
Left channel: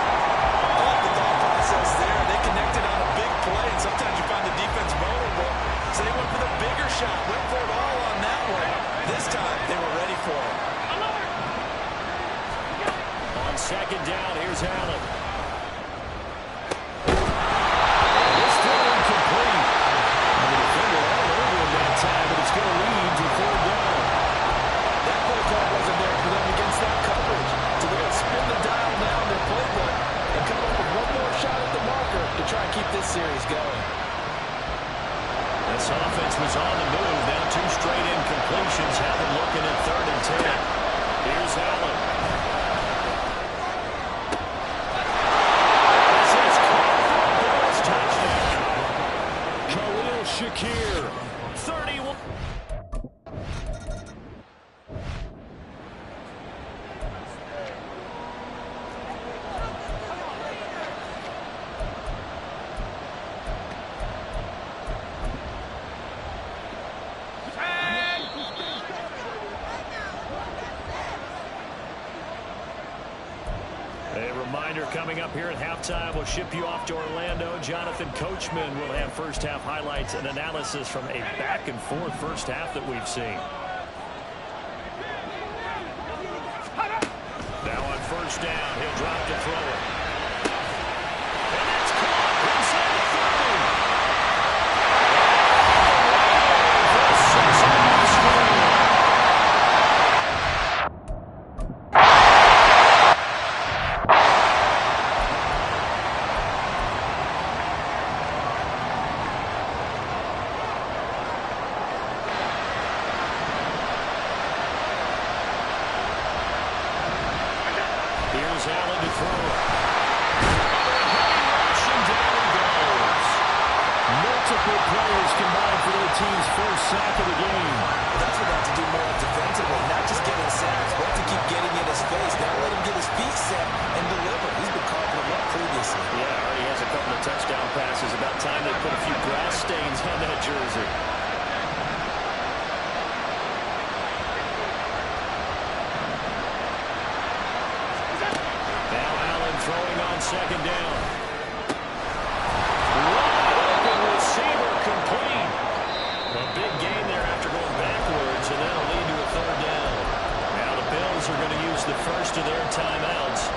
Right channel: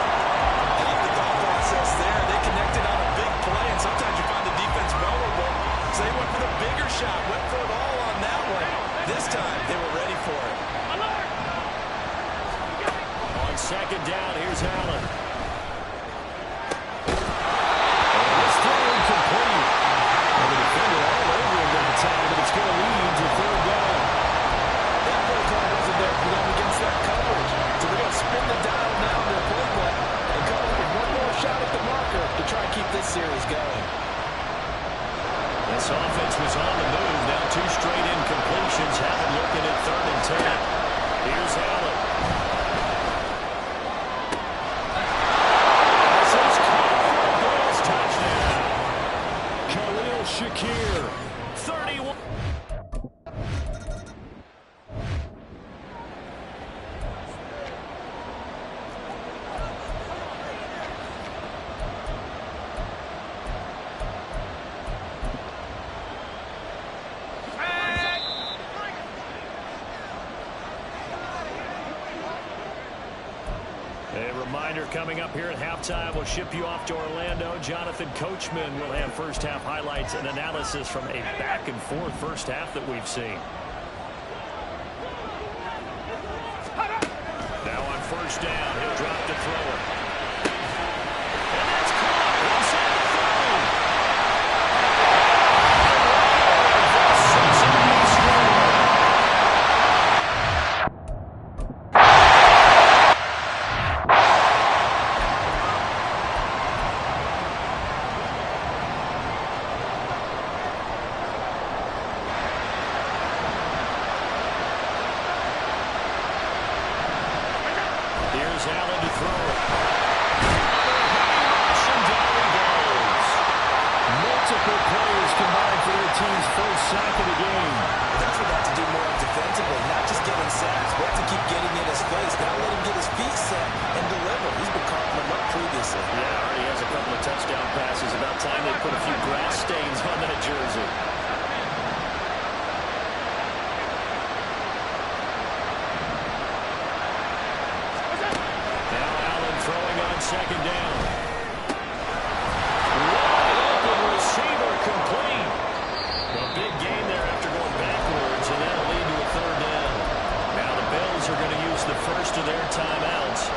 I like the thought process there. They connected on a big play, and sometimes you find the defense vulnerable. So they went for the bigger shot, went for it all on that one. This time, they were ready for it. On 2nd down, here's Allen. And this throw incomplete. And the defender all over him that time, but it's going to lead to 3rd down. That play call wasn't there for them against that coverage. So they're going to spin the dial now in their playbook and come up with one more shot at the marker to try and keep this series going. This offense was on the move. Now 2 straight incompletions have them looking at 3rd and 10. Here's Allen. Shakir, 31. A reminder coming up here at halftime. We'll ship you off to Orlando. Jonathan Coachman will have first half highlights and analysis from a back and forth first half that we've seen. Now on 1st down, he'll drop to throw it. And that's caught inside the 30. The Cincinnati score. Here's Allen to throw it. Under a heavy rush, and down he goes. Multiple players combined for their team's first sack of the game. That's what they have to do more defensively, not just getting sacks, but to keep getting in his face. Now let him get his feet set and deliver. He's been carving them up previously. Yeah, already has a couple of touchdown passes. About time they put a few grass stains on that jersey. Now Allen throwing on second down. Wide open receiver, complete. A big gain there after going backwards, and that'll lead to a third down. Now the Bills are going to use the first of their timeouts,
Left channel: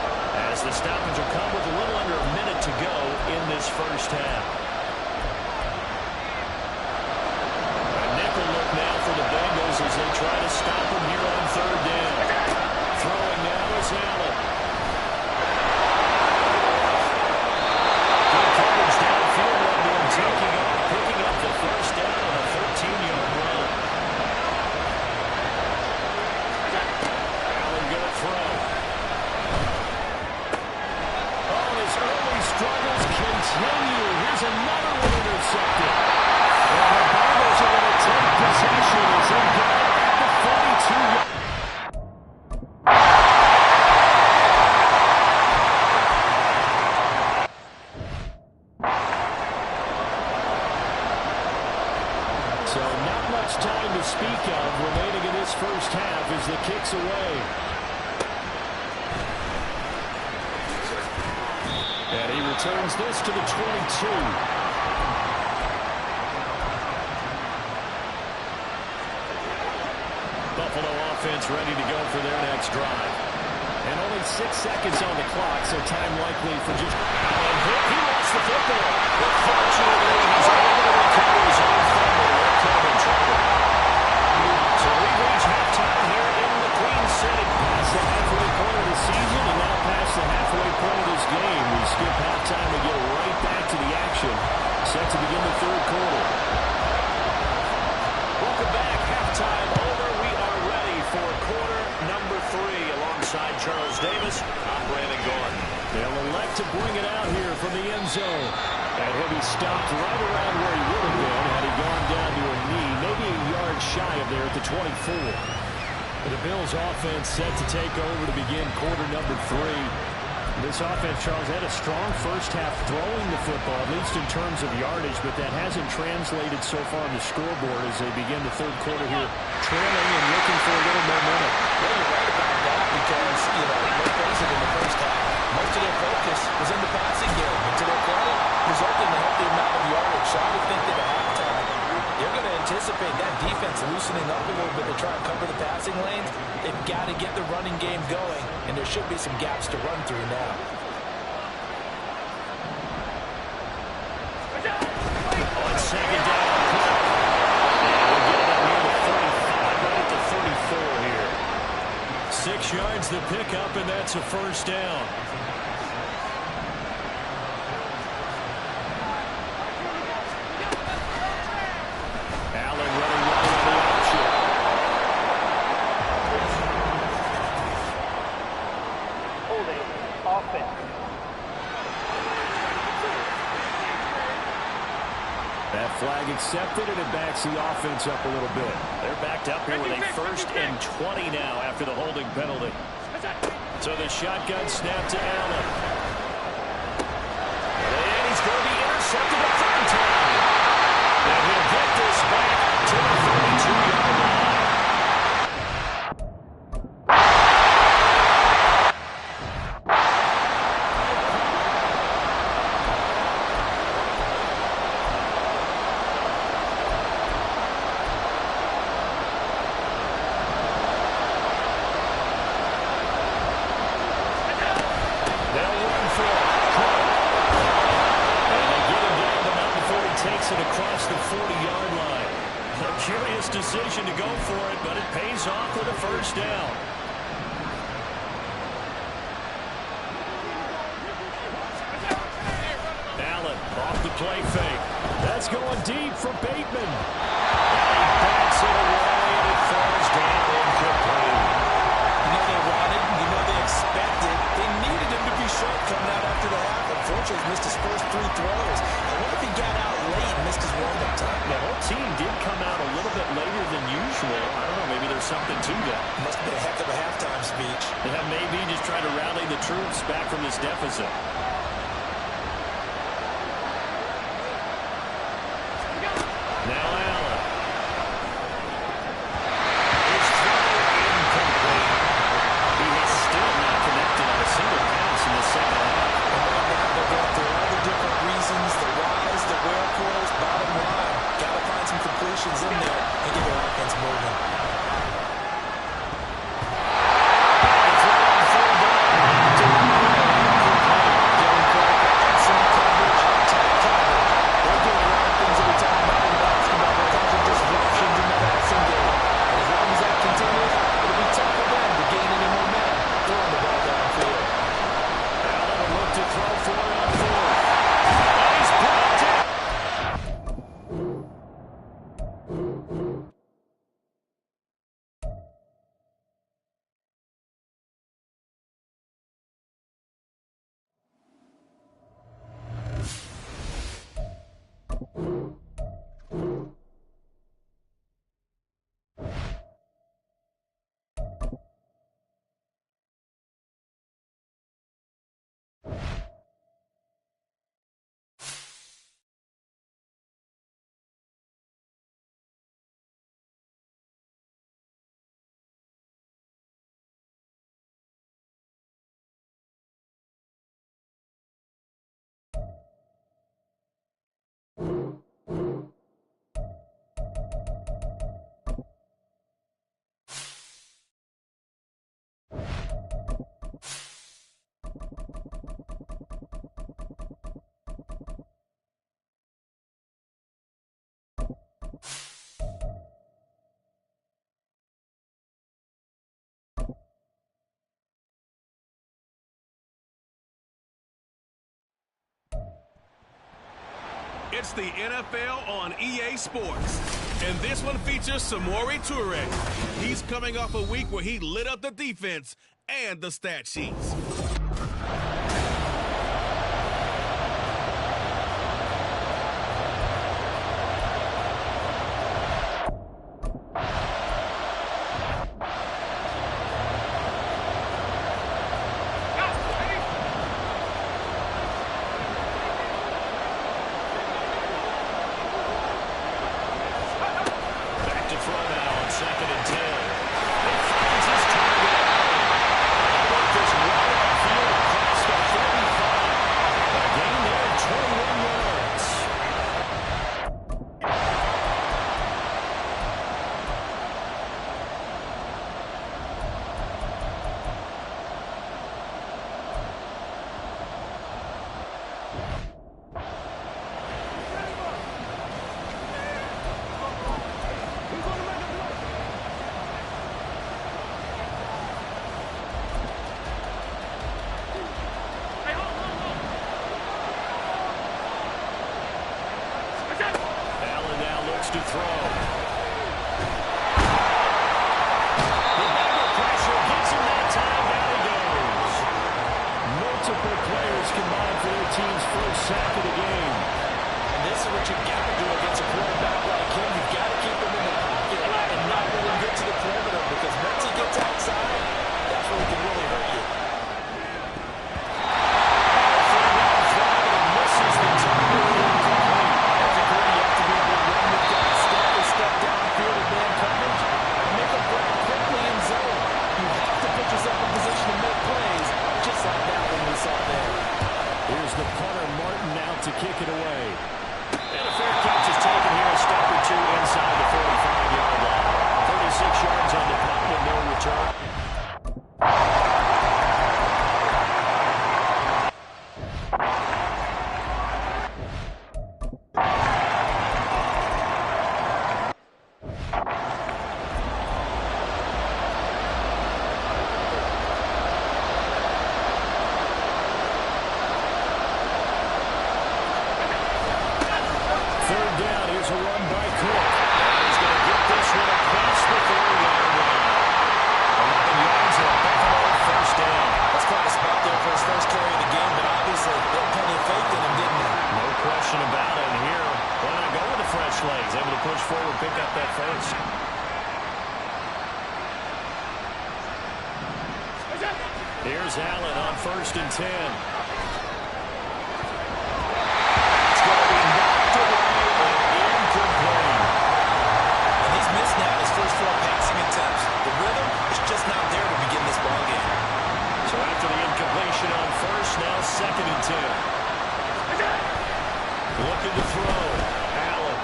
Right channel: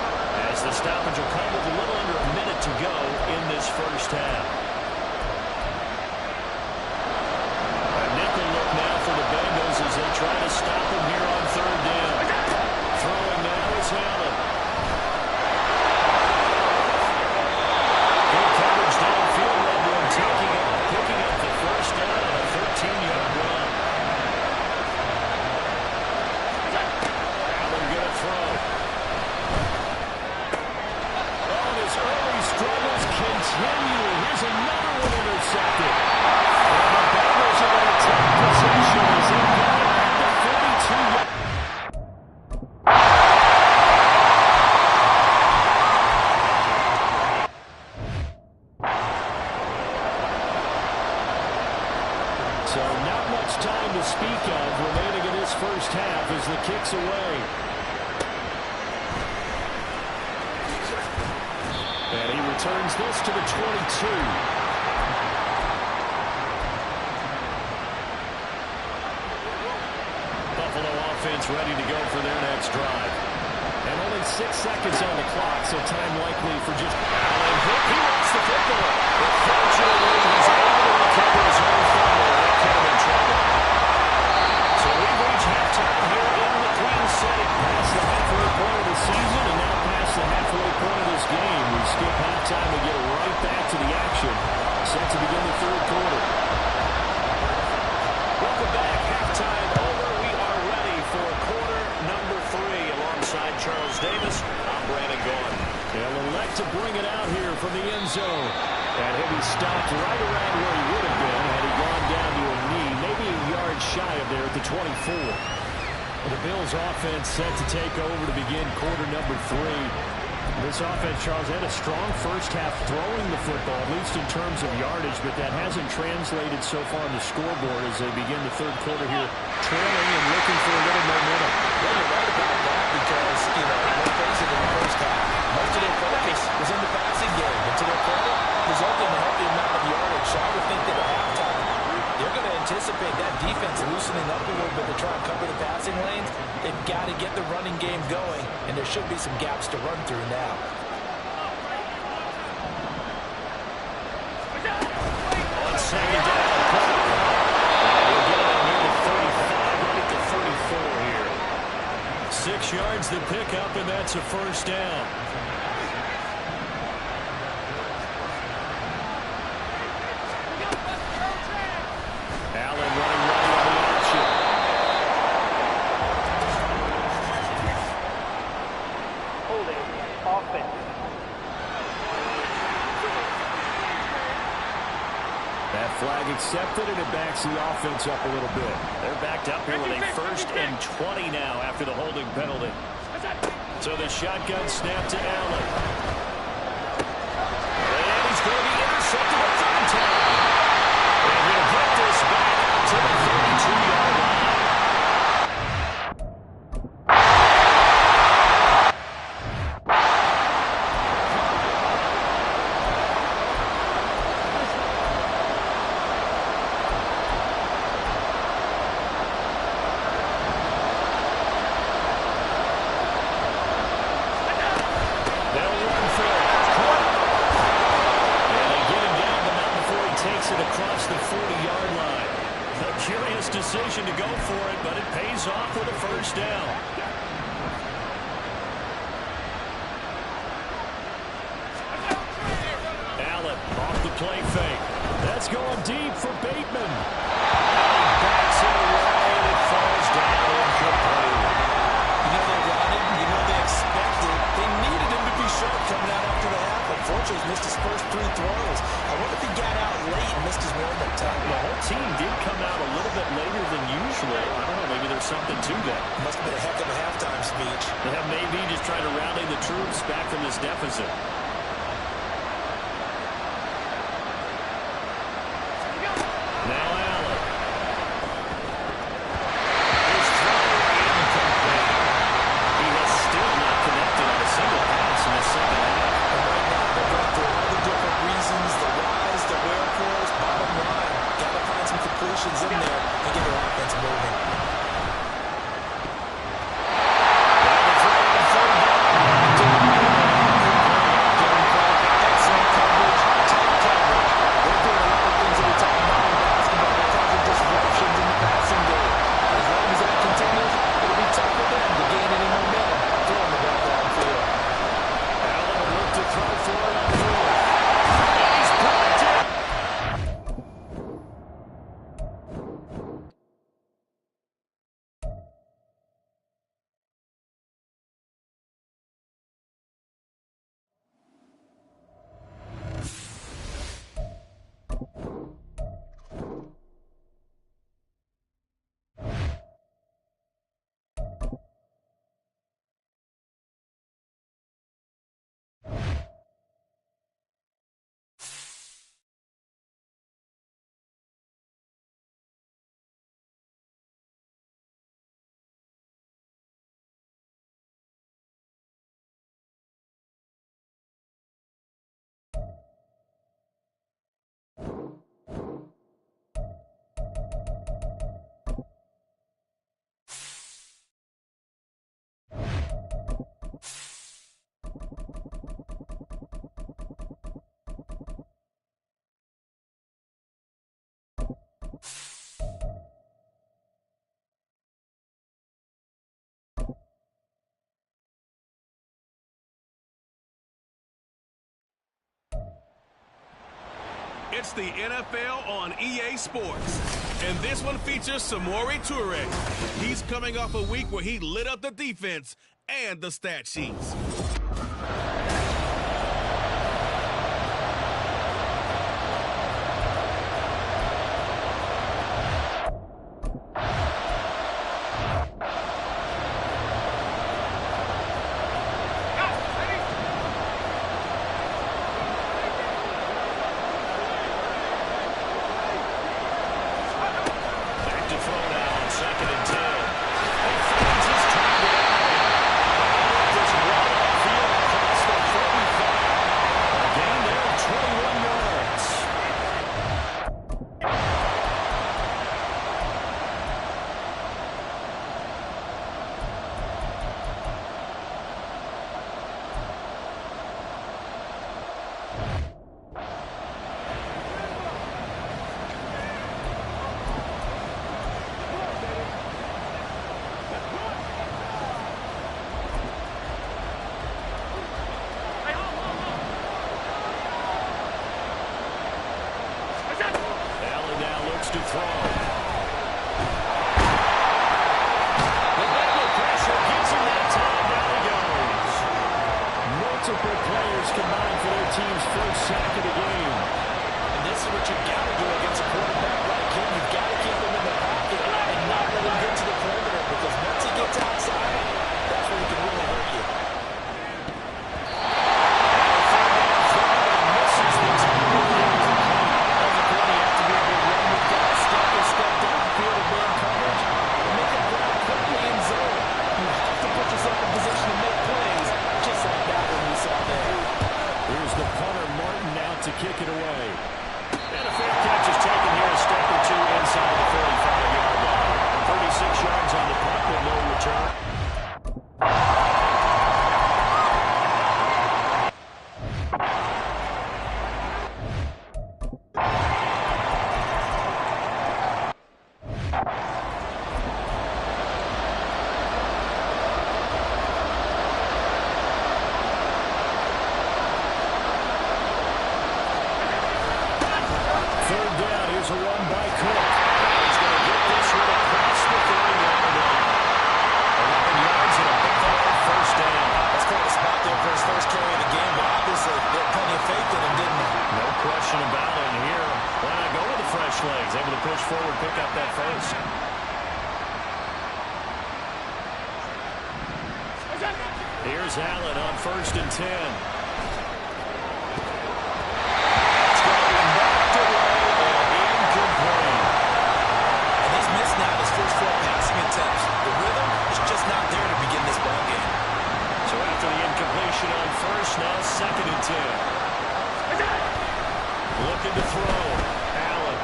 as the stoppage will come with a little under a minute to go in this first half. A nickel look now for the Bengals as they try to stop him here on third down. Throwing now is Allen. Good coverage downfield led to him taking off, picking up the first down on a 13-yard run. Allen going to throw. Oh, and his early struggles continue. Here's another one intercepted. And the Bengals are going to take possession as they got it at the 42-yard. So not much time to speak of remaining in this first half as the kick's away. And he returns this to the 22. Buffalo offense ready to go for their next drive. And only 6 seconds on the clock, so time likely for just... Allen hit. He lost the football. But fortunately, he's able to recover his own fumble. That could have been trouble. So we've reached halftime here in the Queen City. Past the halfway point of the season and now past the halfway point of this game. We skip halftime and get right back to the action. Set to begin the third quarter. Welcome back. Halftime over. We are ready for quarter number 3. Alongside Charles Davis, I'm Brandon Gaudin. They'll elect to bring it out here from the end zone. That heavy stopped right around where he would have been had he gone down to a knee, maybe a yard shy of there at the 24. The Bills offense set to take over to begin quarter number 3. This offense, Charles, had a strong first half throwing the football, at least in terms of yardage, but that hasn't translated so far on the scoreboard as they begin the third quarter here, trailing and looking for a little momentum. Yeah, you're right about that because, let's face it, in the first half, most of their focus was in the passing game. And to their credit, resulting in a healthy amount of yardage. So I would think that at halftime, they're going to anticipate that defense loosening up a little bit to try and cover the passing lanes. They've got to get the running game going, and there should be some gaps to run through now. On second down, Cook. And we'll get it up near the 35, right at the 34 here. 6 yards to pick up, and that's a first down. Allen running right on the option. Holding offense. That flag accepted, and it backs the offense up a little bit. They're backed up here with a 1st and 20 now after the holding penalty. So the shotgun snap to Allen. And he's going to be intercepted a third time. And he'll get this back to the 32-yard line. Takes it across the 40-yard line. A curious decision to go for it, but it pays off with a first down. Allen off the play fake. That's going deep for Bateman. And he bats it away, and it falls down incomplete. They wanted, they expected, they needed little bit later than usual. I don't know, maybe there's something to that. Must have been a heck of a halftime speech. Yeah, maybe just trying to rally the troops back from this deficit. Now Allen. His throw incomplete. He has still not connected on a single pass in the second half. And right now they're going through all the different reasons, the whys, the wherefores. Bottom line, got to find some completions in there and get their offense moving. Now the throw on third down. Incomplete. Giving Clark excellent coverage, tight coverage. They're doing a lot of things that we talk about in basketball that cause disruptions in the passing game. And as long as that continues, it'll be tough for them to gain any momentum throwing the ball downfield. Allen will look to throw for it on fourth. And he's blocked it. It's the NFL on EA Sports. And this one features Samori Toure. He's coming off a week where he lit up the defense and the stat sheets. Second and 10. He finds his target out. With this right upfield across the 45. A gain there of 21 yards. Allen now looks to throw. The Bengal pressure gets him that time. Down he goes. Multiple players combined for their team's first sack of the game. And this is what you've got to do against a quarterback like him. You've got to keep him in the pocket and not let him get to the perimeter, because once he gets outside, that's where he can really hurt you. Step downfield in man coverage and make a grab quickly in zone. You have to put yourself in position to make plays, just like that one we saw there. Here's the punter, Martin, out to kick it away. And a fair catch is taken here, a step or two inside the 45-yard line. 36 yards on the punt with no return. Third down, here's a run by Cook. And he's going to get this one across the 30-yard line. 11 yards and a Buffalo first down. That's quite a spot there for his first carry of the game, but obviously they had plenty of faith in him, didn't they? No question about it. And here, why not go with the fresh legs? Able to push push forward, pick up that first. Here's Allen on 1st and 10. It's going to be knocked away and incomplete. And he's missed now his first 4 passing attempts. The rhythm is just not there to begin this ball game. So after the incompletion on 1st, now 2nd and 10. Looking to throw. Allen.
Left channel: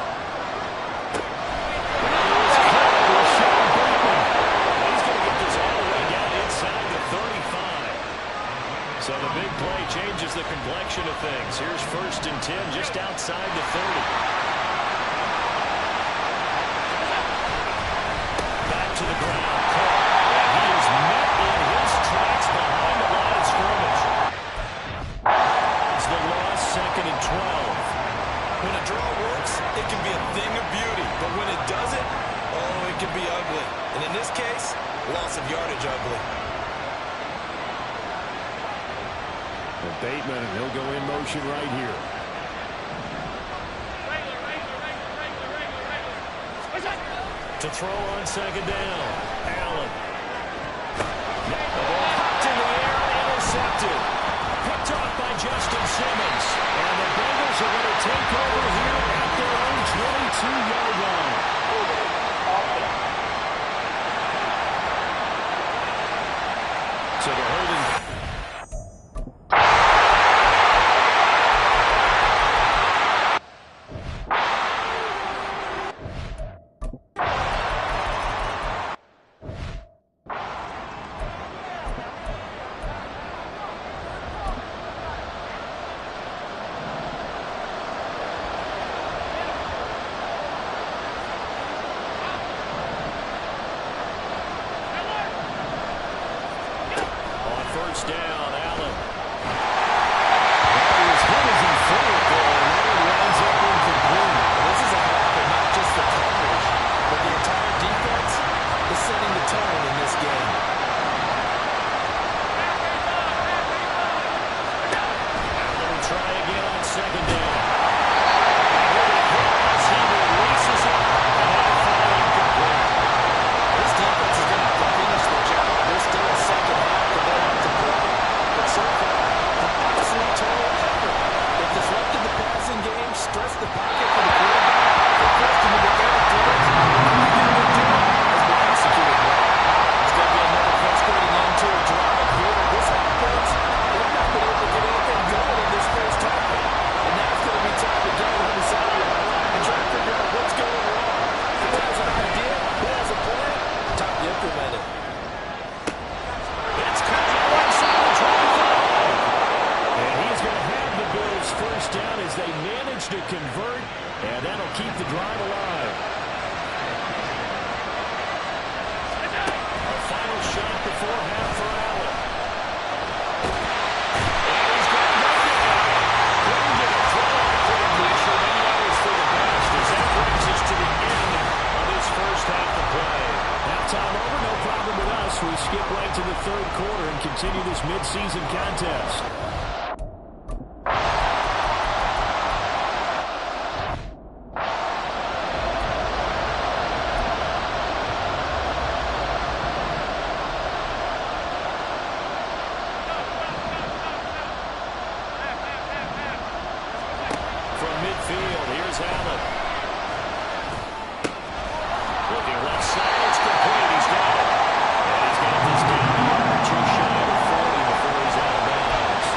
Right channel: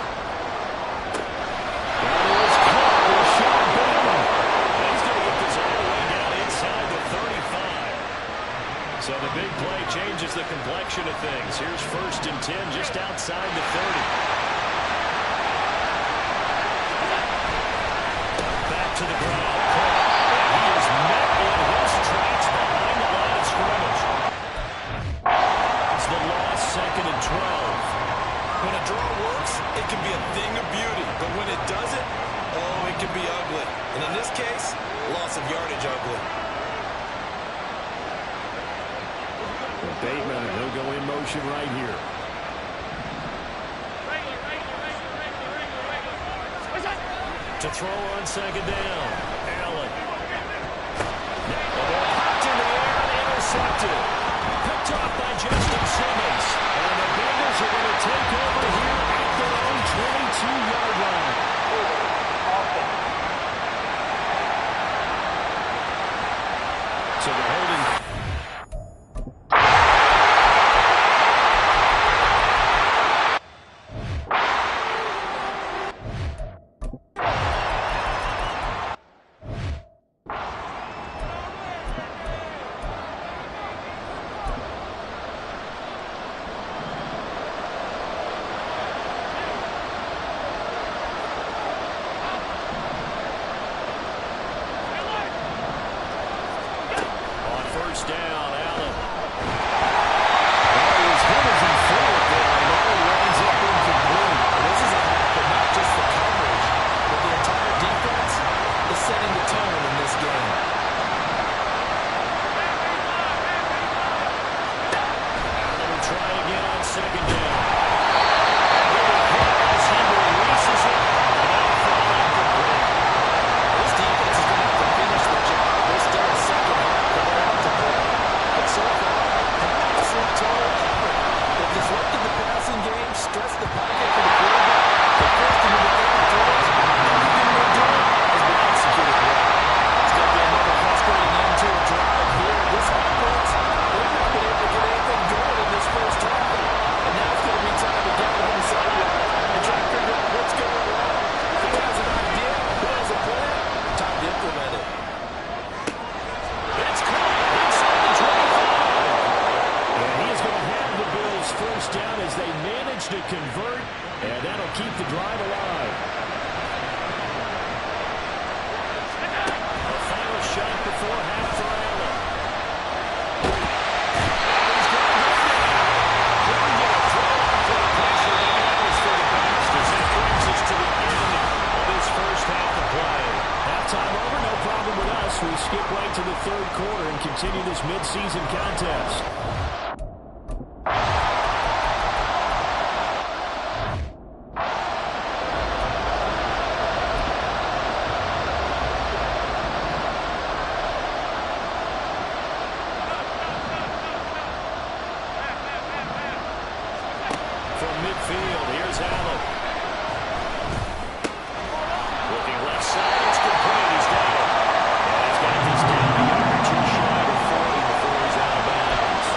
That is caught with Sean Bateman. He's going to get this all the way down inside the 35. So the big play changes the complexion of things. Here's 1st and 10 just outside the 30. Back to the ground. Caught. And he is met in his tracks behind the line of scrimmage. It's the loss, 2nd and 12. When a draw works, it can be a thing of beauty. But when it doesn't, oh, it can be ugly. And in this case, loss of yardage ugly. Well, Bateman, and he'll go in motion right here. To throw on 2nd down. Allen. The ball popped in the air and intercepted. Picked off by Justin Simmons. And the Bengals are going to take over here at their own 22-yard line. So they're holding. First down, Allen. Well, he was hit as he threw it there, and now it winds up incomplete. This is a hack for not just the coverage, but the entire defense is setting the tone in this game. Allen will try again on 2nd down. And he'll be hit as he releases it, and that'll fall incomplete. This defense is going to have to finish the job. There's still a second half that they have to play. But so far, an absolute total effort. They've disrupted the passing game, stressed the pocket for the quarterback. They forced him into air throws. Everything they're doing has been executed well. It's going to be another frustrating end to a drive here. This offense, they've not been able to get anything going in this first half. And now it's going to be time to gather on the sideline and try to figure out what's going wrong. Who has an idea? Who has a plan? Time to implement it. It's caught inside the 25. And he is going to have the Bills first down as they manage to convert, and that'll keep the drive alive. A final shot before half for Allen. And he's going to go down. Couldn't get a throw on for the pressure. Maybe that was for the best, as that brings us to the end of this first half of play. Halftime over, no problem with us. We skip right to the 3rd quarter and continue this midseason contest. From midfield, here's Allen. Looking left side, it's complete. He's got it. And he's got this down a yard or two shy of 40 before he's out of bounds.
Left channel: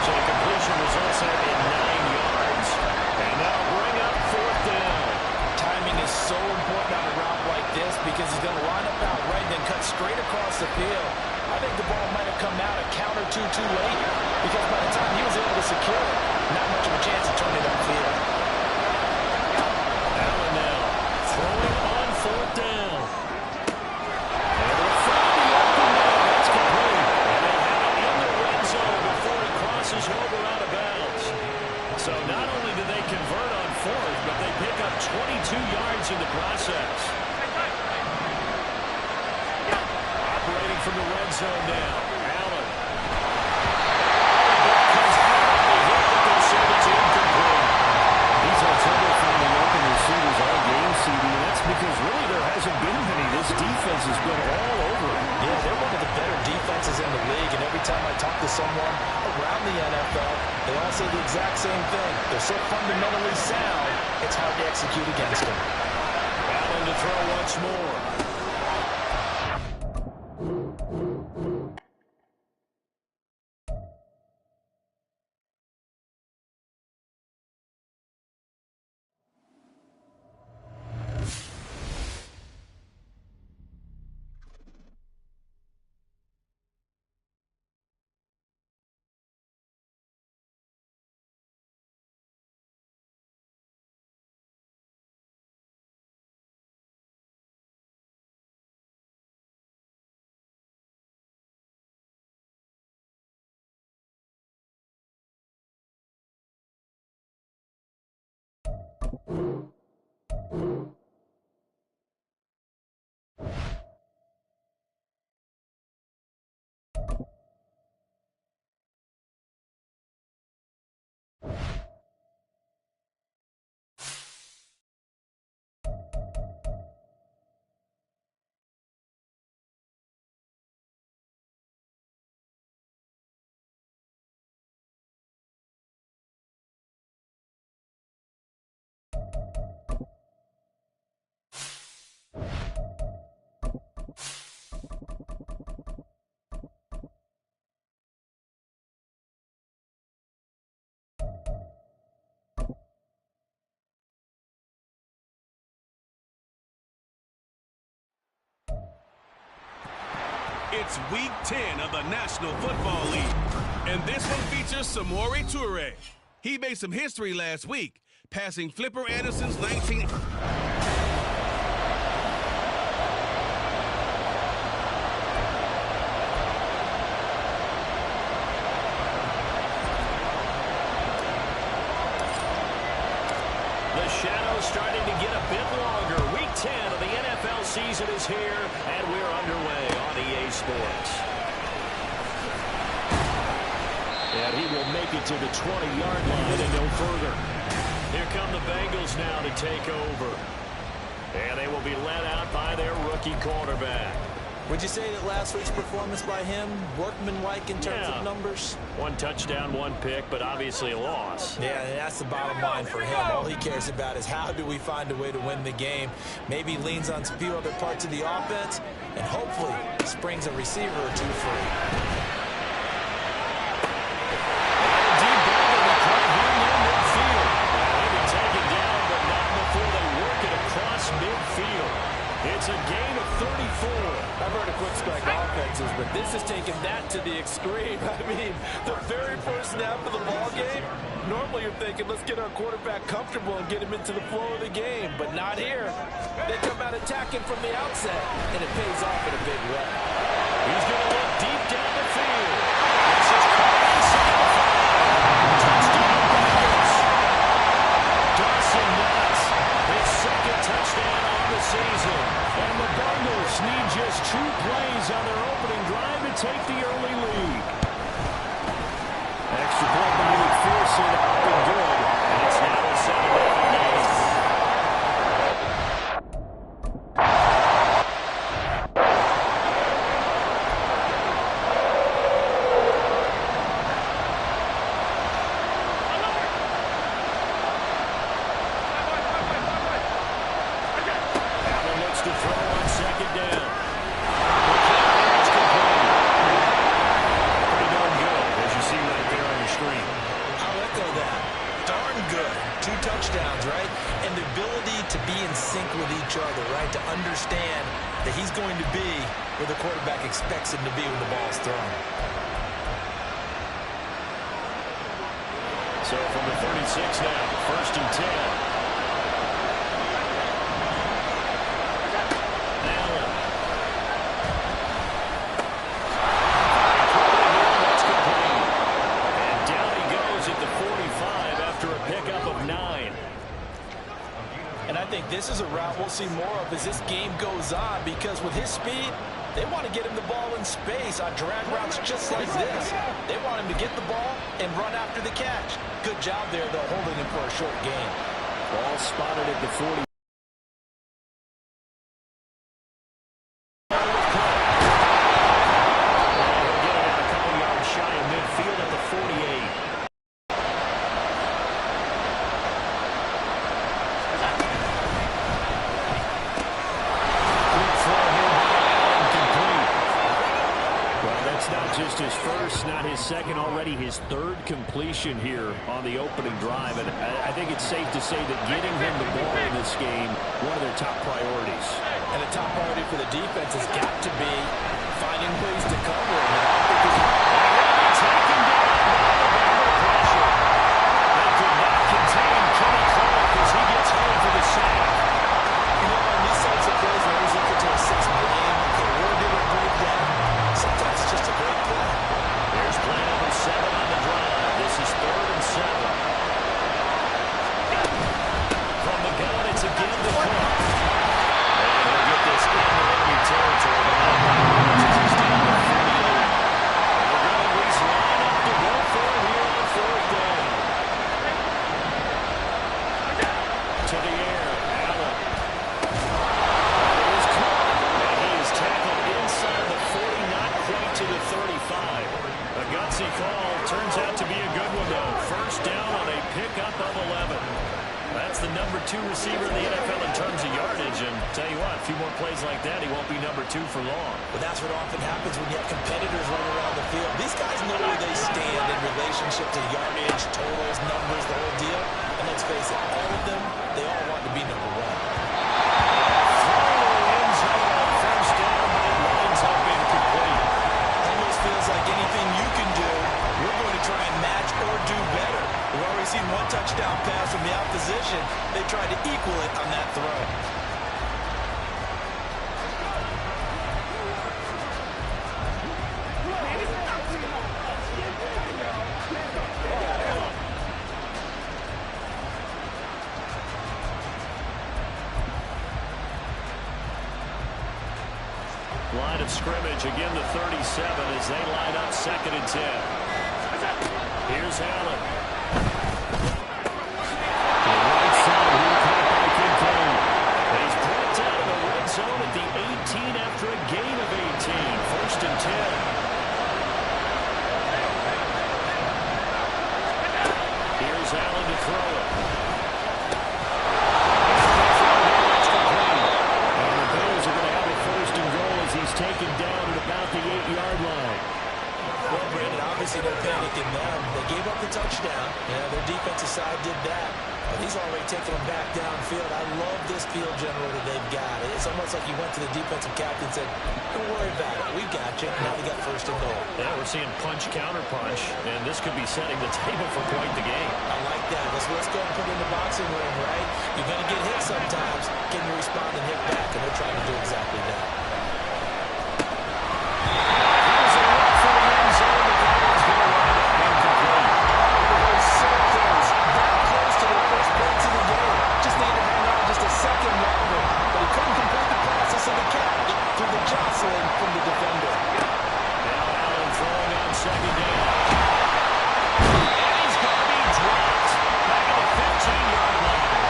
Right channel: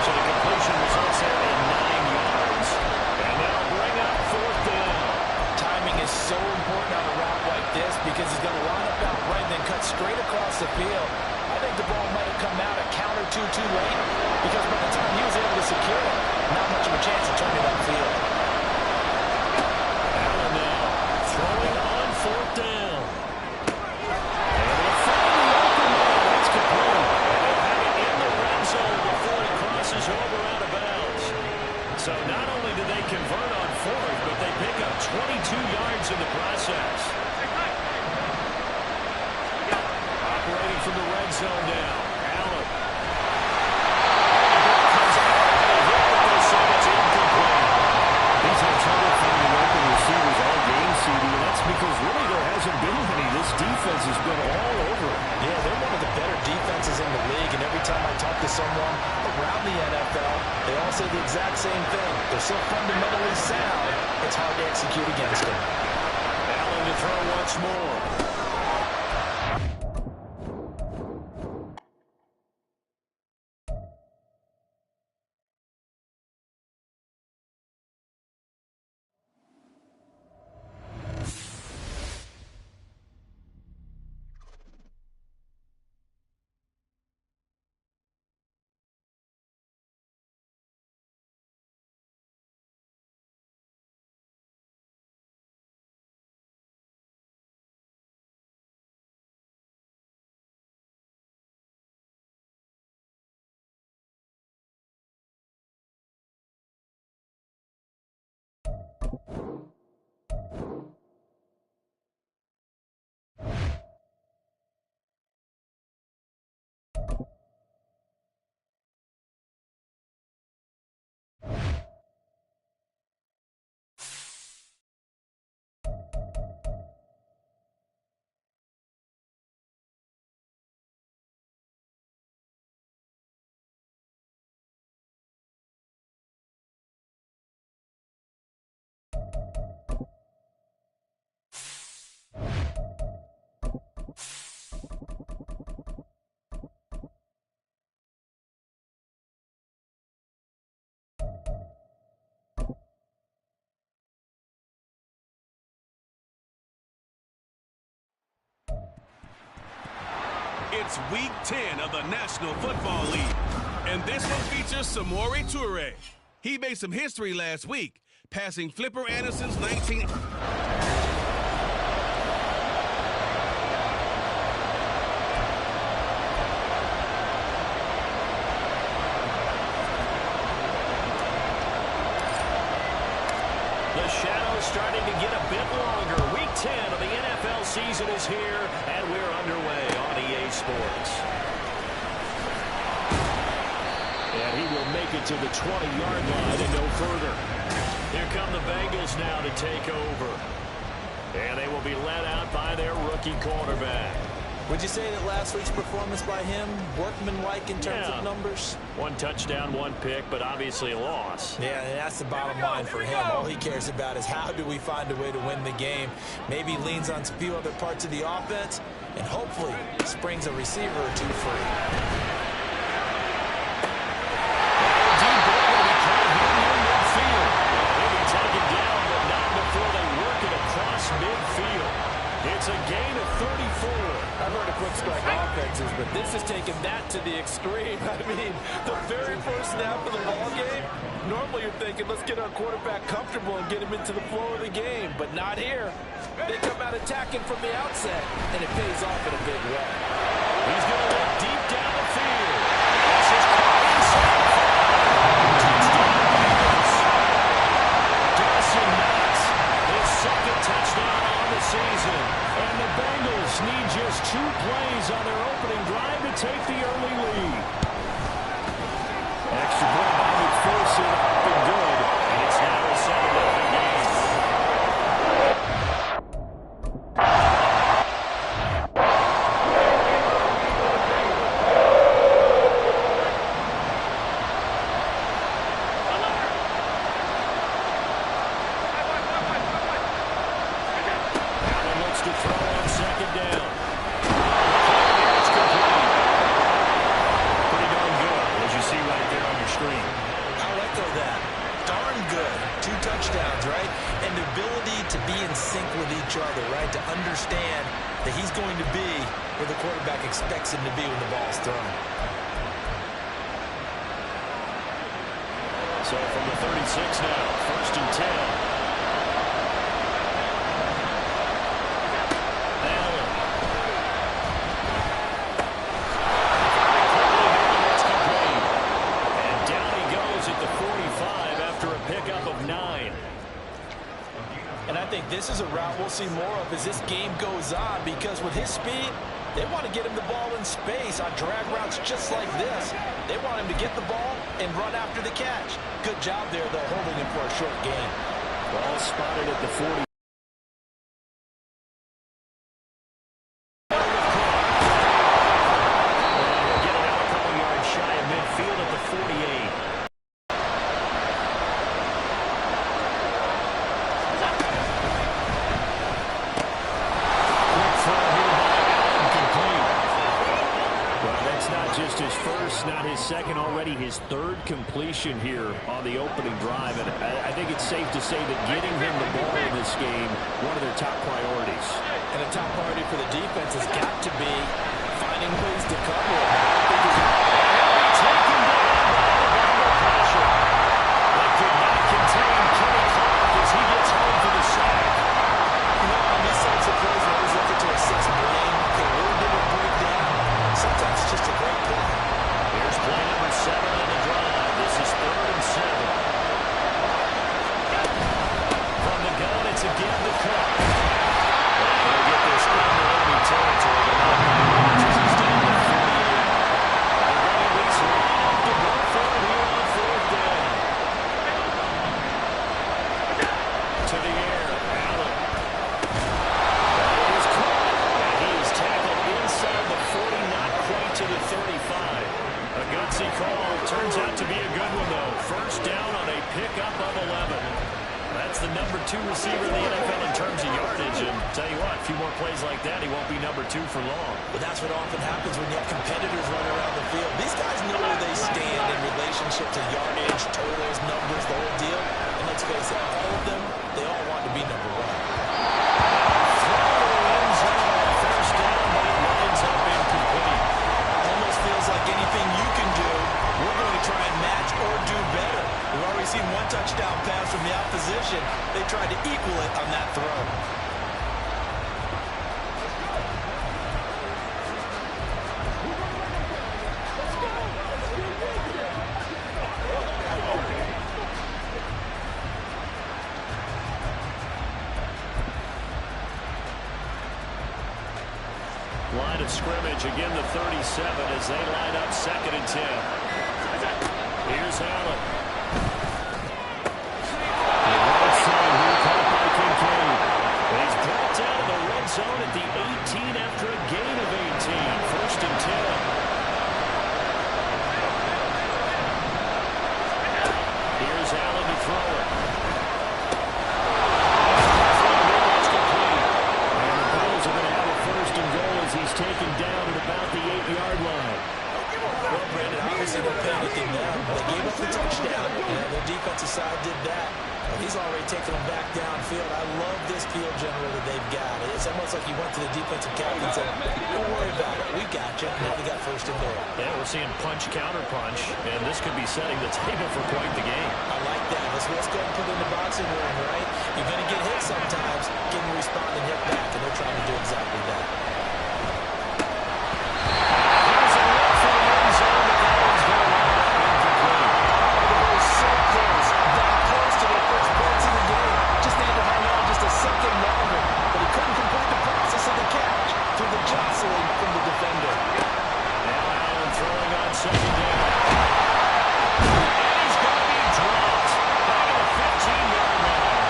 So the completion results there in 9 yards. And that'll bring up 4th down. Timing is so important on a route like this because he's going to line up out right and then cut straight across the field. I think the ball might have come out a count or two too late because by the time he was able to secure it, not much of a chance to turn it upfield. Allen now throwing on 4th down. Able to find the open man. That's complete. And they'll have it in the red zone before it crosses over out of bounds. So not only do they convert on 4th, but they pick up 22 yards in the process. Operating from the red zone now. Allen. The ball comes out on the hit, but they'll say it's incomplete. He's had trouble finding open receivers all game really there hasn't been many. This defense has been all over. Yeah, they're one of the better defenses in the league, and every time I talk to someone around the NFL, they all say the exact same thing. They're so fundamentally sound, it's hard to execute against them. Allen to throw once more. It's Week 10 of the National Football League, and this one features Samori Toure. He made some history last week, passing Flipper Anderson's 19... The shadow's starting to get a bit longer. Week 10 of the NFL season is here, and we're underway on EA Sports. And he will make it to the 20-yard line and no further. Here come the Bengals now to take over. And they will be led out by their rookie quarterback. Would you say that last week's performance by him, workmanlike in terms of numbers? 1 touchdown, 1 pick, but obviously a loss. Yeah, and that's the bottom line for him. All he cares about is how do we find a way to win the game. Maybe leans on a few other parts of the offense, and hopefully springs a receiver or two free. Deep ball going to be caught here near midfield. He'll be taken down, but not before they work it across midfield. It's a gain of 34. I've heard of quick strike offenses, but this has taken that to the extreme. I mean, the very first snap of the ball game, normally you're thinking, let's get our quarterback comfortable and get him into the flow of the game, but not here. They come out attacking from the outset, and it pays off in a big way. He's going to look deep down the field. This is caught inside the 5. Touchdown, Bengals. Dawson Knox, his second touchdown on the season. And the Bengals need just 2 plays on their opening drive to take the early lead. Extra point by McPherson, up and good. And it's now a 7-0 game. To throw on second down. It's complete. Pretty darn good, as you see right there on your screen. I'll echo that. Darn good. 2 touchdowns, right? And the ability to be in sync with each other, right? To understand that he's going to be where the quarterback expects him to be when the ball's thrown. So from the 36 now, 1st and 10. And I think this is a route we'll see more of as this game goes on, because with his speed, they want to get him the ball in space on drag routes just like this. They want him to get the ball and run after the catch. Good job there, though, holding him for a short gain. Ball spotted at the 40. just his first, not his second, already his third completion here on the opening drive. And I think it's safe to say that getting him the ball in this game, one of their top priorities. And a top priority for the defense has got to be finding ways to cover him. And I don't think he'll be taken down by the Bama pressure. They could not contain Kenny Clark as he gets home for the sack. You know, on these types of plays, we're always looking to assess blame. Okay, where did it break down? Sometimes it's just a great play. Here's play number 7 on the drive. This is 3rd and 7. From the gun, it's again to Cook. And he'll get this into enemy territory, but not by much as he's down to 38. And they're going to at least line up to go for it here on 4th down. To the air, Allen. That is caught. And he is tackled inside the 40, not quite to the 35. A gutsy call. Turns out to be a good one, though. First down on a pickup of 11. That's the number 2 receiver in the NFL in terms of yardage. And tell you what, a few more plays like that, he won't be number 2 for long. Well, that's what often happens when you have competitors running around the field. These guys know where they stand in relationship to yardage, totals, numbers, the whole deal. And let's face it, all of them, they all want to be number 1. Throw to the end zone on first down, but it winds up incomplete. Almost feels like anything you can do, we're going to try and match or do better. We've already seen one touchdown pass from the opposition. They tried to equal it on that throw. Line of scrimmage, again the 37 as they line up 2nd and 10. Here's Allen. The right side here, caught by Kincaid. And he's brought down in the red zone at the 18 after a gain of 18. 1st and 10. Here's Allen to throw it. Are going to have a 1st and goal as he's taken down at about the 8-yard line. Well, Brandon, obviously no panicking them. They gave up the touchdown. Their defensive side did that. But he's already taken them back downfield. I love this field general that they've got. It's almost like he went to the defensive captain and said, don't worry about it. We got you. Now they got 1st and goal. Yeah, we're seeing punch, counter punch, and this could be setting the table for quite the game. I like that. Let's go ahead and put it in the boxing ring, right? You're going to get hit sometimes. Can you respond and hit back? And they're trying to do exactly that. Here's a look for the end zone, but that one's going to wind up incomplete. They were so close, that close to their first points of the game. Just needed to hang on just a second longer, but he couldn't complete the process of the catch through the jostling from the defender. Now Allen throwing on 2nd down. And he's going to be dropped back at the 15-yard line.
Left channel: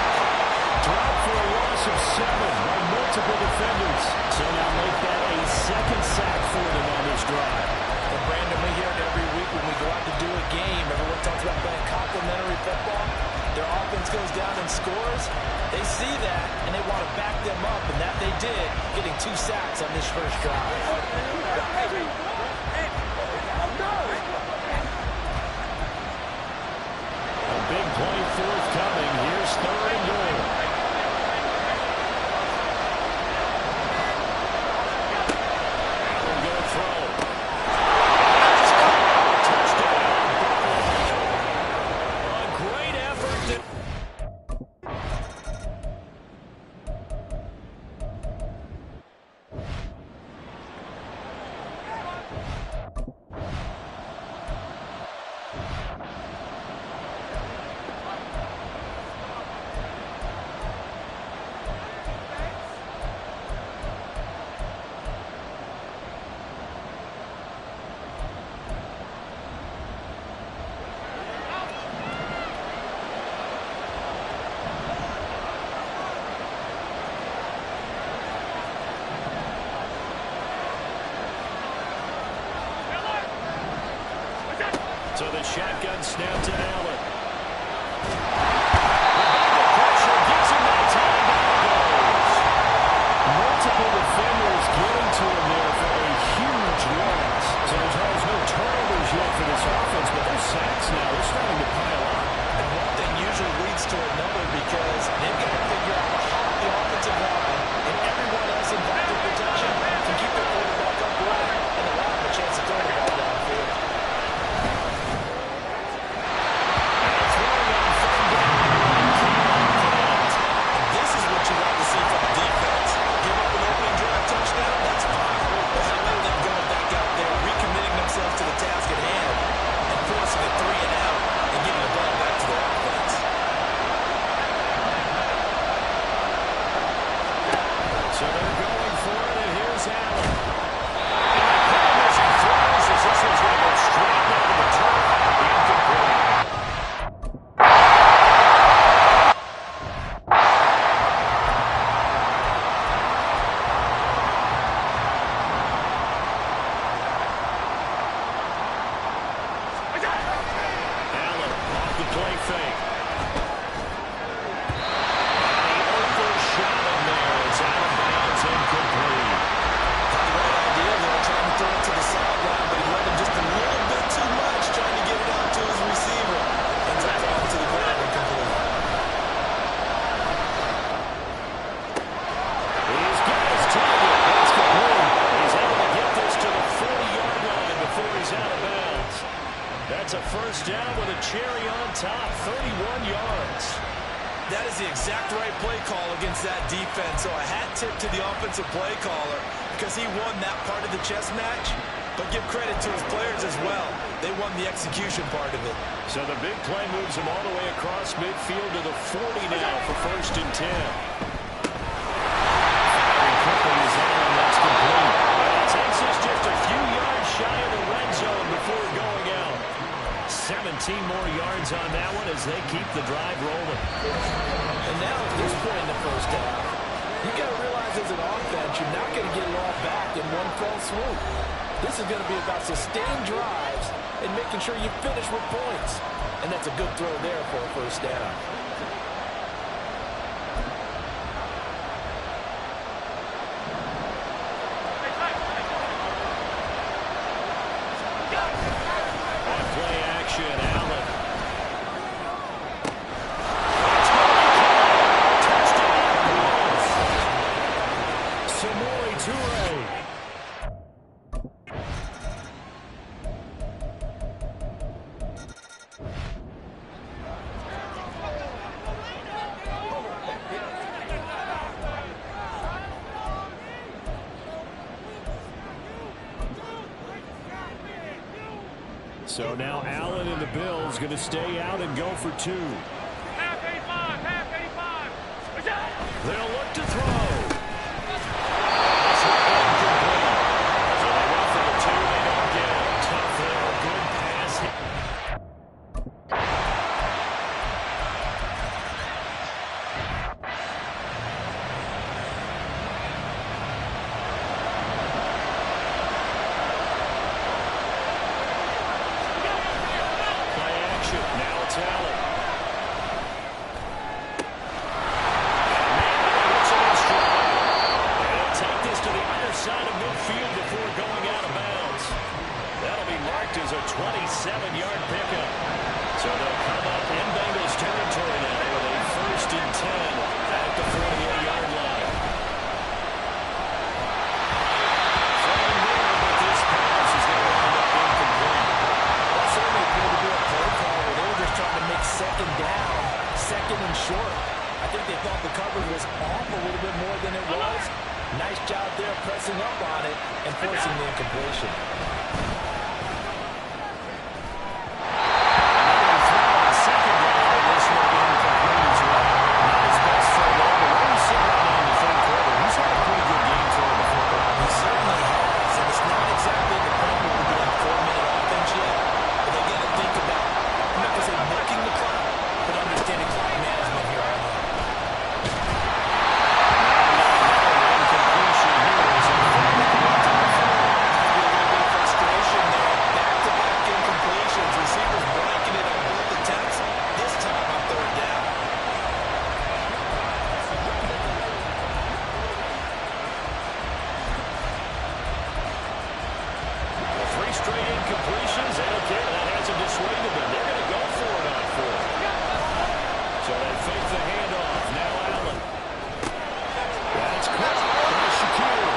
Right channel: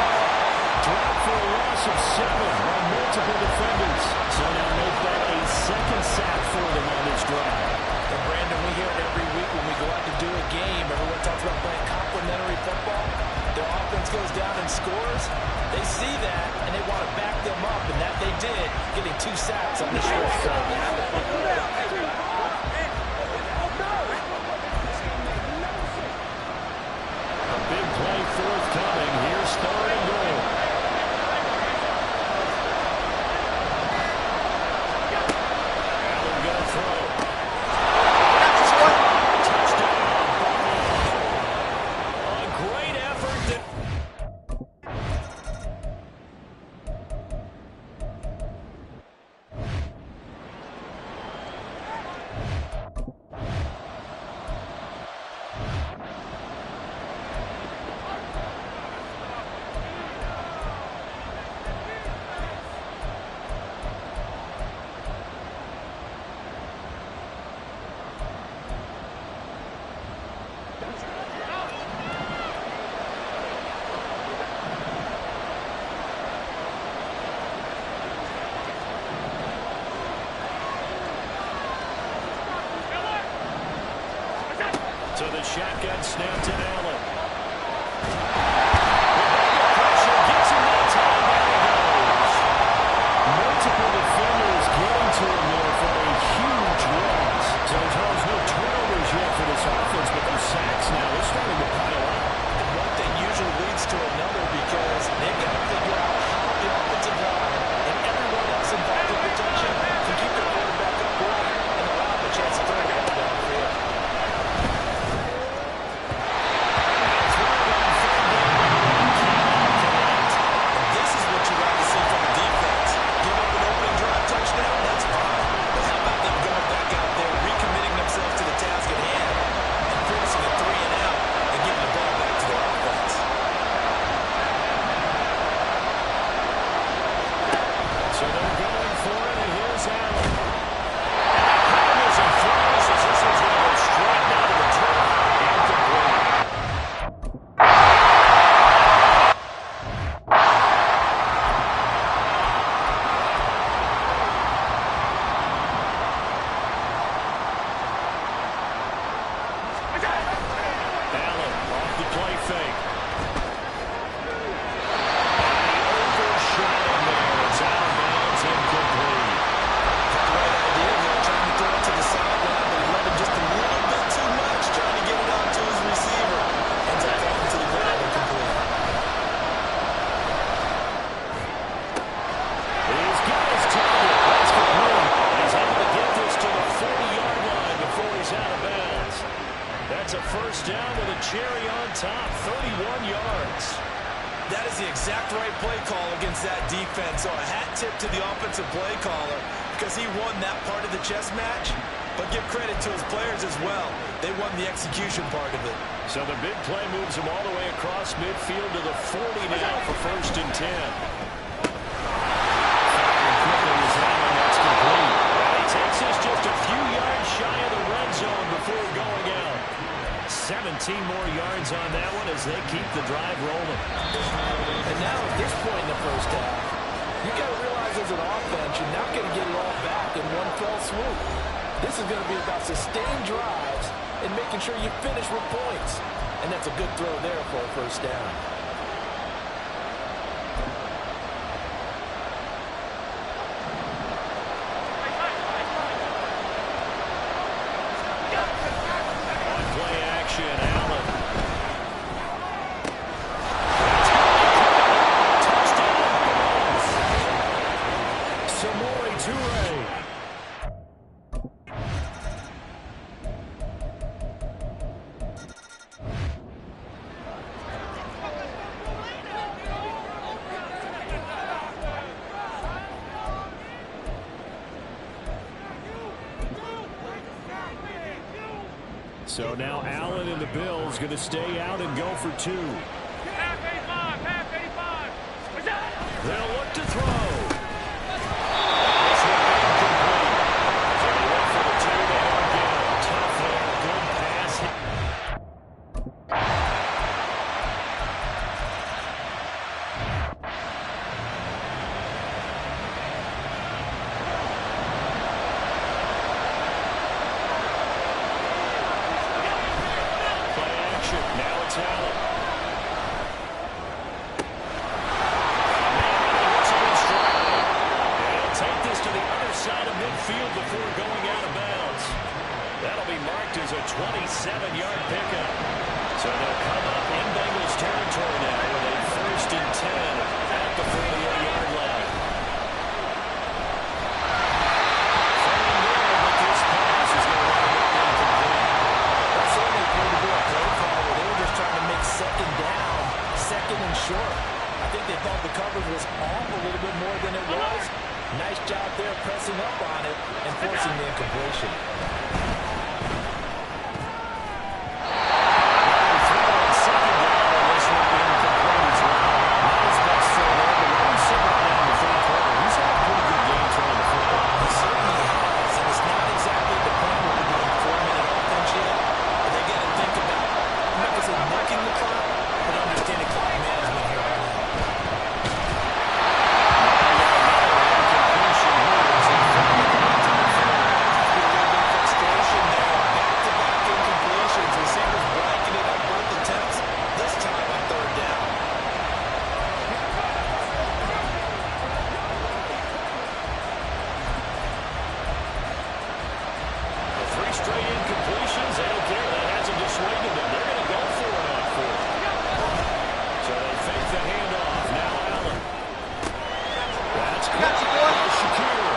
Dropped for a loss of 7 by multiple defenders. So now make that a 2nd sack for them on this drive. And Brandon, we hear it every week when we go out to do a game. Everyone talks about playing complementary football. Their offense goes down and scores. They see that, and they want to back them up, and that they did, getting 2 sacks on this first drive. A big play forthcoming. Here's 3rd and goal. Allen going to throw. So the shotgun snap to Allen. The Bengal pressure gets him that time. Down he goes. Multiple defenders getting to him there for a huge loss. So, Charles, no turnovers yet for this offense, but those sacks now, they're starting to pile up. And one thing usually leads to another because they've got to figure out how the offensive line and everyone else involved in protection can keep their quarterback upright and allow him a chance to throw the ball downfield. This is what you like to see from the defense. Give up an opening drive touchdown, that's fine. But how about them going back out there, recommitting themselves to the task at hand and forcing a 3-and-out and giving the ball back to their offense. So they're going for it, and here's Allen. And they hit him as he throws, as this one's going to go straight down to the turf. Incomplete. Allen off the play fake. And he overshot him there. It's out of bounds, incomplete. Had the right idea there, trying to throw it to the sideline, but he let him just a little bit too much, trying to get it out to his receiver. Ends up falling to the ground, incomplete. He's got his target. That's complete. And he's able to get this to the 40-yard line before he's out of bounds. That's a first down with a cherry on top, 31 yards. That is the exact right play call against that defense. So a hat tip to the offensive play caller because he won that part of the chess match. But give credit to his players as well. They won the execution part of it. So the big play moves him all the way across midfield to the 40 now for 1st and 10. Firing quickly is Allen. That's complete. And he takes this just a few yards shy of the red zone before going out. 17 more yards on that one as they keep the drive rolling. And now at this point in the first half, you got to realize as an offense, you're not going to get it all back in one fell swoop. This is going to be about sustained drives and making sure you finish with points. And that's a good throw there for a first down. On play action, Allen. Touchdown, Bills. Samori Toure. So now Allen and the Bills going to stay out and go for 2. Half 85, half 85. They'll look to throw. This one incomplete. So they went for the 2. They don't get it. Tough there. Good pass. Now it's Allen. Got a man and he hits him in stride. And he'll take this to the other side of midfield before going out of bounds. That'll be marked as a 27-yard pickup. So they'll come up in Bengals territory now with a 1st and 10 at the 48-yard line. Throwing there, but this pass is going to wind up incomplete. That certainly appeared to be a play call where they were just trying to make 2nd down, 2nd and short. I think they thought the coverage was off a little bit more than it was. Nice job there pressing up on it and forcing the incompletion. Another throw on 2nd down, and this one incomplete as well. Not his best throw there, but where he's sitting right now in the 3rd quarter, he's had a pretty good game throwing the football. He certainly has, and it's not exactly the point where we're doing 4-minute offense yet, but they got to think about, I'm not going to say milking the clock, but understanding clock management here on out. Now another incompletion here as they finally get to the field. A little bit of frustration. straight incompletions. They don't care. That hasn't dissuaded them. They're going to go for it on 4th. So they fake the handoff. Now Allen. That's caught by Shakir.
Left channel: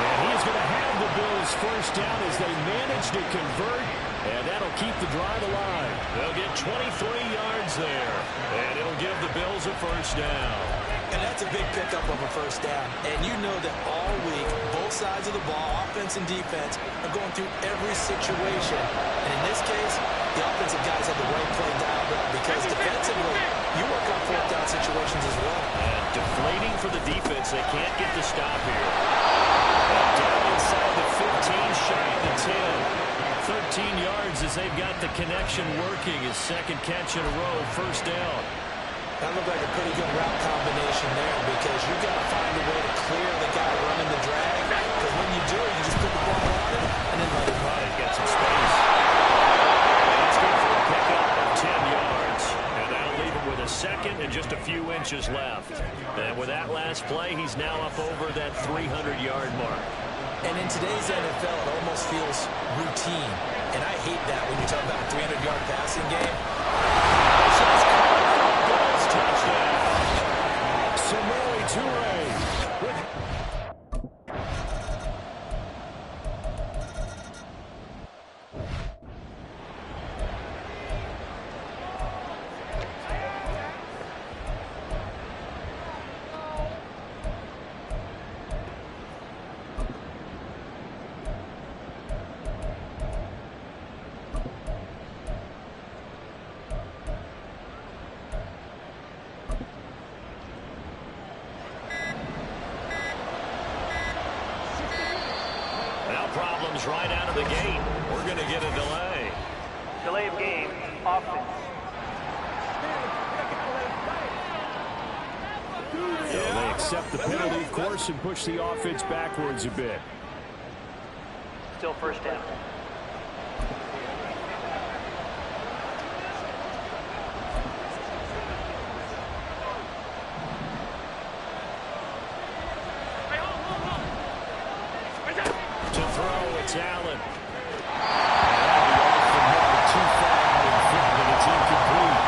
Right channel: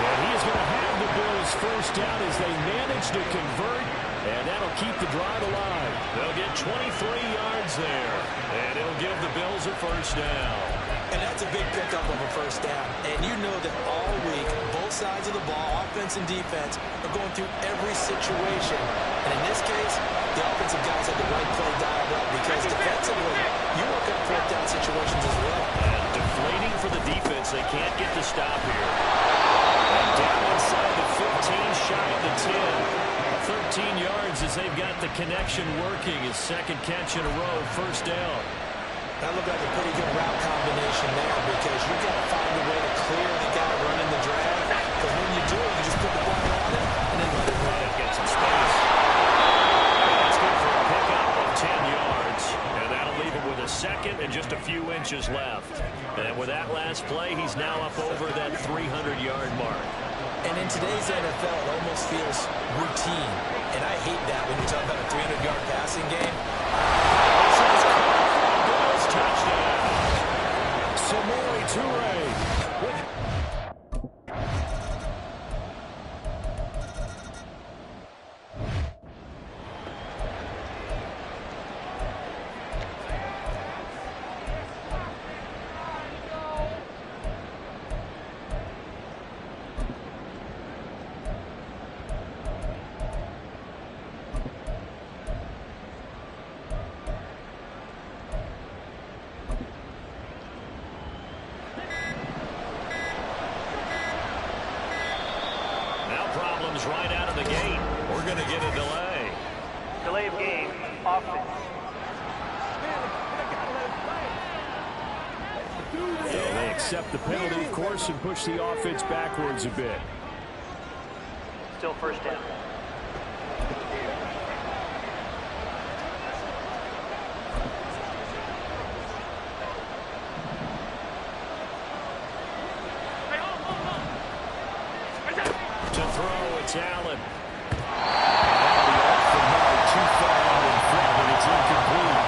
And he is going to have the Bills first down as they manage to convert. And that'll keep the drive alive. They'll get 23 yards there. And it'll give the Bills a first down. And that's a big pickup of a first down. And you know that all week, both sides of the ball, offense and defense, are going through every situation. And in this case, the offensive guys had the right play dialed up because defensively, you work on 4th down situations as well. And deflating for the defense. They can't get the stop here. And down inside the 15, shy of the 10. 13 yards as they've got the connection working. His second catch in a row, first down. That looked like a pretty good route combination there because you got to find a way to clear the guy running the drag. Because when you do, you just put the ball on him and then let it run. Get some space. And that's good for a pickup of 10 yards. And that'll leave him with a second and just a few inches left. And with that last play, he's now up over that 300-yard mark. And in today's NFL, it almost feels routine. And I hate that when you talk about a 300-yard passing game. This is caught for a Bills touchdown. Samori Toure with problems right out of the gate. We're going to get a delay. Delay of game, offense. So they accept the penalty, of course, and push the offense backwards a bit. Still first down. It's Allen. And that'll be off the mark, too far out in front, and it's incomplete.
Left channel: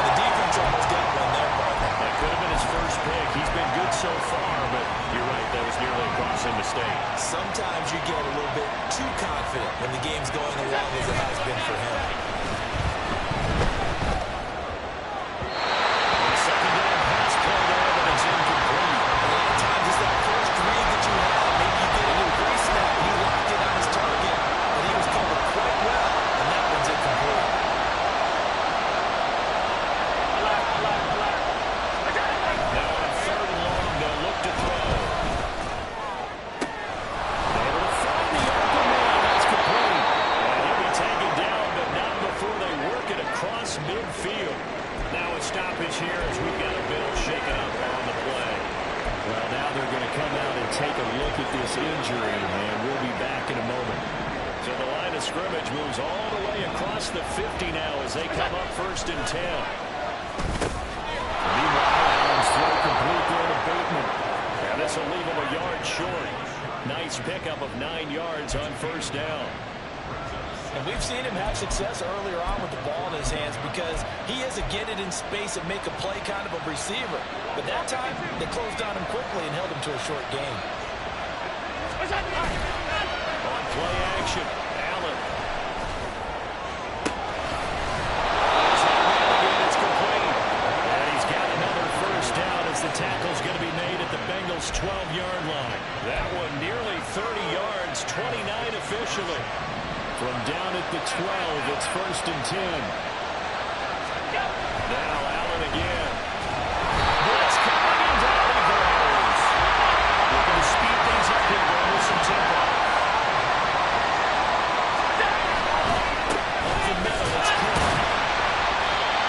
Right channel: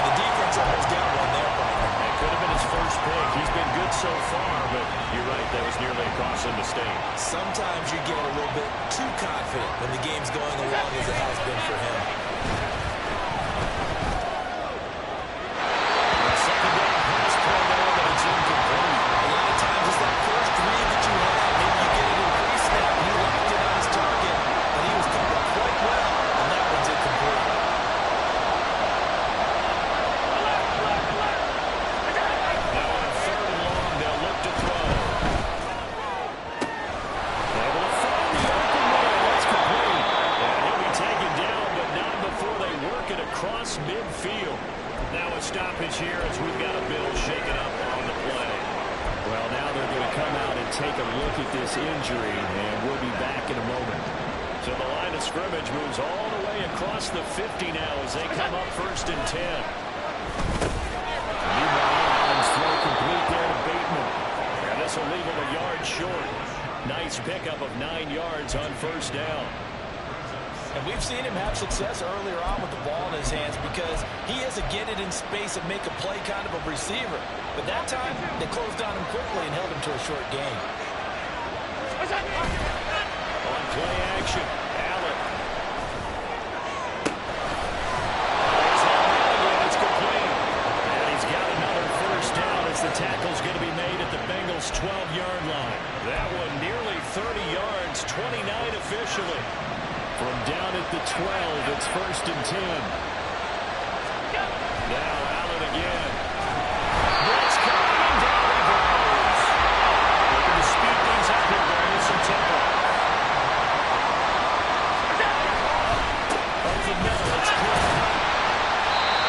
And the defense almost got one there, partner. That could have been his first pick. He's been good so far, but you're right, that was nearly a costly mistake. Sometimes you get a little bit too confident when the game's going along as it has been for him. Second down pass play there, but it's incomplete. A lot of times it's that first read that you have. Maybe you get it in pre-snap, and he locked it on his target, but he was covered quite well, and that one's incomplete. Now on 3rd and long, they'll look to throw. Able to find the open man. That's complete. And he'll be taken down, but not before they work it across midfield. Now a stoppage here as we've got a Bill shaken up on the play. Well, now they're going to come out and take a look at this injury, and we'll be back in a moment. So the line of scrimmage moves all the way across the 50 now as they come up 1st and 10. Meanwhile, Allen's throw complete there to Bateman. And this will leave him a yard short. Nice pickup of 9 yards on 1st down. And we've seen him have success earlier on with the ball in his hands because he is a get it in space and make a play kind of a receiver. But that time, they closed on him quickly and held him to a short gain. On play action, Allen. There's that man again. It's complete. And he's got another first down as the tackle's going to be made at the Bengals' 12-yard line. That one nearly 30 yards, 29 officially. From down at the 12, it's 1st and 10. Now Allen again. Blitz coming, and down he goes. Looking to speed things up here, with some tempo. Up the middle, it's clear.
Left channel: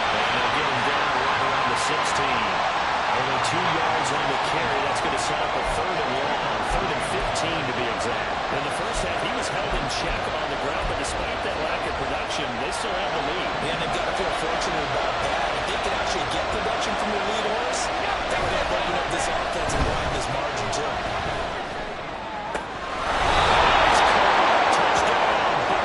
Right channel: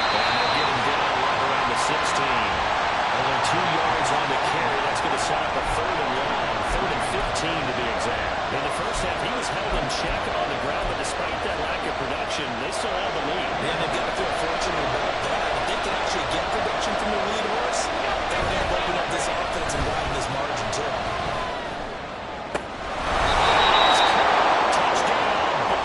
And they'll get him down right around the 16. Only 2 yards on the carry. That's going to set up a 3rd and long, 3rd and 15 to be exact. In the first half, he was held in check on the ground, but despite that lack of production, they still have the lead. Man, they've got to feel fortunate about that. If they can actually get production from the lead horse, that would help open up this offense and widen this margin, too. Touchdown,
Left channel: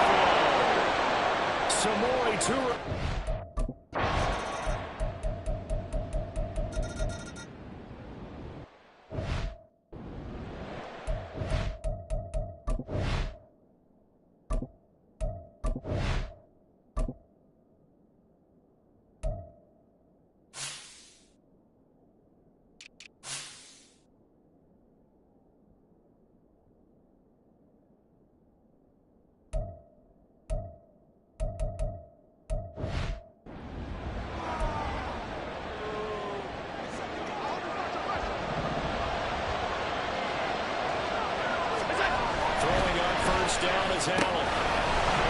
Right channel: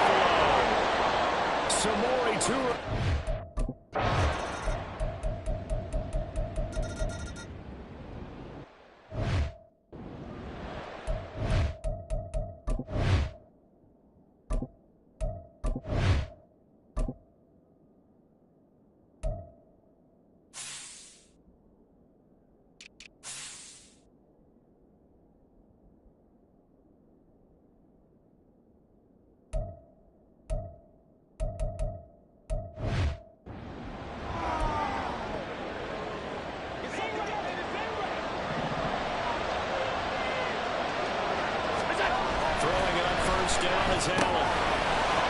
first down is Allen.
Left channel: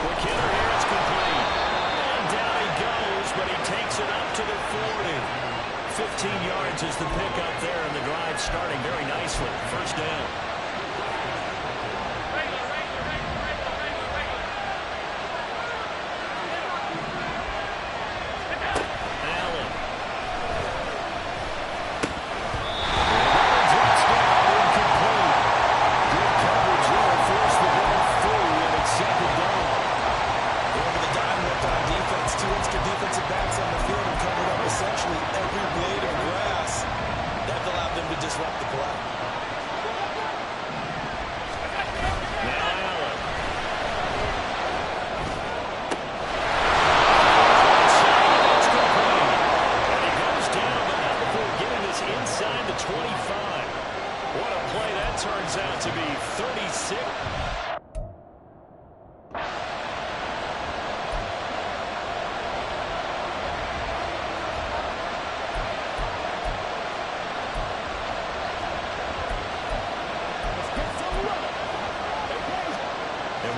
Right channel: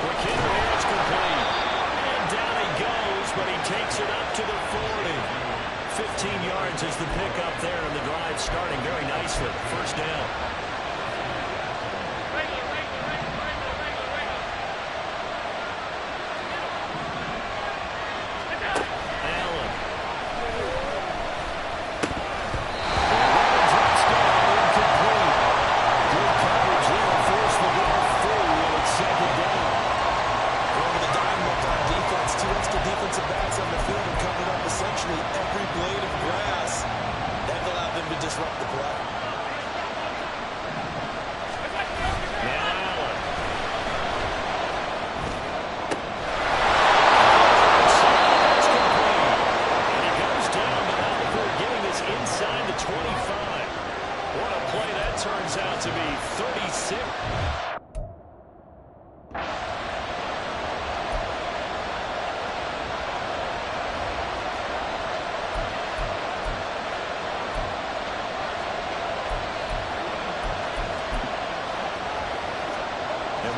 McKinnon here, it's complete. And down he goes, but he takes it up to the 40. 15 yards is the pickup there, and the drive starting very nicely. First down. Two extra defensive backs on the field and covered up essentially every blade of grass. That allowed them to disrupt the play. Now Allen. That's complete. And he goes down, but not before getting this inside the 25. What a play that turns out to be. 36.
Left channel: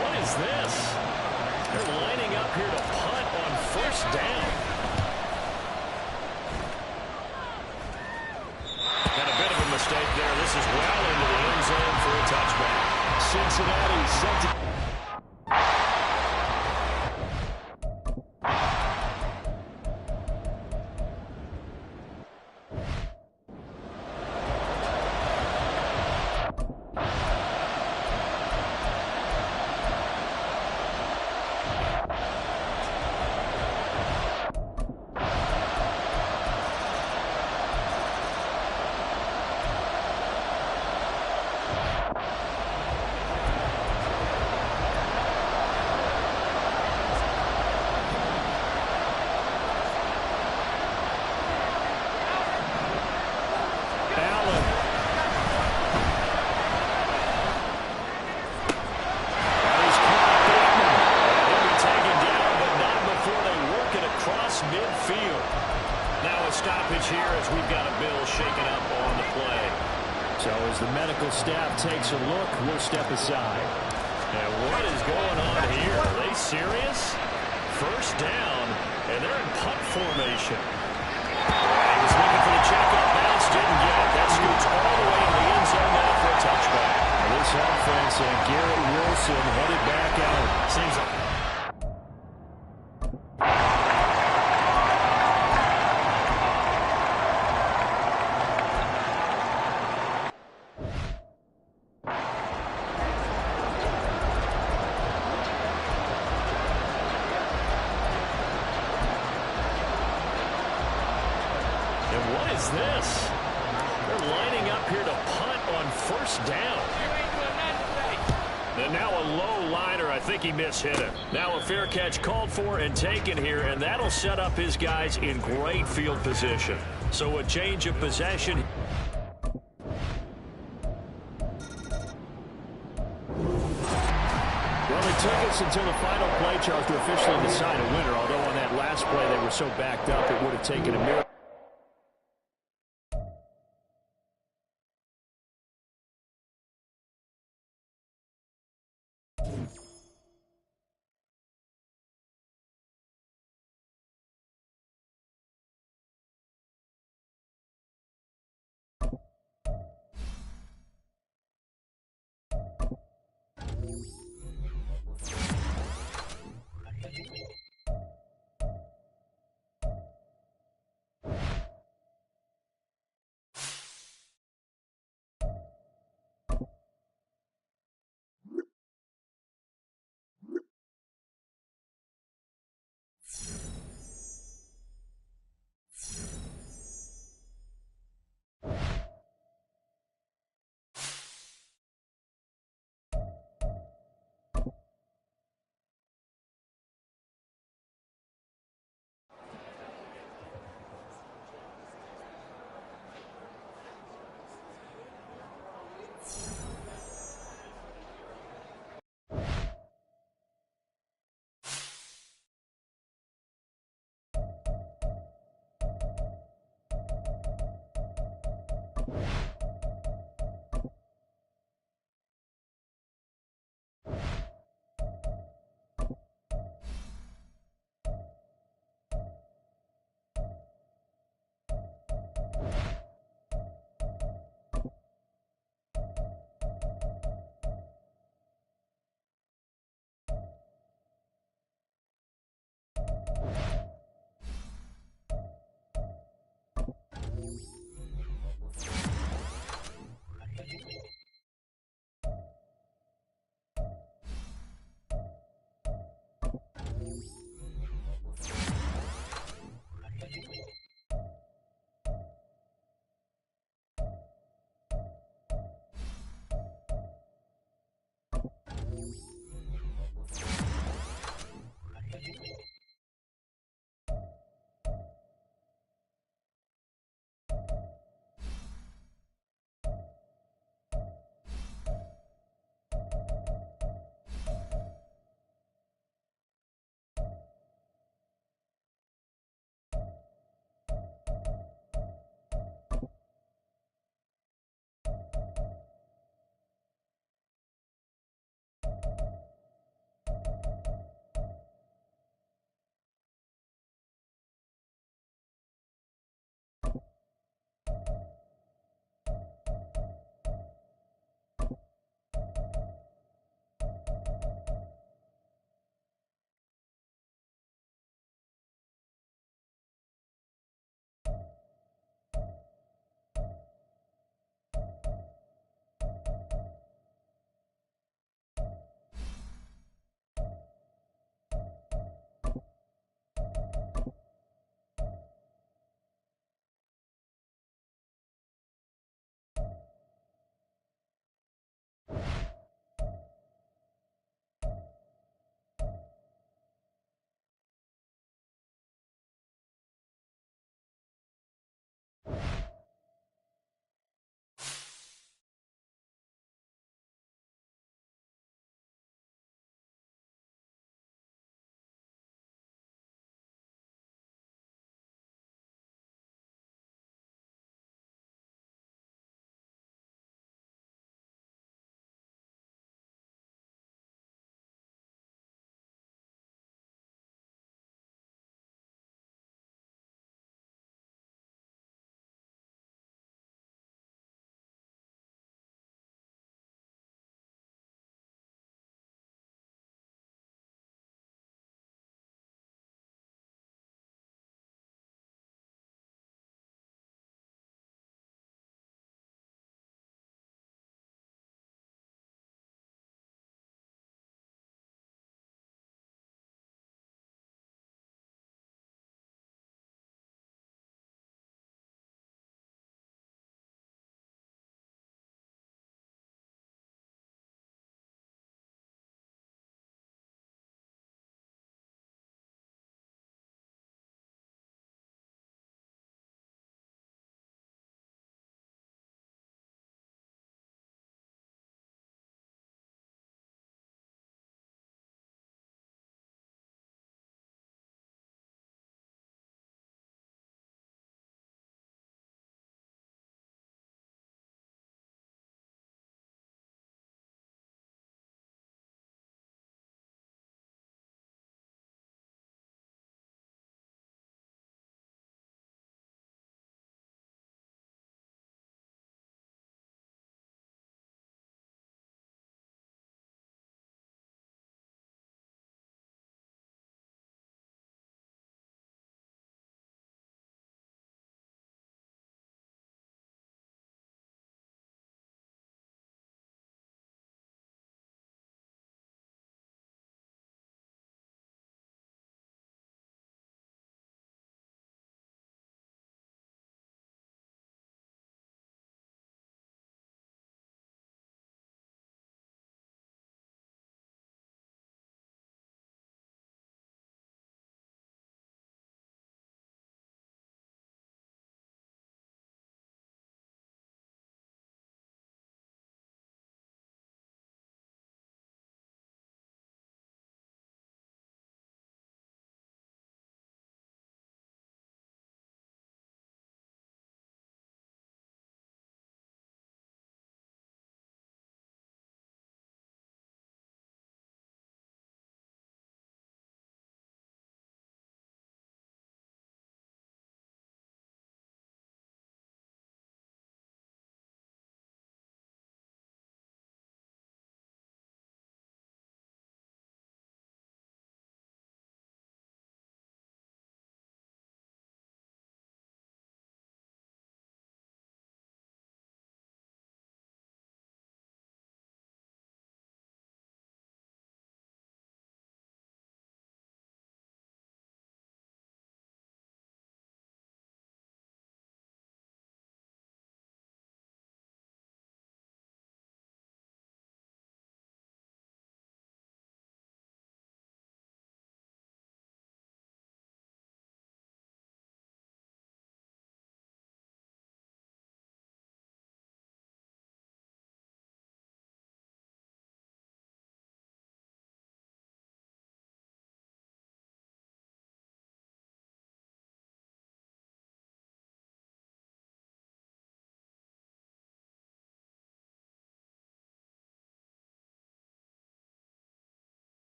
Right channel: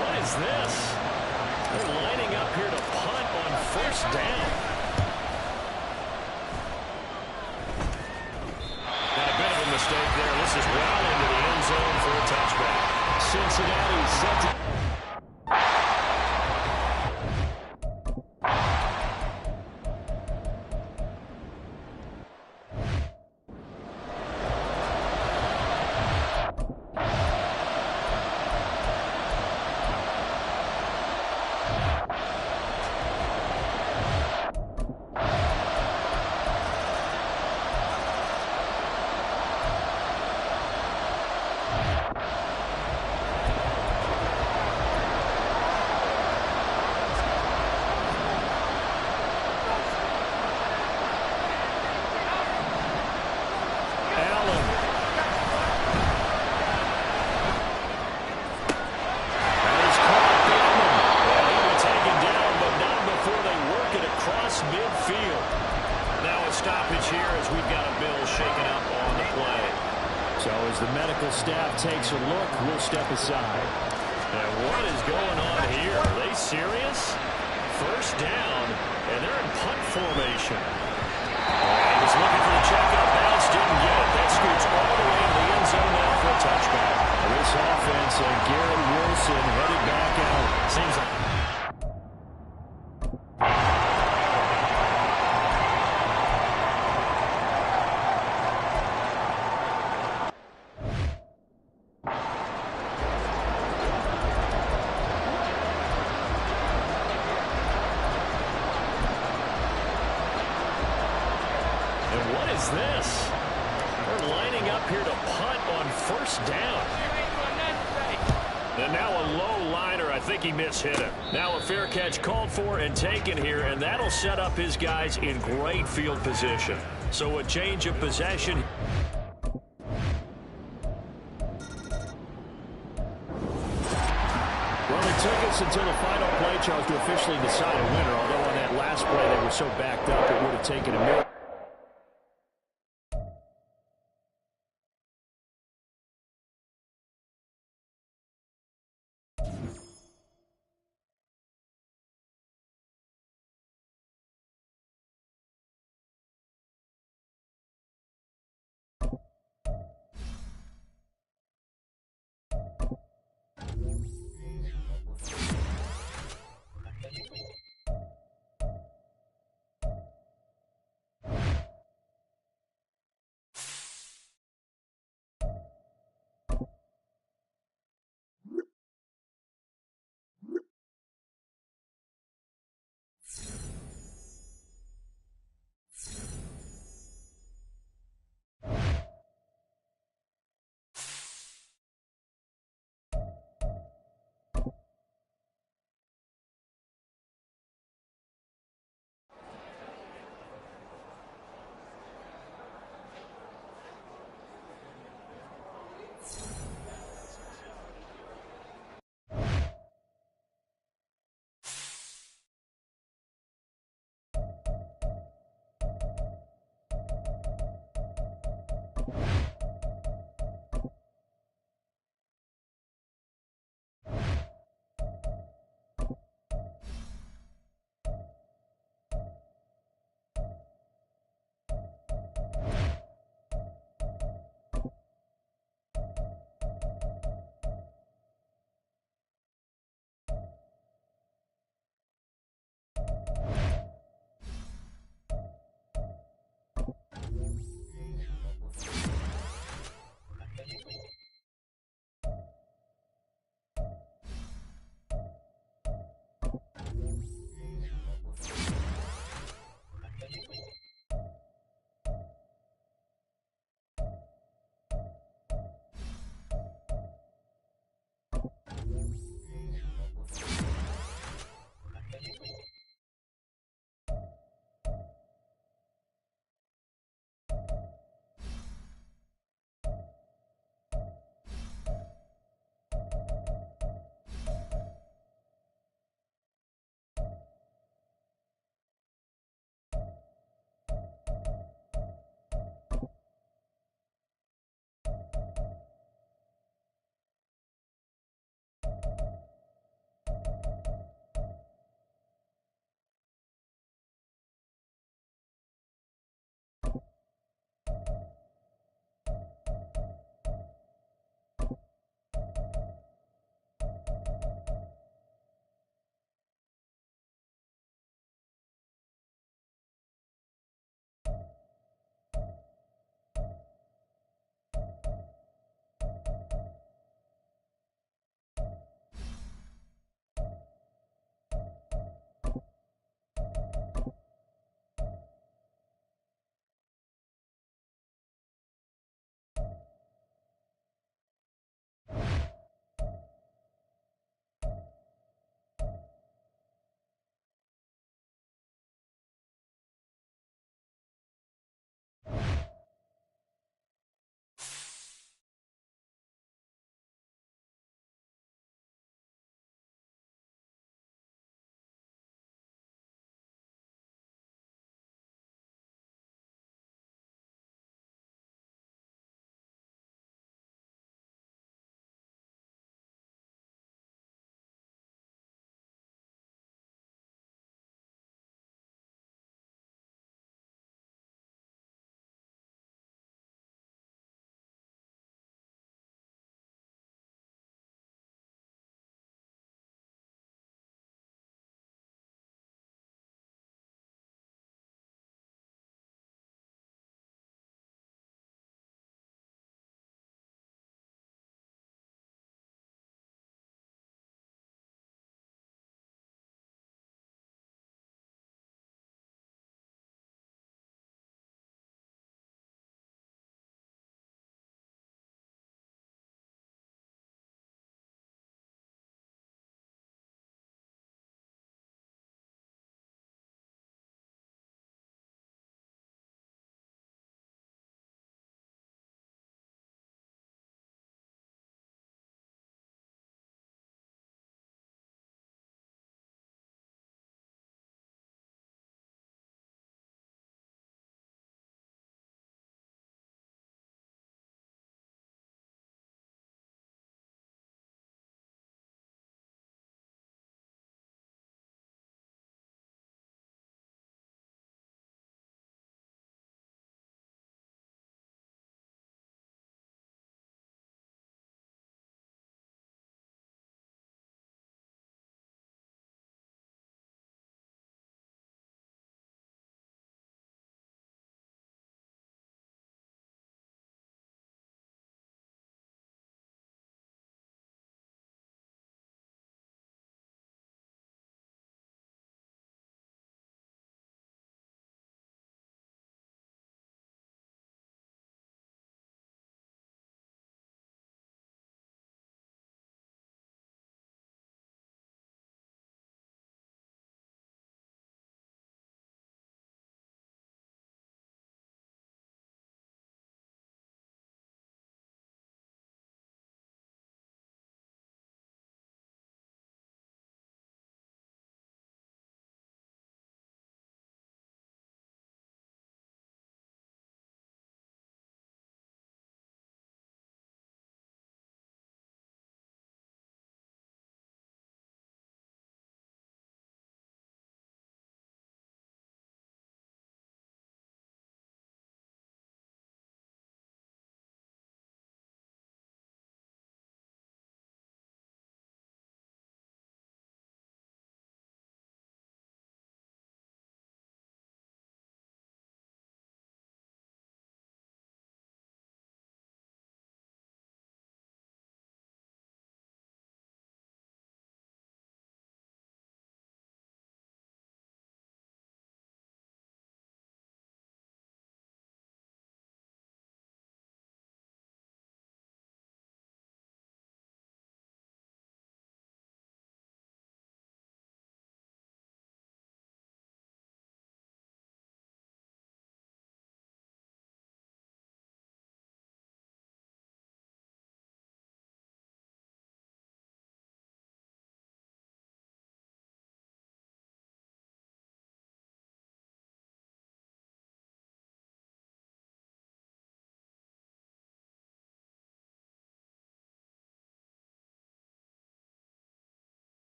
What is this? They're lining up here to punt on first down. And a bit of a mistake there. This is well into the end zone for a touchback. Cincinnati set to... midfield. Now a stoppage here as we've got a bill shaken up on the play. So as the medical staff takes a look, we'll step aside. And what is going on here? Are they serious? First down, and they're in punt formation. He was looking for the checkup bounce, didn't get it. That scoots all the way into the end zone now for a touchback. This offense and Garrett Wilson headed back out. Seems like... And what is this? They're lining up here to punt on first down. And now a low liner. I think he mishit it. Now a fair catch called for and taken here, and that'll set up his guys in great field position. So a change of possession. Well, it took us until the final play, Charles, to officially decide a winner, although on that last play they were so backed up it would have taken a minute.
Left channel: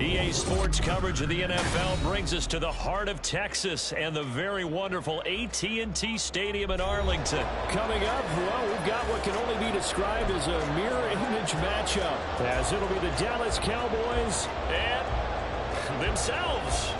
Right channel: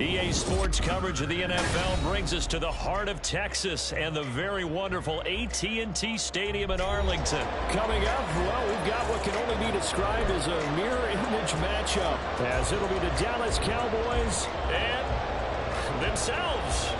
EA Sports coverage of the NFL brings us to the heart of Texas and the very wonderful AT&T Stadium in Arlington. Coming up, well, we've got what can only be described as a mirror image matchup, as it'll be the Dallas Cowboys and themselves.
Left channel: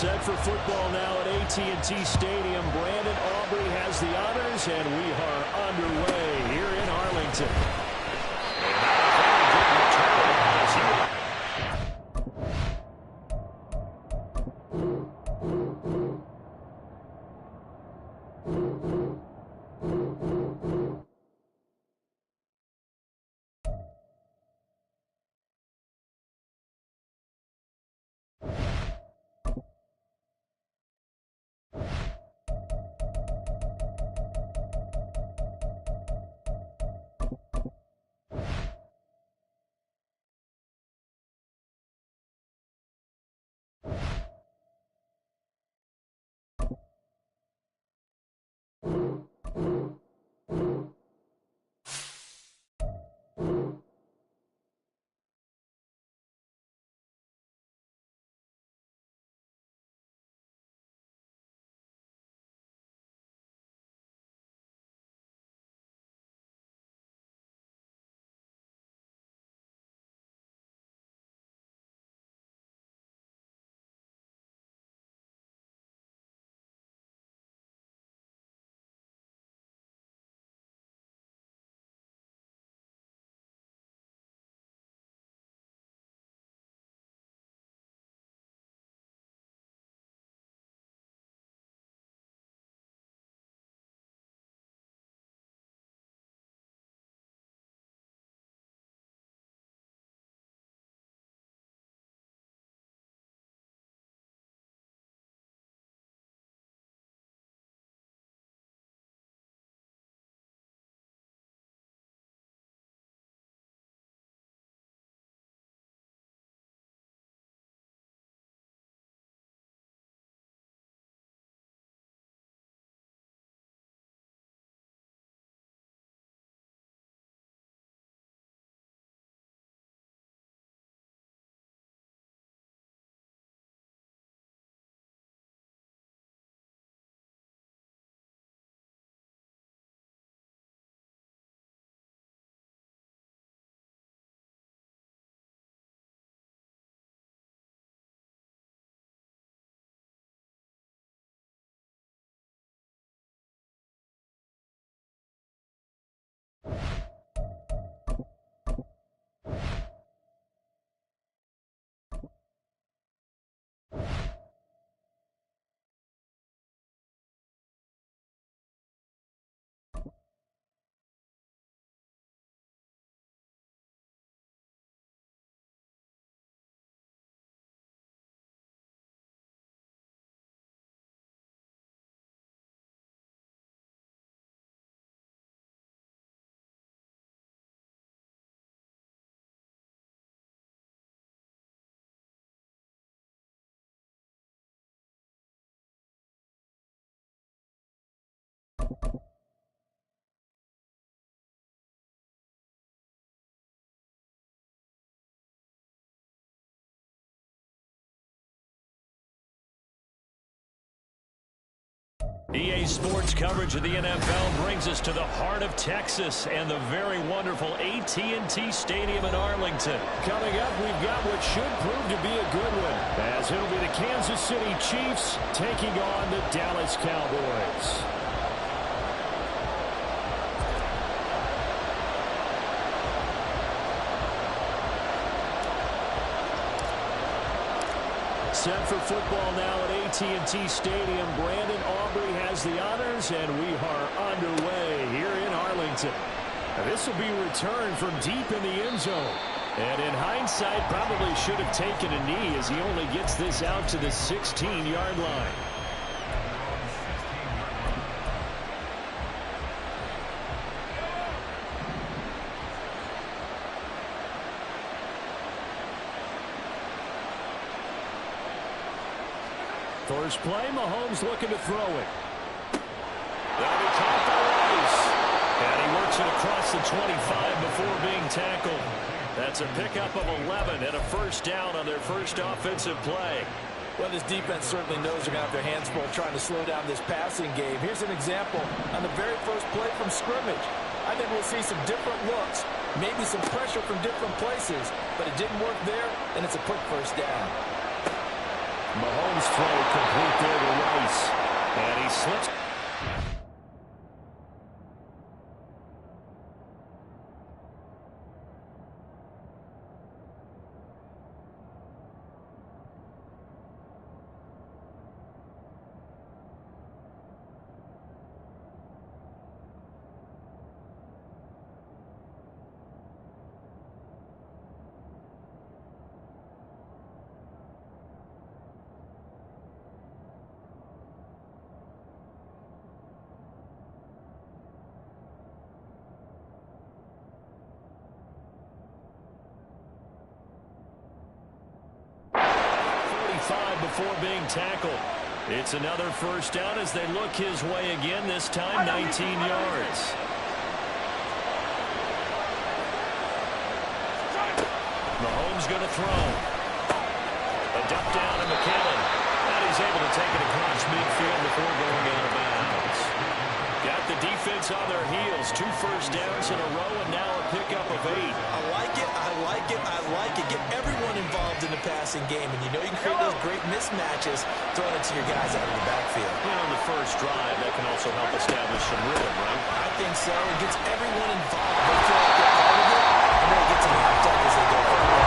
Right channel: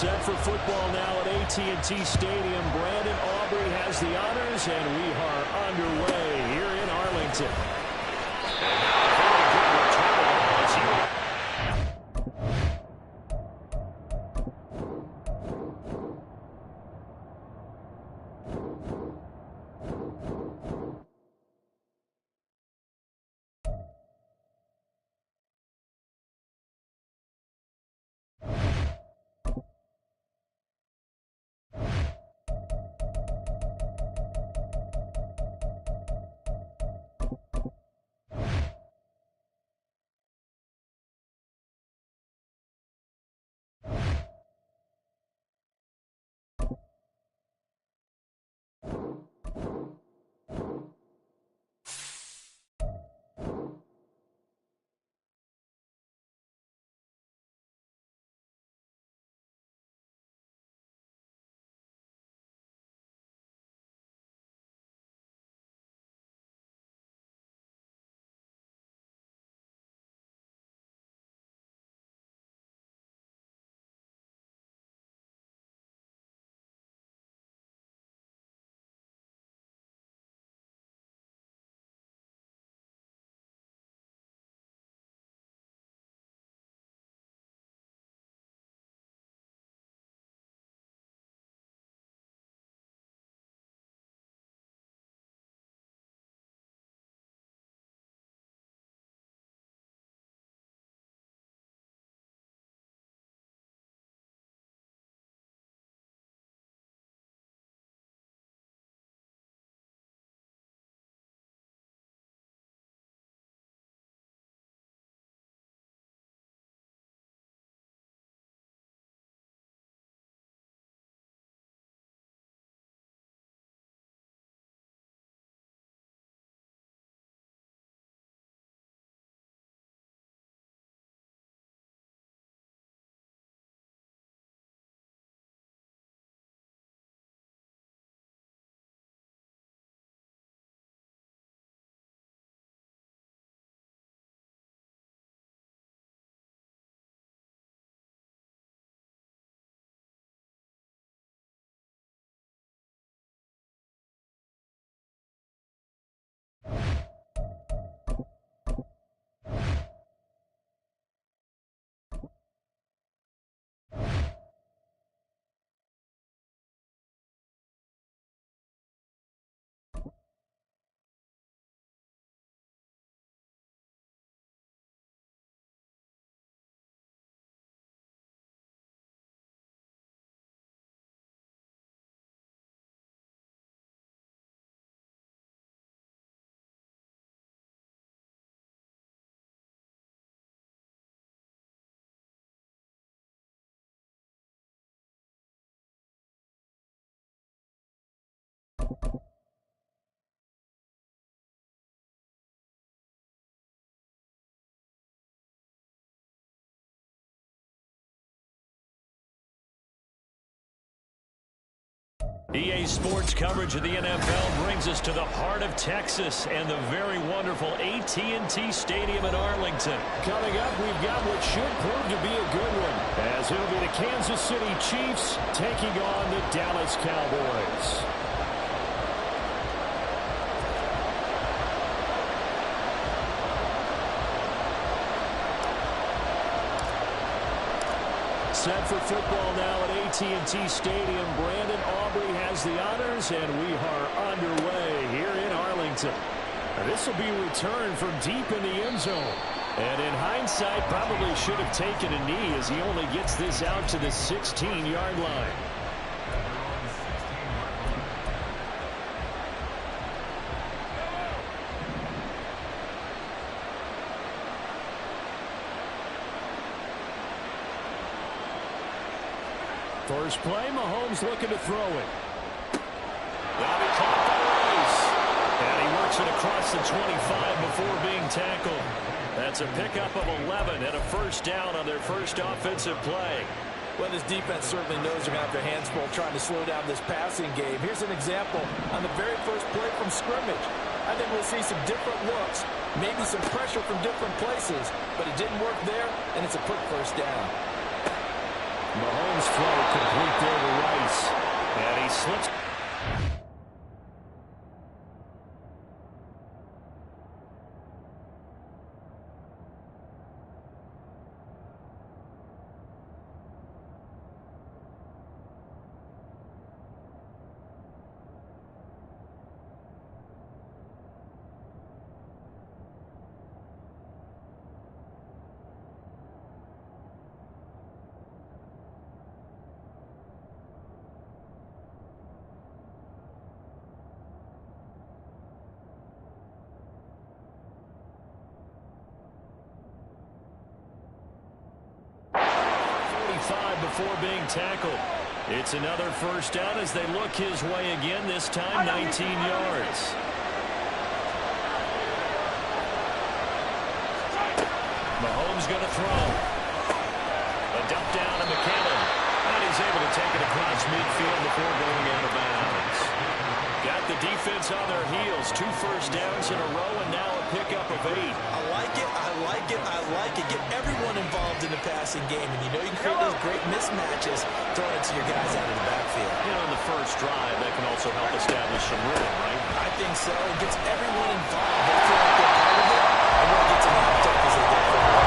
Set for football now at AT&T Stadium. Brandon Aubrey has the honors, and we are underway here in Arlington. And now a very good return of the ball as he will... EA Sports coverage of the NFL brings us to the heart of Texas and the very wonderful AT&T Stadium in Arlington. Coming up, we've got what should prove to be a good one, as it'll be the Kansas City Chiefs taking on the Dallas Cowboys. Set for football now at AT&T Stadium. Brandon Aubrey has the honors, and we are underway here in Arlington. This will be returned from deep in the end zone. And in hindsight, probably should have taken a knee as he only gets this out to the 16-yard line. First play, Mahomes looking to throw it. That'll be caught by Rice. And he works it across the 25 before being tackled. That's a pickup of 11 and a first down on their first offensive play. Well, this defense certainly knows they're going to have their hands full trying to slow down this passing game. Here's an example on the very first play from scrimmage. I think we'll see some different looks, maybe some pressure from different places, but it didn't work there, and it's a quick first down. Mahomes' throw complete there to Rice. And he slips. Before being tackled. It's another first down as they look his way again, this time 19 yards. Mahomes going to throw. A dump down to McKinnon. And he's able to take it across midfield before going out of bounds. Got the defense on their heels. 2 first downs in a row and now a pickup of 8. I like it, I like it, I like it. Get everyone involved in the passing game, and you know you can create those great mismatches throwing it to your guys out of the backfield. You know, in the first drive, that can also help establish some rhythm, right? I think so. It gets everyone involved. They feel like they're part of it, and really gets them hyped up as they go forward.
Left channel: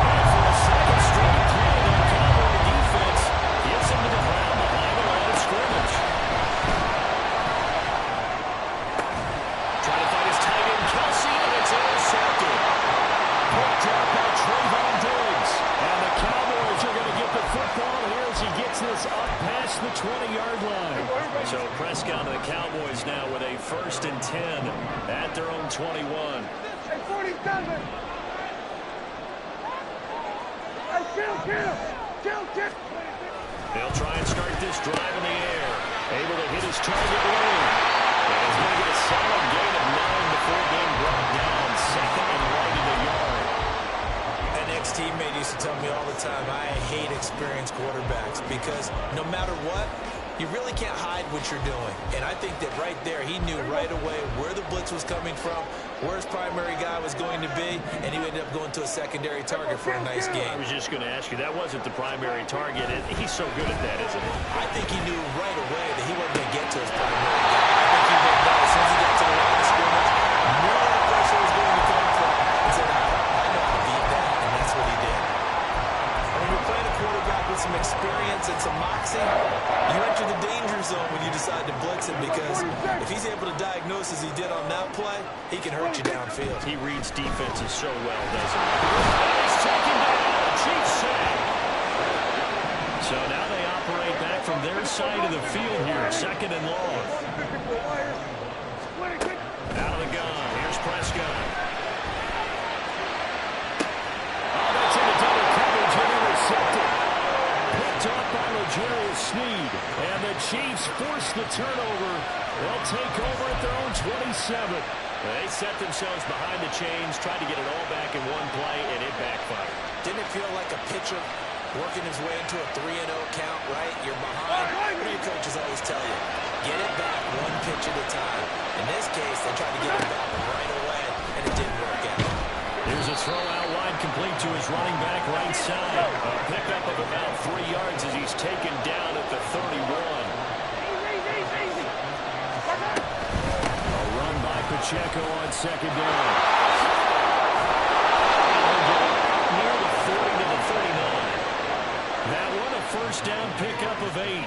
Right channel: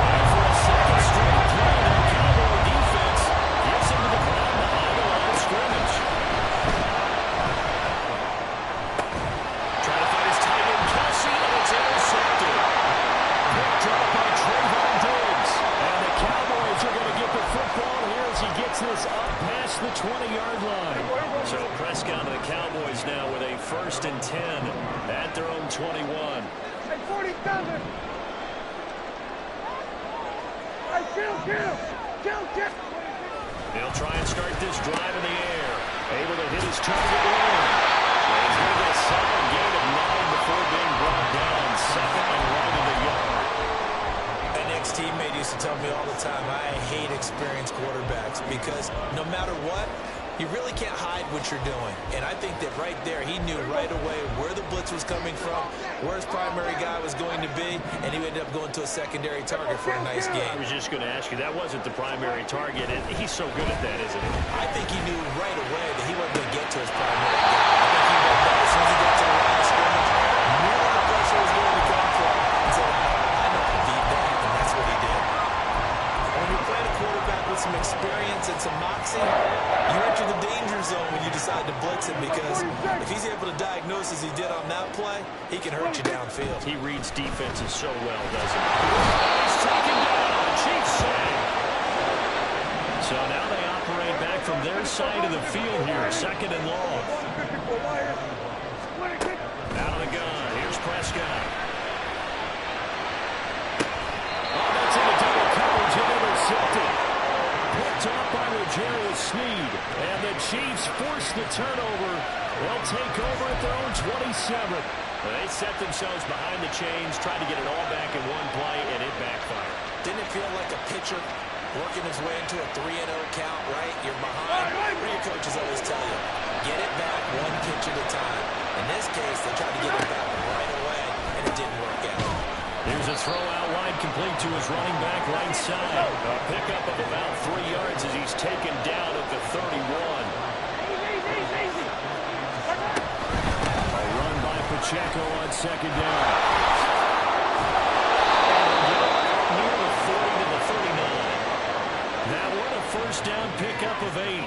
And for a second straight play, the Cowboy defense gets him to the ground behind the line of scrimmage. Trying to find his tight end, Kelsey, and it's intercepted. Picked up by Trayvon Diggs. And the Cowboys are going to get the football here as he gets this up past the 20-yard line. So Prescott and the Cowboys now with a 1st and 10 at their own 21. Hey, 47! Hey, kill! They'll try and start this drive in the air. Able to hit his target lane. And he's going to get a solid gain of 9 before being brought down. 2nd and right of the yard. An ex-teammate used to tell me all the time, I hate experienced quarterbacks because no matter what, you really can't hide what you're doing. And I think that right there, he knew right away where the blitz was coming from, where his primary guy was going to be, and he ended up going to a secondary target for a nice game. I was just going to ask you, that wasn't the primary target, and he's so good at that, isn't he? I think he knew right away that he wasn't going to get to his primary guy. I think he read that as soon as he got to the line of scrimmage, knew where the pressure was going to come from, and said, I know how to beat that, and that's what he did. And when you're playing a quarterback with some experience and some moxie, you enter the danger zone when you decide to blitz him because if he's able to diagnose as he did on that play, he can hurt you downfield. He reads defenses so well, doesn't he? And he's taken down. A Chiefs save. So now they operate back from their side of the field here. 2nd and long. Out of the gun. Here's Prescott. Oh, that's into double coverage and intercepted. Picked off by L'Jarius Sneed. And the Chiefs force the turnover. They'll take over at their own 27. They set themselves behind the chains, tried to get it all back in one play, and it backfired. Didn't it feel like a pitcher working his way into a 3-0 count, right? You're behind. What do your coaches always tell you? Get it back 1 pitch at a time. In this case, they tried to get it back right away, and it didn't work out. Here's a throw out wide complete to his running back right side. A pickup of about 3 yards as he's taken down at the 31. Easy. A run by Pacheco on 2nd down. And he'll get it out near the 40 to the 39. That one a first down pickup of 8.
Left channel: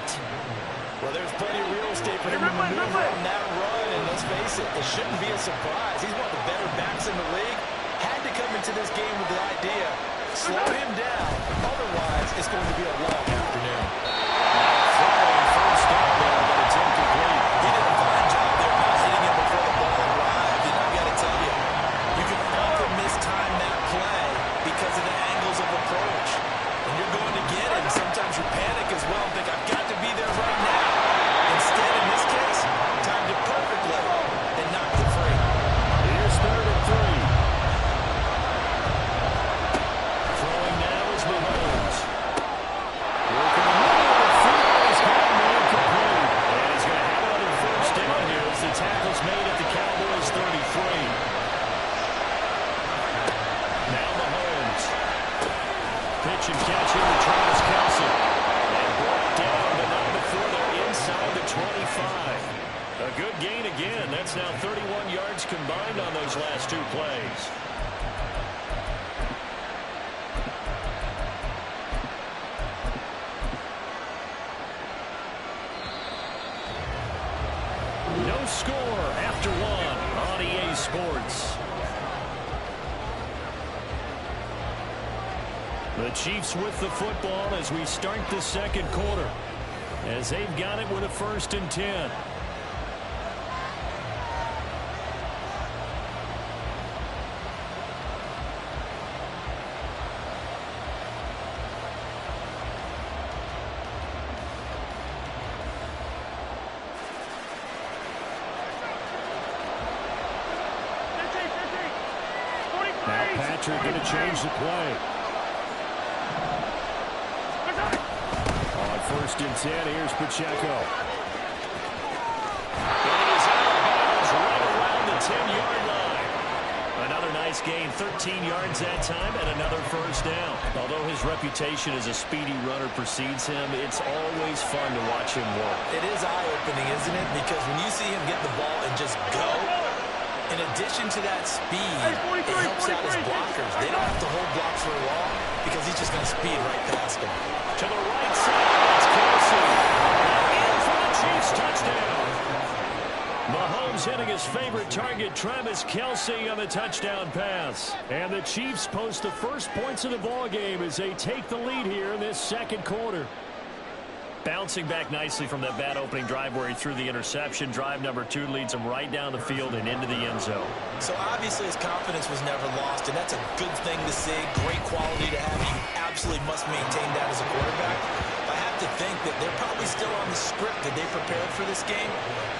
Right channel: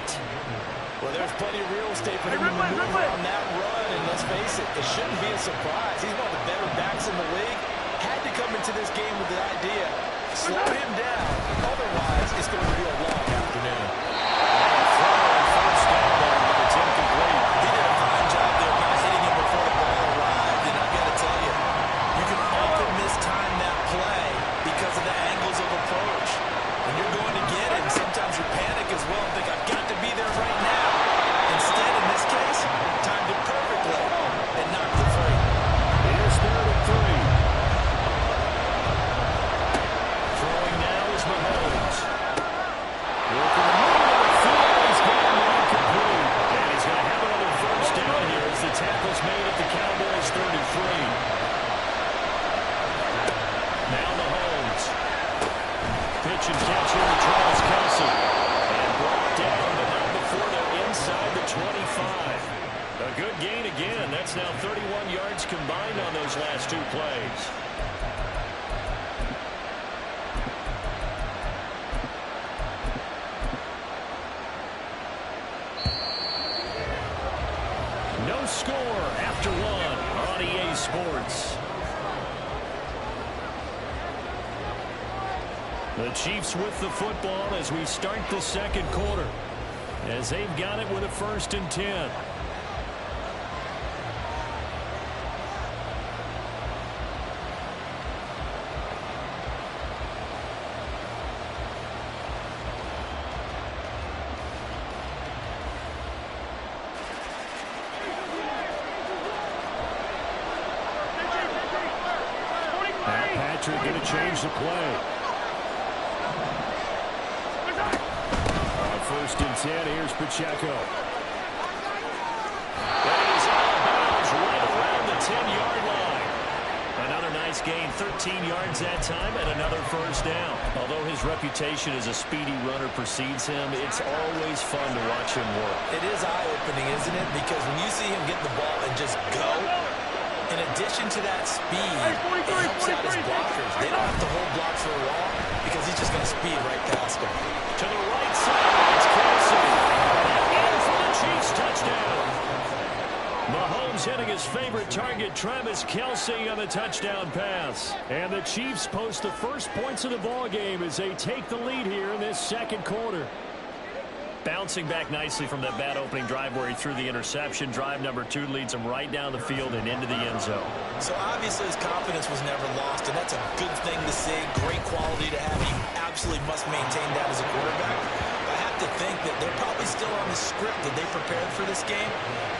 Well, there's plenty of real estate for him to maneuver on that run, and let's face it, it shouldn't be a surprise. He's one of the better backs in the league. Had to come into this game with the idea, slow him down, otherwise it's going to be a long afternoon. Now a throw and first down there, but it's incomplete. He did a fine job there not hitting him before the ball arrived, and I've got to tell you, you can often mistime that play because of the angles of approach. When you're going to get it, and sometimes you panic as well and think, I've got to be there right now. Instead, in this case, timed it perfectly and knocked it free. Here's 3rd and 3. Throwing now is Mahomes. Working the middle of the field. He's got a man complete. And he's going to have another first down here as the tackle's made at the Cowboys' 33. Now Mahomes. Pitch and catch here to Travis Kelce. And brought down, but not before they're inside the 25. A good gain again. That's now 31 yards combined on those last 2 plays. No score after 1 on EA Sports. The Chiefs with the football as we start the second quarter, as they've got it with a 1st and 10. Now Patrick going to change the play. On 1st and 10, here's Pacheco. And he is out of bounds right around the 10-yard line. Another nice gain, 13 yards that time, and another first down. Although his reputation as a speedy runner precedes him, it's always fun to watch him work. It is eye-opening, isn't it? Because when you see him get the ball and just go, in addition to that speed, it helps out his blockers. They don't have to hold blocks for long because he's just going to speed right past them. To the right side, it's Kelce. In for the Chiefs touchdown. Mahomes hitting his favorite target, Travis Kelce, on the touchdown pass. And the Chiefs post the first points of the ball game as they take the lead here in this second quarter. Bouncing back nicely from that bad opening drive where he threw the interception. Drive number 2 leads him right down the field and into the end zone. So obviously his confidence was never lost, and that's a good thing to see. Great quality to have. You absolutely must maintain that as a quarterback. But I have to think that they're probably still on the script that they prepared for this game.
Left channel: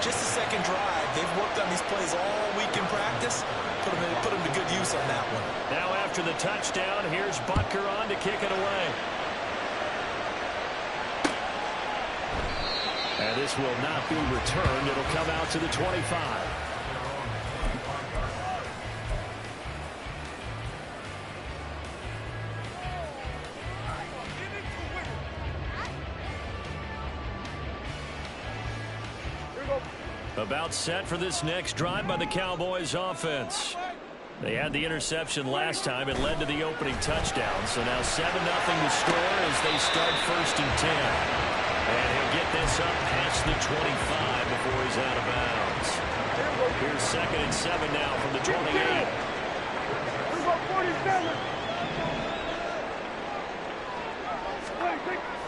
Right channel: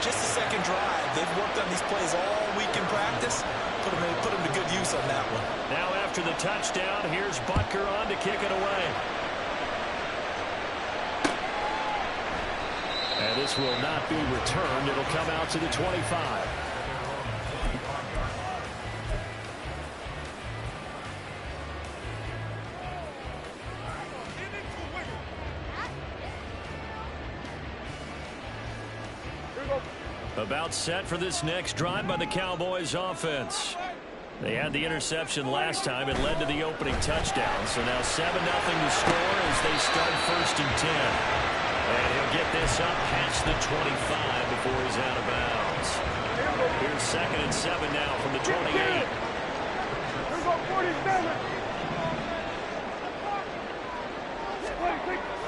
Just the second drive. They've worked on these plays all week in practice. Put them to good use on that one. Now after the touchdown, here's Butker on to kick it away. And this will not be returned. It'll come out to the 25. About set for this next drive by the Cowboys offense. They had the interception last time. It led to the opening touchdown. So now 7-0 to score as they start 1st and 10. And he'll get this up past the 25 before he's out of bounds. Here's 2nd and 7 now from the 28.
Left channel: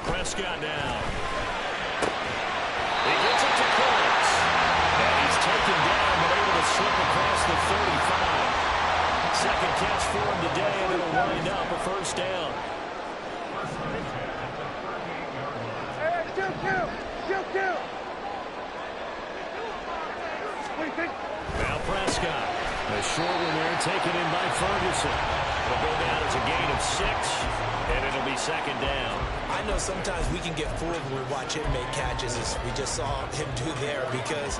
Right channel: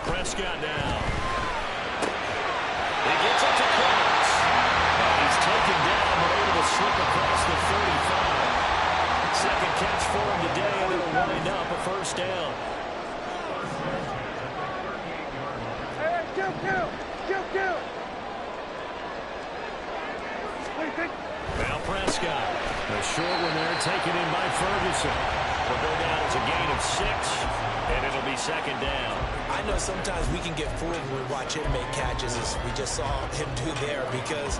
Prescott now. He gets it to Cooks. And he's taken down but able to slip across the 35. Second catch for him today, and it'll wind up a first down. Now Prescott. A short one there taken in by Ferguson. It'll go down as a gain of 6, and it'll be 2nd down. I know sometimes we can get fooled when we watch him make catches, as we just saw him do there, because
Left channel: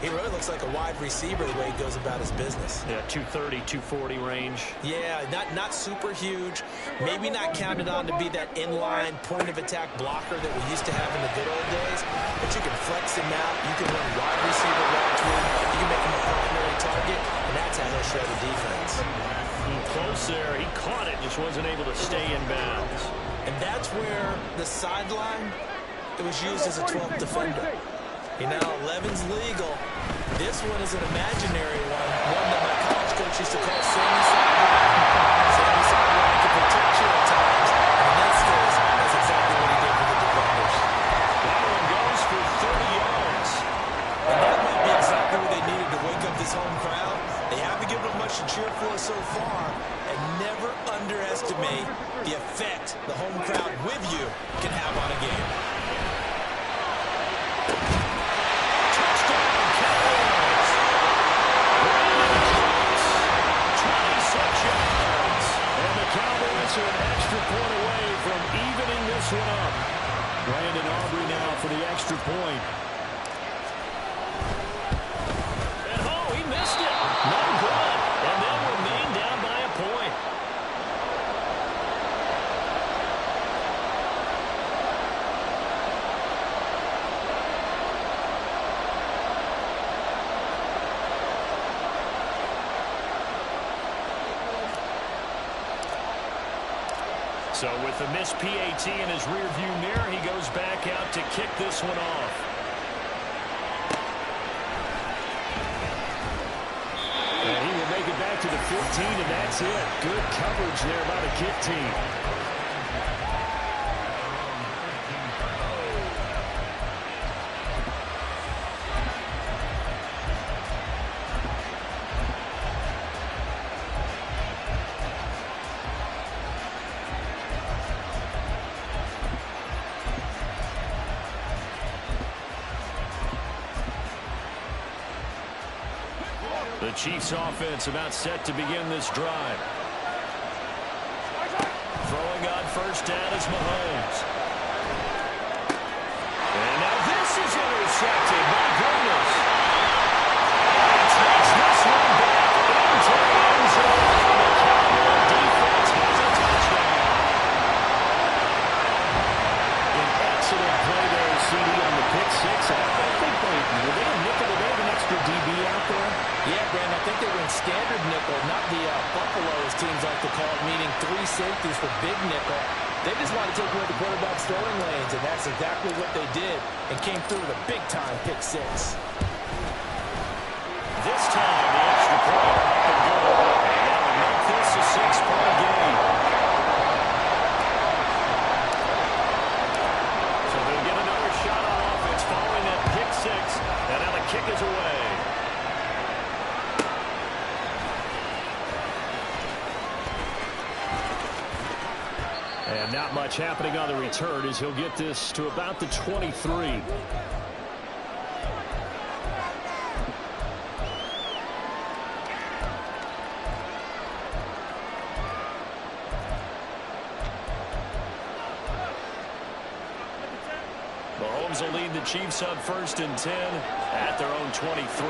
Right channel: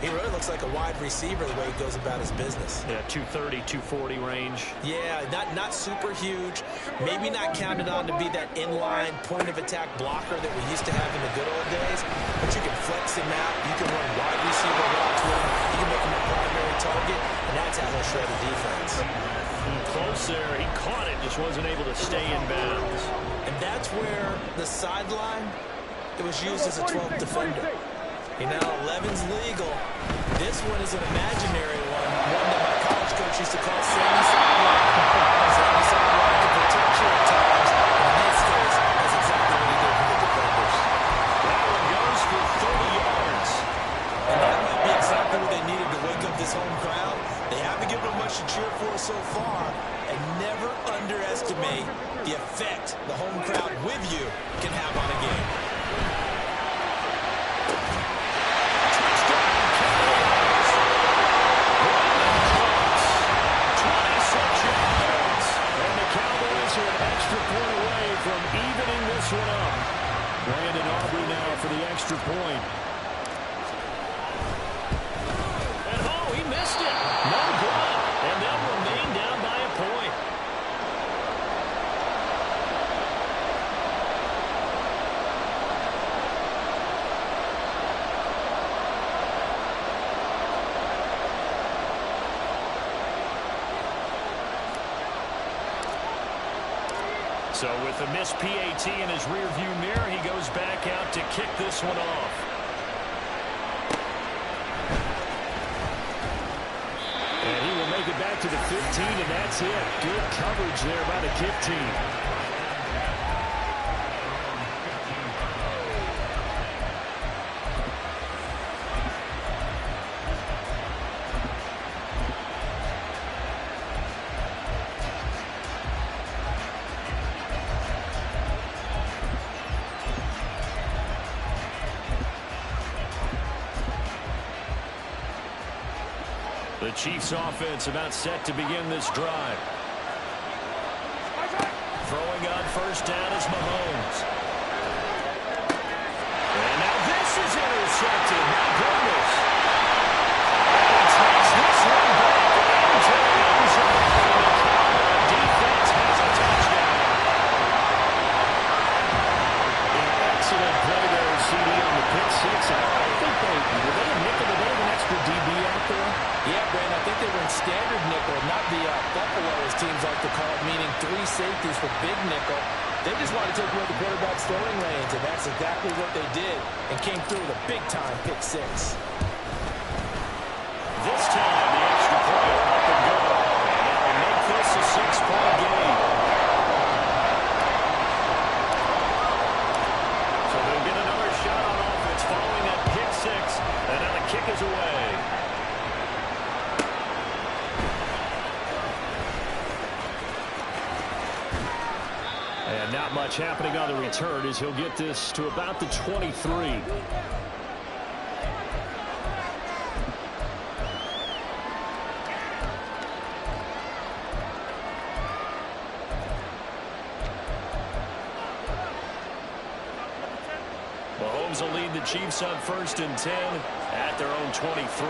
he really looks like a wide receiver the way he goes about his business. Yeah, 230, 240 range. Yeah, not super huge. Maybe not counted on to be that inline point-of-attack blocker that we used to have in the good old days. But you can flex him out. You can run wide receiver routes with him. You can make him a primary target, and that's how he'll shred a defense. Close there. He caught it, just wasn't able to stay in bounds. And that's where the sideline, it was used as a 12th defender. You know, 11's legal. This one is an imaginary one that my college coach used to call Sammy Sideline. Sammy Sideline can protect you at times, and in this case, that's exactly what he did for the defenders. That one goes for 30 yards. And that might be exactly what they needed to wake up this home crowd. They haven't given them much to cheer for so far, and never underestimate the effect the home crowd with you can have on a game. Touchdown, Cowboys! Brandon Cooks, 26 yards. And the Cowboys are an extra point away from evening this one up. Brandon Aubrey now for the extra point. And oh, he missed it. No good. And they'll remain down by a point. So with the missed PAT in his rearview mirror, he goes back out to kick this one off. And he will make it back to the 15, and that's it. Good coverage there by the kick team. The Chiefs offense about set to begin this drive. Throwing on first down is Mahomes. And now this is intercepted. My goodness. And he takes this one back into the end zone. And the Cowboy defense has a touchdown. An excellent play there, CD, on the pick six. And I think were they a nickel? Did they have an extra DB out there? Yeah, Brandon, I think they were in standard nickel, not the Buffalo, as teams like to call it, meaning 3 safeties for big nickel. They just wanted to take away the quarterback's throwing lanes, and that's exactly what they did, and came through with a big-time pick six. This time, the extra point up and good. And that'll make this a 6-point game. So they'll get another shot on offense following that pick six, and now the kick is away. And not much happening on the return as he'll get this to about the 23. Mahomes will lead the Chiefs on 1st and 10 at their own 23.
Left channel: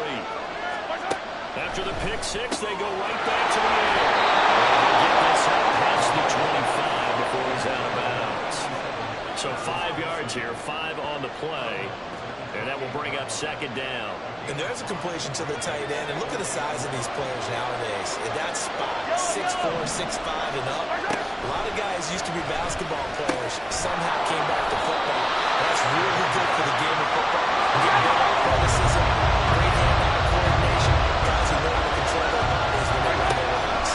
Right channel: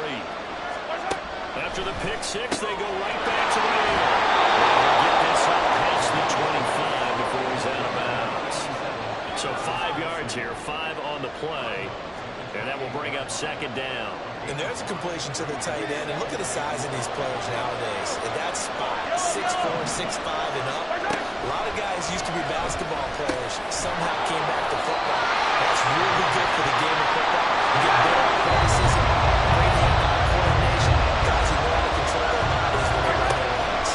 After the pick six, they go right back to the air. And he'll get this up past the 25 before he's out of bounds. So 5 yards here, 5 on the play. And that will bring up 2nd down. And there's a completion to the tight end. And look at the size of these players nowadays. In that spot, 6'4", 6'5", and up. A lot of guys used to be basketball players, somehow came back to football. That's really good for the game of football. You get better athleticism, great hand-eye coordination, guys who know how to control their bodies when they run their routes.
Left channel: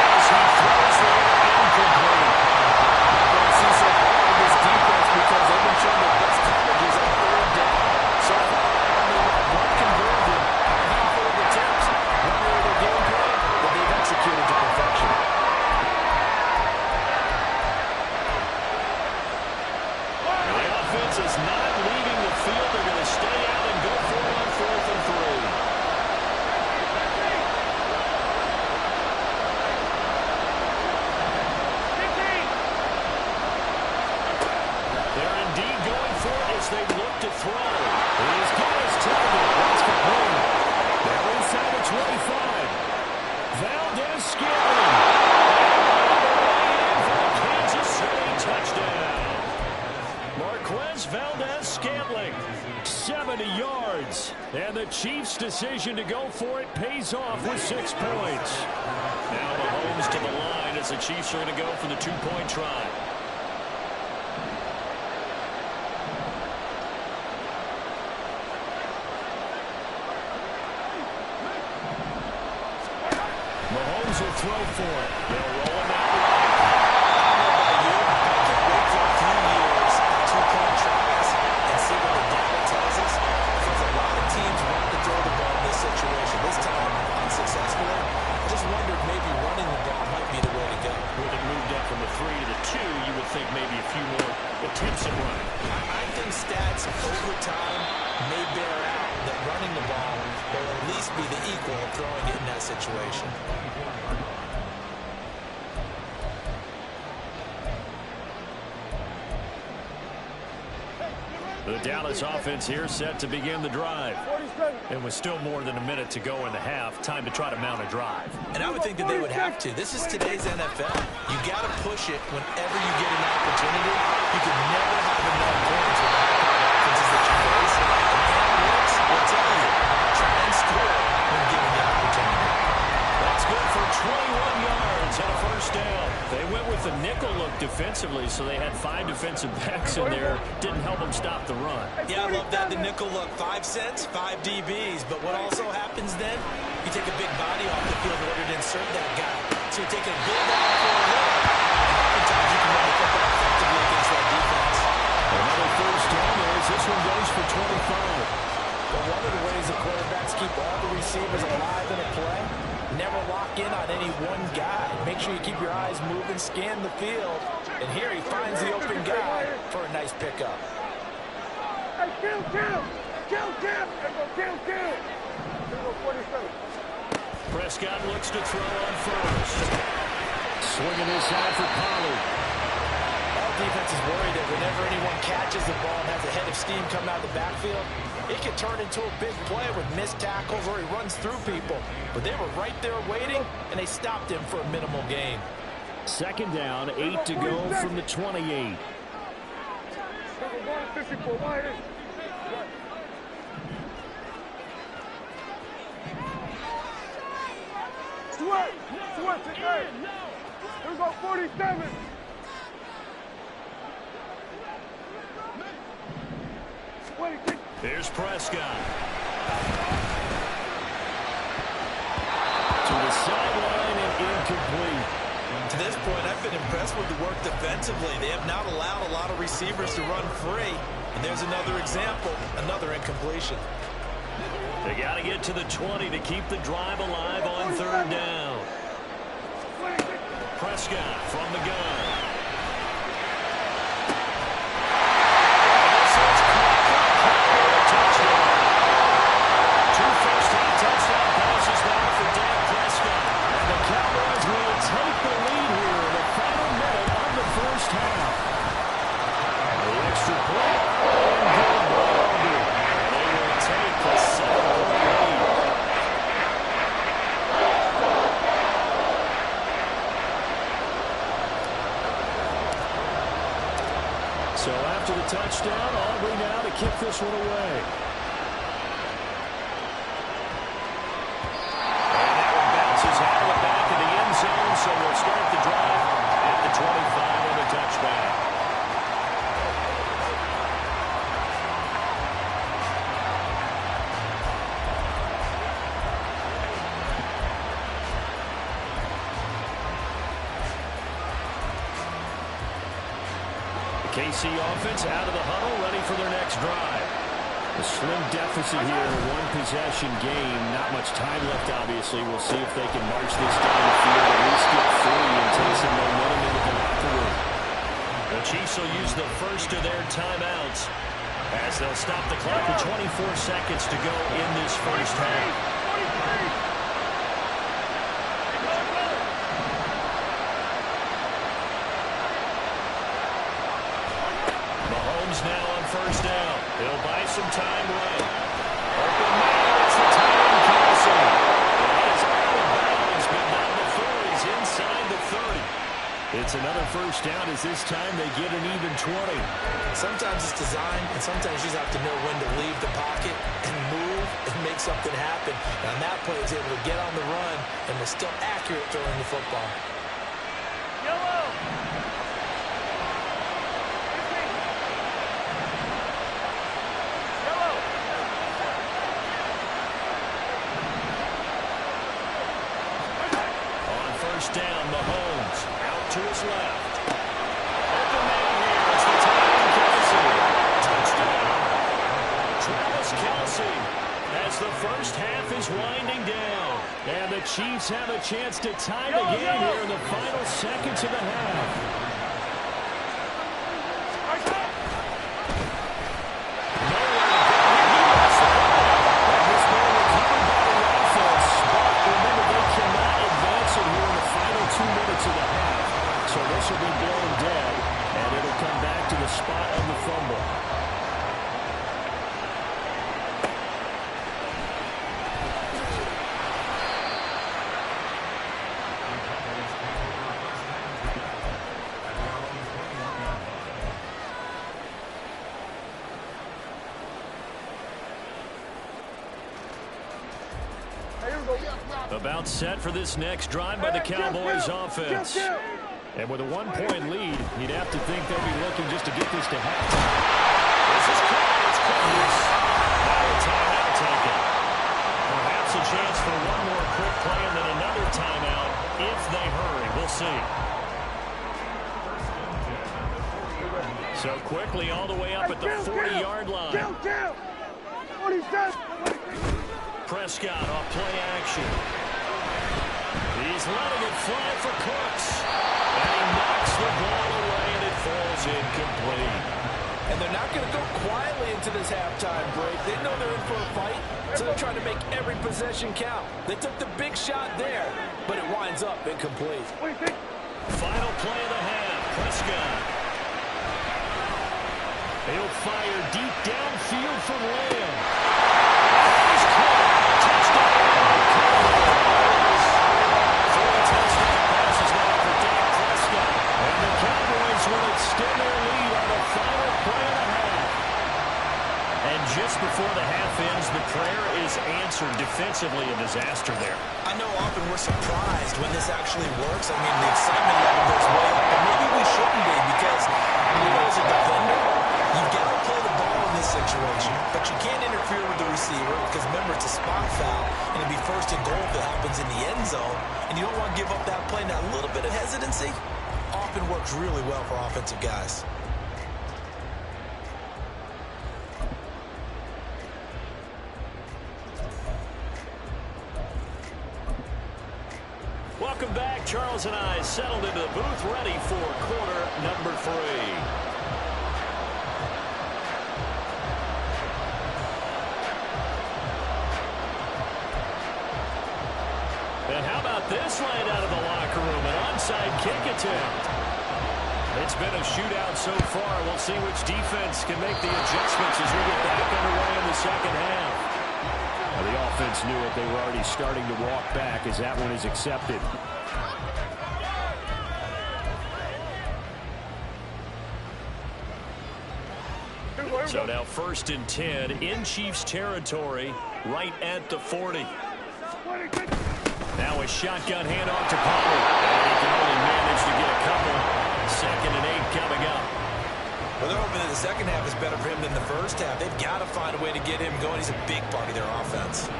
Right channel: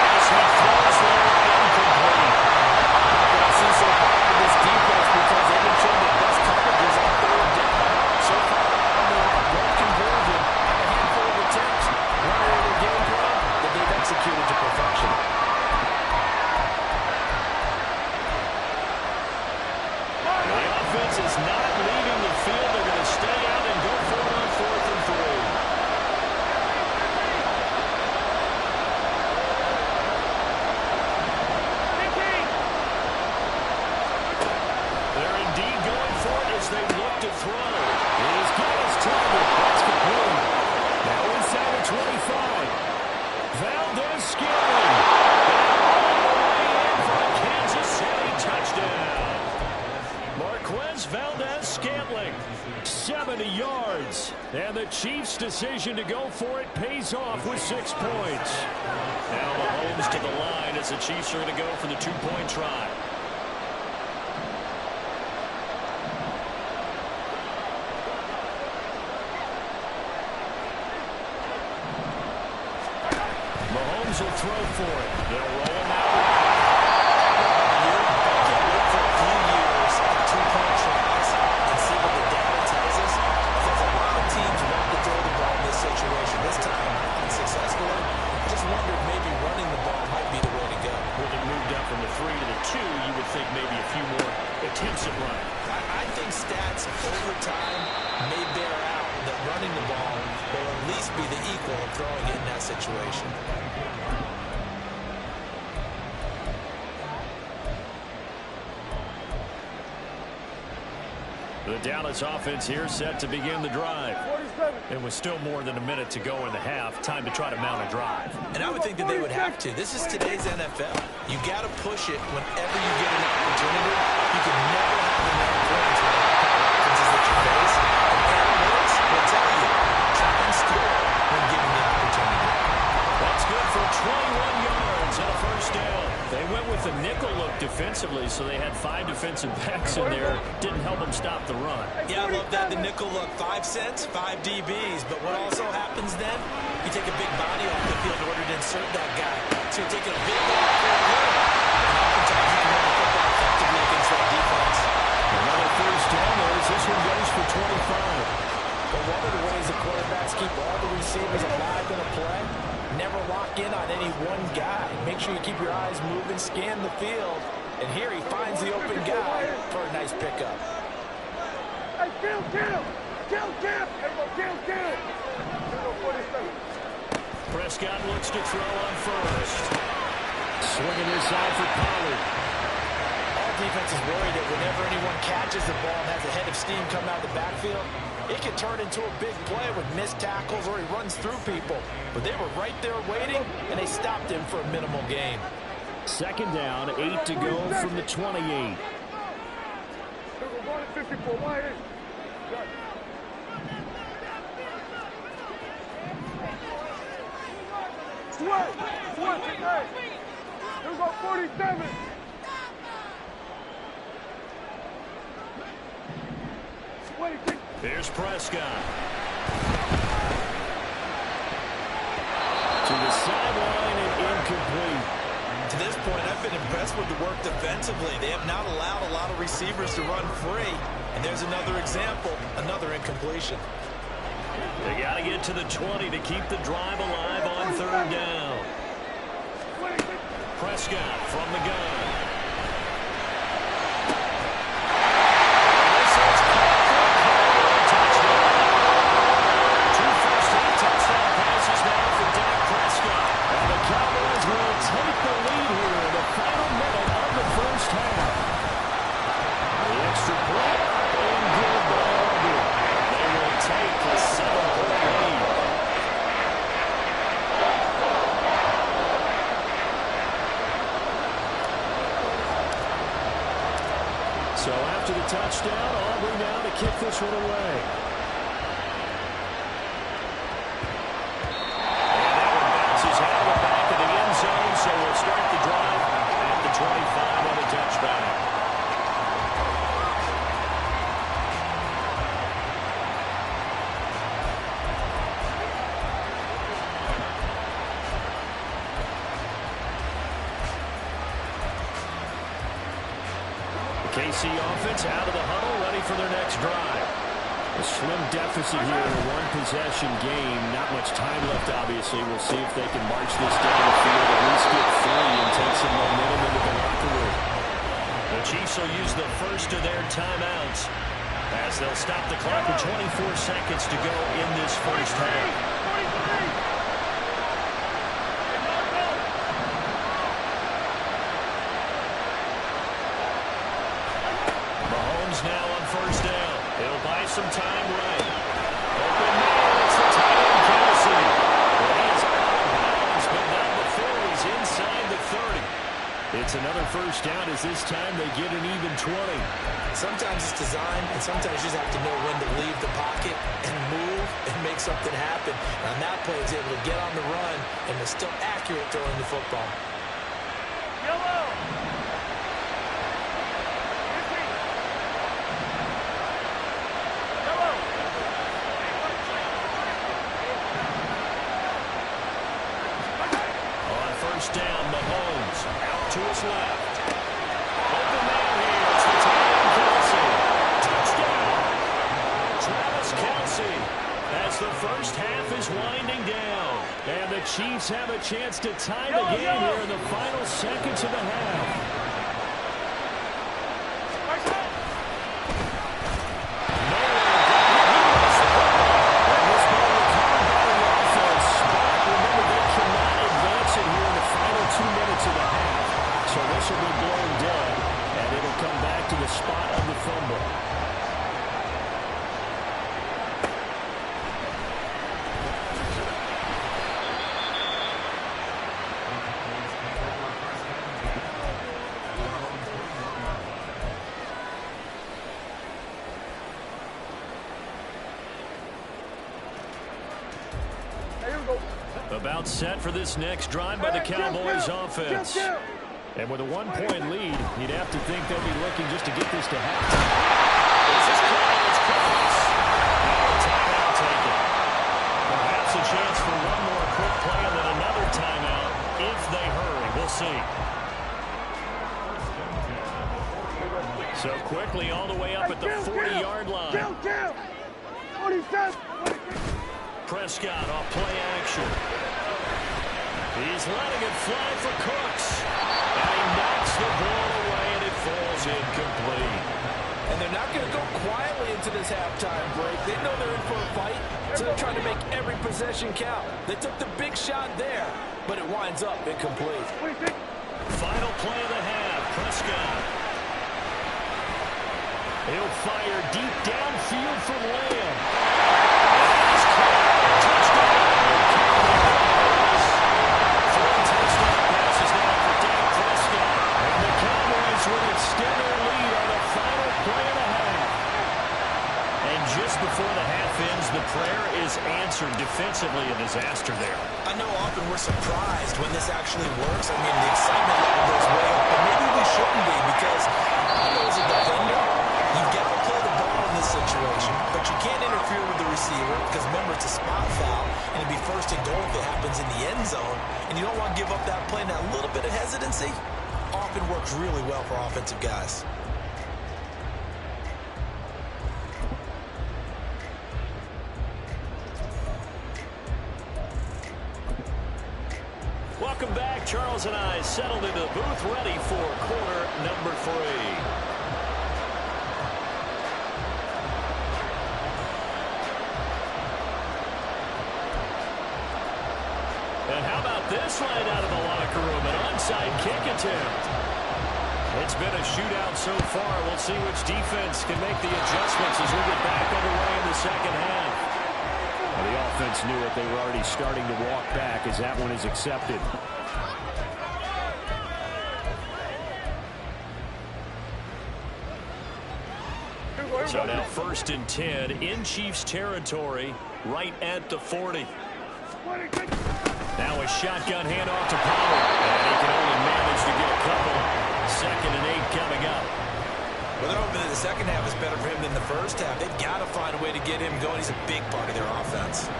As he throws there, incomplete. What I see so far with this defense, because they've been showing their best coverages on 3rd down. So far, only one conversion on a handful of attempts. One area of their game plan that they've executed to perfection. The offense is not leaving the field. They're going to stay out and go for it on 4th and 3. They're indeed going for it as they look to throw. He's got his target. That's complete. Now inside the 25. Valdez-Scantling. And all the way in for the Kansas City touchdown. Marquez Valdez-Scantling, 70 yards. And the Chiefs' decision to go for it pays off with 6 points. Now Mahomes to the line as the Chiefs are going to go for the 2-point try. Mahomes will throw for it. They'll roll him out right. I can't wait for a few years of 2-point tries and see what the data tells us. Because a situation. This time, unsuccessfully. I just wondered maybe running the ball might be the way to go. With it moved up from the 3 to the 2, you would think maybe a few more attempts at running. I think stats over time may bear out that running the ball will at least be the equal of throwing it in that situation. The Dallas offense here set to begin the drive. It was still more than a minute to go in the half. Time to try to mount a drive. And I would think that they would have to. This is today's NFL. You got to push it whenever you get an opportunity. You can never have enough points with the high-powered offenses that you face. And analytics will tell you, try and score when given the opportunity. That's good for 21 yards and a first down. They went with the nickel look defensively, so they had 5 defensive backs in there. Didn't help them stop the run. Yeah, I love that. The nickel look, 5 cents, 5 DBs. But what also happens then, you take a big body off the field in order to insert that guy. So you're taking a big off for a little. And oftentimes you can run the football effectively against that defense. Another first down there as this one goes for 25. But one of the ways the quarterbacks keep all the receivers alive in a play, never lock in on any one guy. Make sure you keep your eyes moving, scan the field. And here he finds the open guy for a nice pickup. Hey, kill! Everyone, kill! 47. Prescott looks to throw on first. Swinging inside for Pollard. All defense is worried that whenever anyone catches the ball and has a head of steam come out of the backfield, it can turn into a big play with missed tackles or he runs through people. But they were right there waiting, and they stopped him for a minimal gain. Second down, 8 to go from the 28. Sweat today. Here we go, 47. Here's Prescott. To the sideline and incomplete. To this point, I've been impressed with the work defensively. They have not allowed a lot of receivers to run free. And there's another example, another incompletion. They got to get to the 20 to keep the drive alive on third down. Prescott from the gun. And this is caught for a touchdown. 2 first-half touchdown passes now for Dak Prescott. And the Cowboys will take the lead here in the final minute of the first half. The extra point and good by Aubrey. And they will take the 7-point lead. So after the touchdown, Aubrey now to kick this one away. And that one bounces out of the back of the end zone, so we'll start the drive at the 25 on a touchback. KC offense out of the huddle, ready for their next drive. A slim deficit here in a one-possession game. Not much time left, obviously. We'll see if they can march this down the field, at least get 3 and take some momentum into the locker room. The Chiefs will use the first of their timeouts as they'll stop the clock with 24 seconds to go in this first half. 43. Now on first down. He'll buy some time right. Open man, it's the tight end, Kelsey. And he is out of bounds, but not before he's inside the 30. It's another first down as this time they get an even 20. Sometimes it's designed, and sometimes you just have to know when to leave the pocket and move and make something happen. And on that play, he was able to get on the run and was still accurate throwing the football. Yellow. First down, Mahomes out to his left. Open man here. It's the tight end, Kelsey. Touchdown. Travis Kelsey. as the first half is winding down. And the Chiefs have a chance to tie the game here in the final seconds of the half. So this will be blown dead, and it'll come back to the spot of the fumble. About set for this next drive by the Cowboys offense. And with a one-point lead, you'd have to think they'll be looking just to get this to halftime. This is called. It's close. Now a timeout taken. Perhaps a chance for one more quick play and then another timeout if they hurry. We'll see. So quickly all the way up at the 40-yard line. Prescott off play action. He's letting it fly for Cooks. And he knocks the ball away, and it falls incomplete. And they're not going to go quietly into this halftime break. They know they're in for a fight, so they're trying to make every possession count. They took the big shot there, but it winds up incomplete. Final play of the half, Prescott. He'll fire deep downfield for Lamb. And he's caught. Touchdown. Touchdown passes now for Dak Prescott. And the Cowboys will extend their lead on the final play of the half. And just before the half ends, the prayer is answered. Defensively, a disaster there. I know often we're surprised when this actually works. I mean, the excitement level goes way up, but maybe we shouldn't be because I know as a defender, you've got to play the ball in this situation, but you can't interfere with the receiver because, remember, it's a spot foul, and it'd be first and goal if it happens in the end zone, and you don't want to give up that play. Now, a little bit of hesitancy often works really well for offensive guys. Welcome back. Charles and I settled into the booth, ready for quarter number 3. And how about this right out of the locker room? An onside kick attempt. It's been a shootout so far. We'll see which defense can make the adjustments as we get back underway in the second half. Well, the offense knew it. They were already starting to walk back as that one is accepted. So now 1st and 10 in Chiefs territory, right at the 40. Now a shotgun handoff to Pollard. And he can only manage to get a couple. 2nd and 8 coming up. Well, they're hoping that the second half is better for him than the first half. They've got to find a way to get him going. He's a big part of their offense.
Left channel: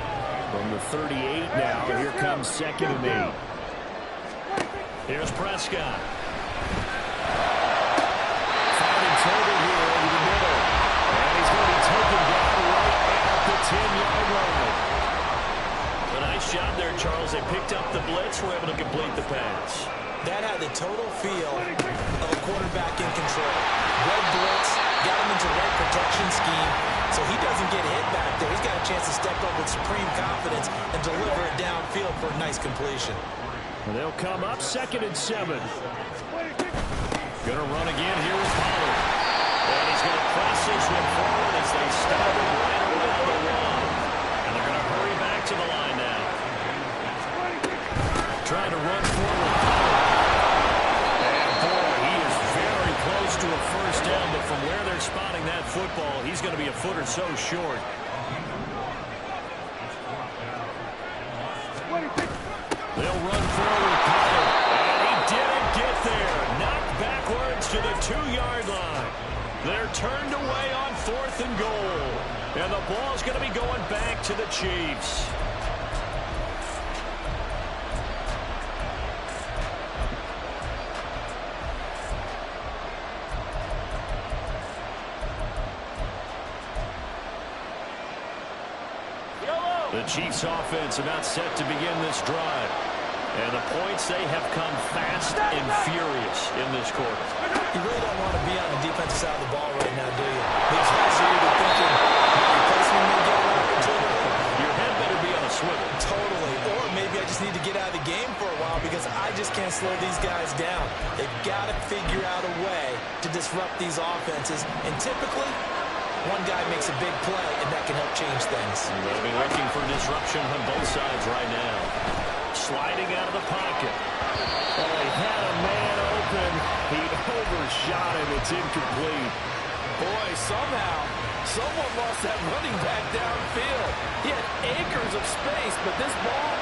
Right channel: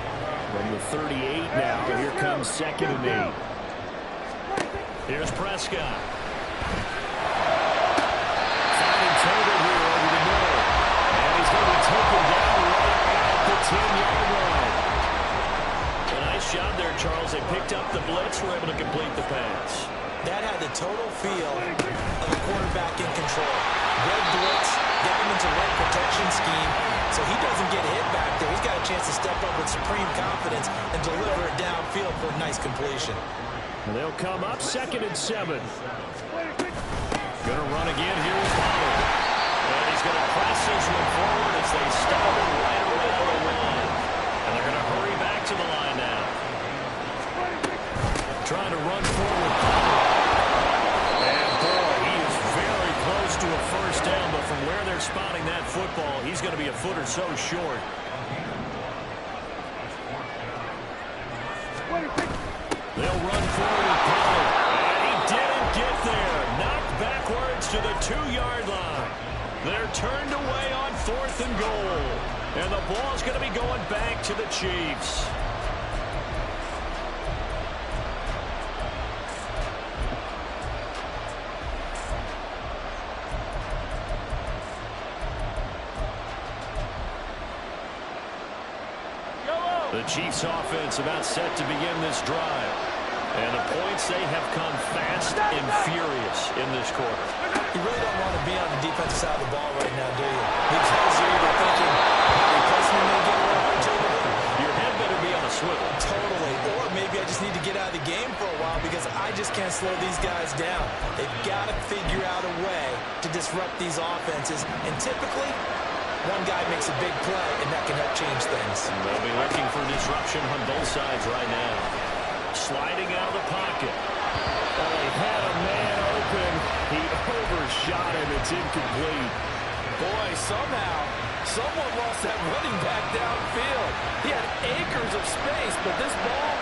From the 38 now, here comes 2nd and 8. Here's Prescott. Finding Tolbert here over the middle. And he's going to be taken down right at the 10-yard line. A nice job there, Charles. They picked up the blitz, were able to complete the pass. That had the total feel of a quarterback in control. Red blitz, got him into the right protection scheme, so he doesn't get hit back there. He's got a chance to step up with supreme confidence and deliver it downfield for a nice completion. And they'll come up 2nd and 7. Going to run again here with Pollard. And he's going to press this one forward as they stop him right around the 1. And they're going to hurry back to the line now. Trying to run forward Pollard. And boy, he is very close to a first down, but from where they're spotting that football, he's going to be a foot or so short. They'll run forward Pollard. And he didn't get there. Knocked backwards to the 2-yard line. They're turned away on 4th and goal. And the ball's going to be going back to the Chiefs. The Chiefs offense about set to begin this drive. And the points, they have come fast and furious in this quarter. You really don't want to be on the defensive side of the ball right now, do you? Because you're either thinking, my replacement may get an opportunity. Your head better be on a swivel. Totally. Or maybe I just need to get out of the game for a while because I just can't slow these guys down. They've got to figure out a way to disrupt these offenses. And typically, one guy makes a big play, and that can help change things. They'll be looking for disruption on both sides right now. Sliding out of the pocket. Oh, he had a man open. He overshot him. It's incomplete. Boy, somehow, someone lost that running back downfield. He had acres of space, but this ball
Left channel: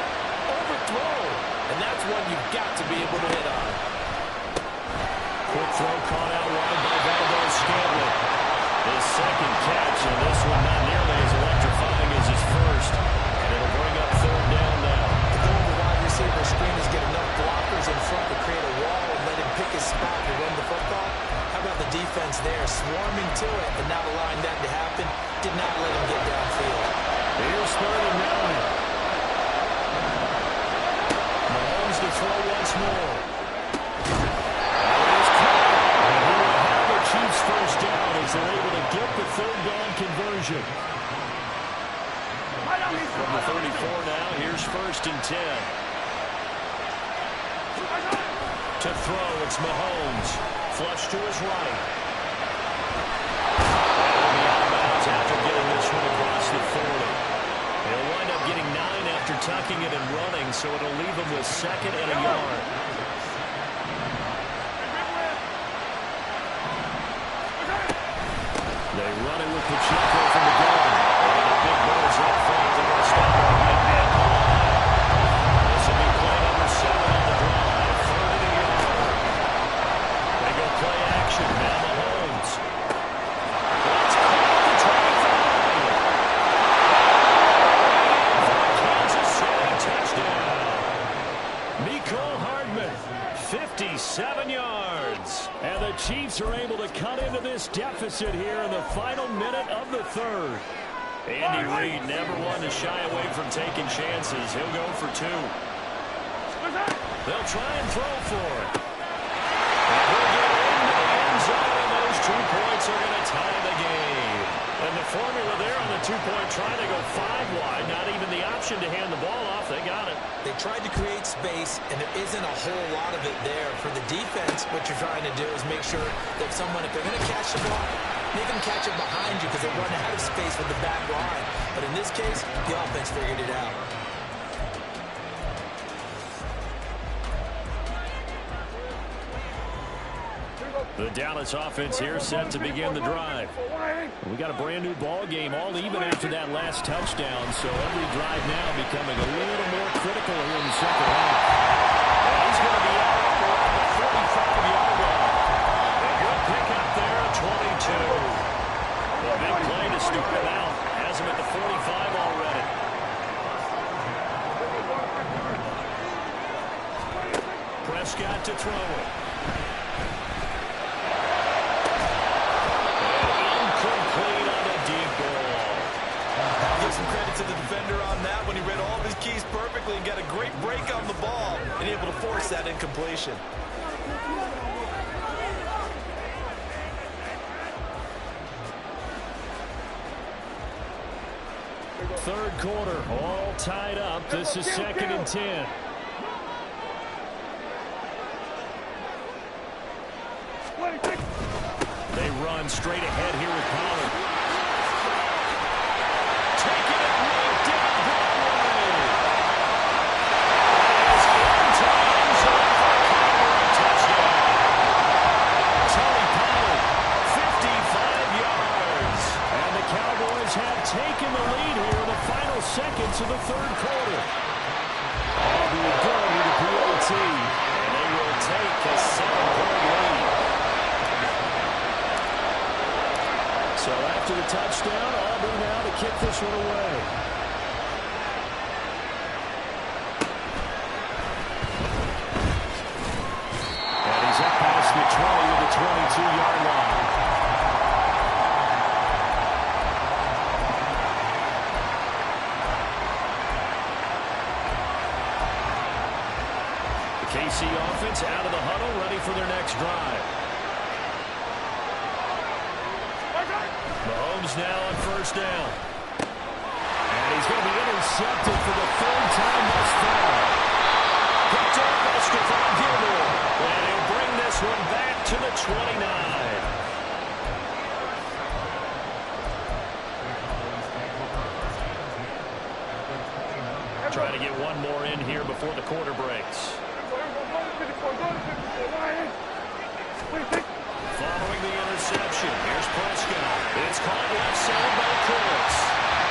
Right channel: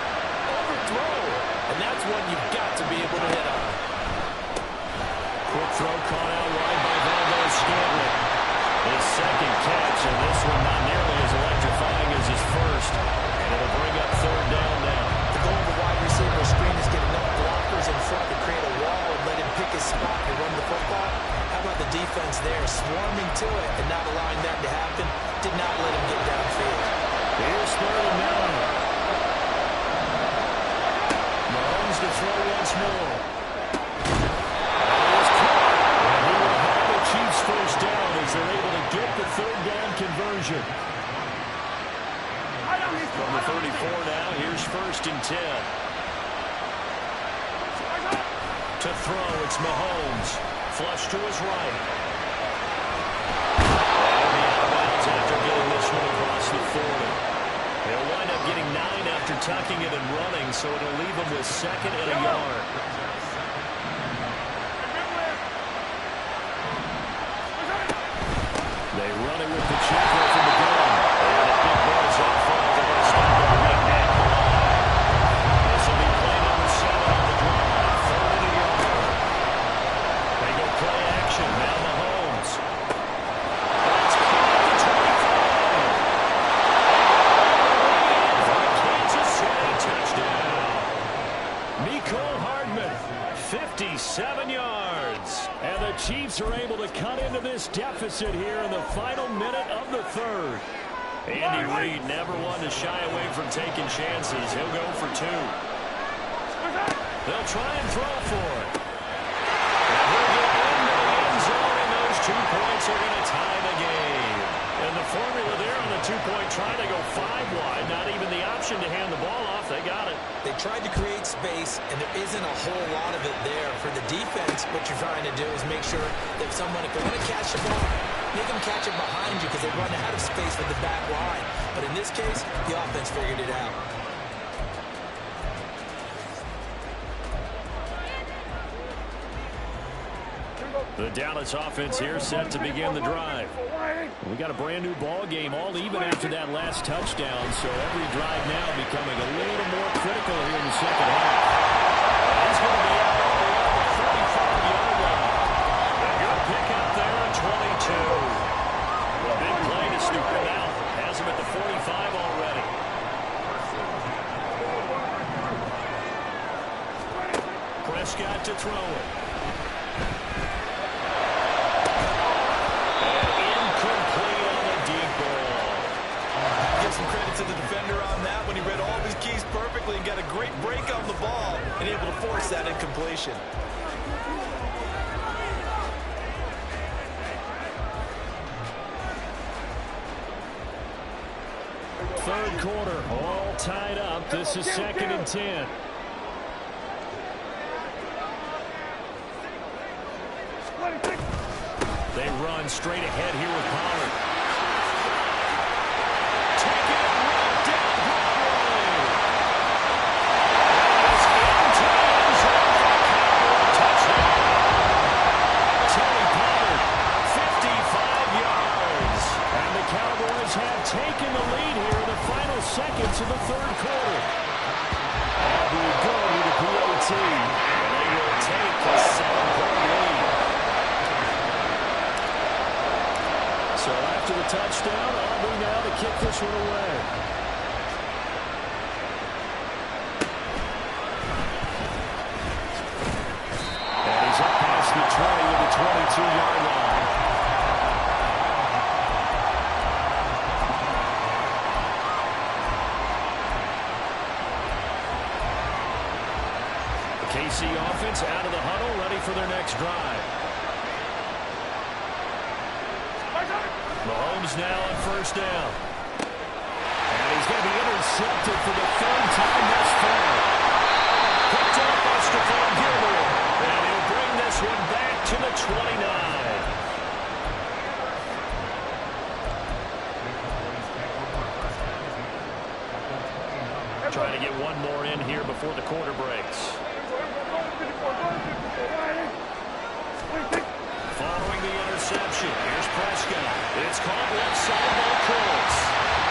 overthrown. And that's one you've got to be able to hit on. Quick throw caught out wide by Valdes-Scantling. His second catch, and this one not nearly as electrifying as his first. And it'll bring up third down now. The goal of the wide receiver screen is get enough blockers in front to create a wall and let him pick his spot to run the football. How about the defense there, swarming to it and not allowing that to happen? Did not let him get downfield. Here's 3rd and 9. Mahomes to throw once more. That is caught. And he will have the Chiefs first down as they're able to get the 3rd down conversion. From the 34 now, here's 1st and 10. To throw, it's Mahomes. Flush to his right. And he'll be out of bounds after getting this one across the 40. He'll wind up getting 9 after tucking it and running, so it'll leave him with 2nd and a yard. They run it with Pacheco from the gun. And the big boys up front. They're going to stop it right at the line. This will be play number 7 on the drive. 3rd and a yard. They go play action. Now Mahomes. That's caught the 25. And for a Kansas City touchdown. Mecole Hardman, 57 yards. And the Chiefs are able to cut into this deficit here in the final minute of the 3rd. Andy Reid never one to shy away from taking chances. He'll go for 2. They'll try and throw for it. And he'll get into the end zone, and those 2 points are going to tie the game. And the formula there on the 2-point try to go 5 wide. Not even the option to hand the ball off. They got it. They tried to create space, and there isn't a whole lot of it there. For the defense, what you're trying to do is make sure that if they're going to catch the ball, make them catch it behind you because they run out of space with the back line. But in this case, the offense figured it out. The Dallas offense here set to begin the drive. We got a brand new ball game, all even after that last touchdown, so every drive now becoming a little more critical here in the second half. And he's going to be out up around the 45-yard line. A good pickup there at 22. The big play to scoop him out. Has him at the 45 already. Prescott to throw it. Incomplete on the deep ball. Give some credit to the defender on that when he read all of his keys perfectly and got a great break on the ball and able to force that incompletion. Third quarter, all tied up. This is 2nd and 10. They run straight ahead here with Pollard. Taking it right down Broadway. And it is into the end zone for a Cowboy touchdown. Tony Pollard, 55 yards. And the Cowboys have taken the lead here in the final seconds of the 3rd quarter. Aubrey good with the PAT. And they will take a 7-point lead. So after the touchdown, Aubrey now to kick this one away. And he's up past the 20 with the 22-yard line. KC offense out of the huddle, ready for their next drive. Mahomes now on first down. And he's going to be intercepted for the third time thus far. Picked off by Stephon Gilmore. And he'll bring this one back to the 29. Trying to get one more in here before the quarter breaks. Following the interception, here's Prescott. It's caught left side by Kurtz.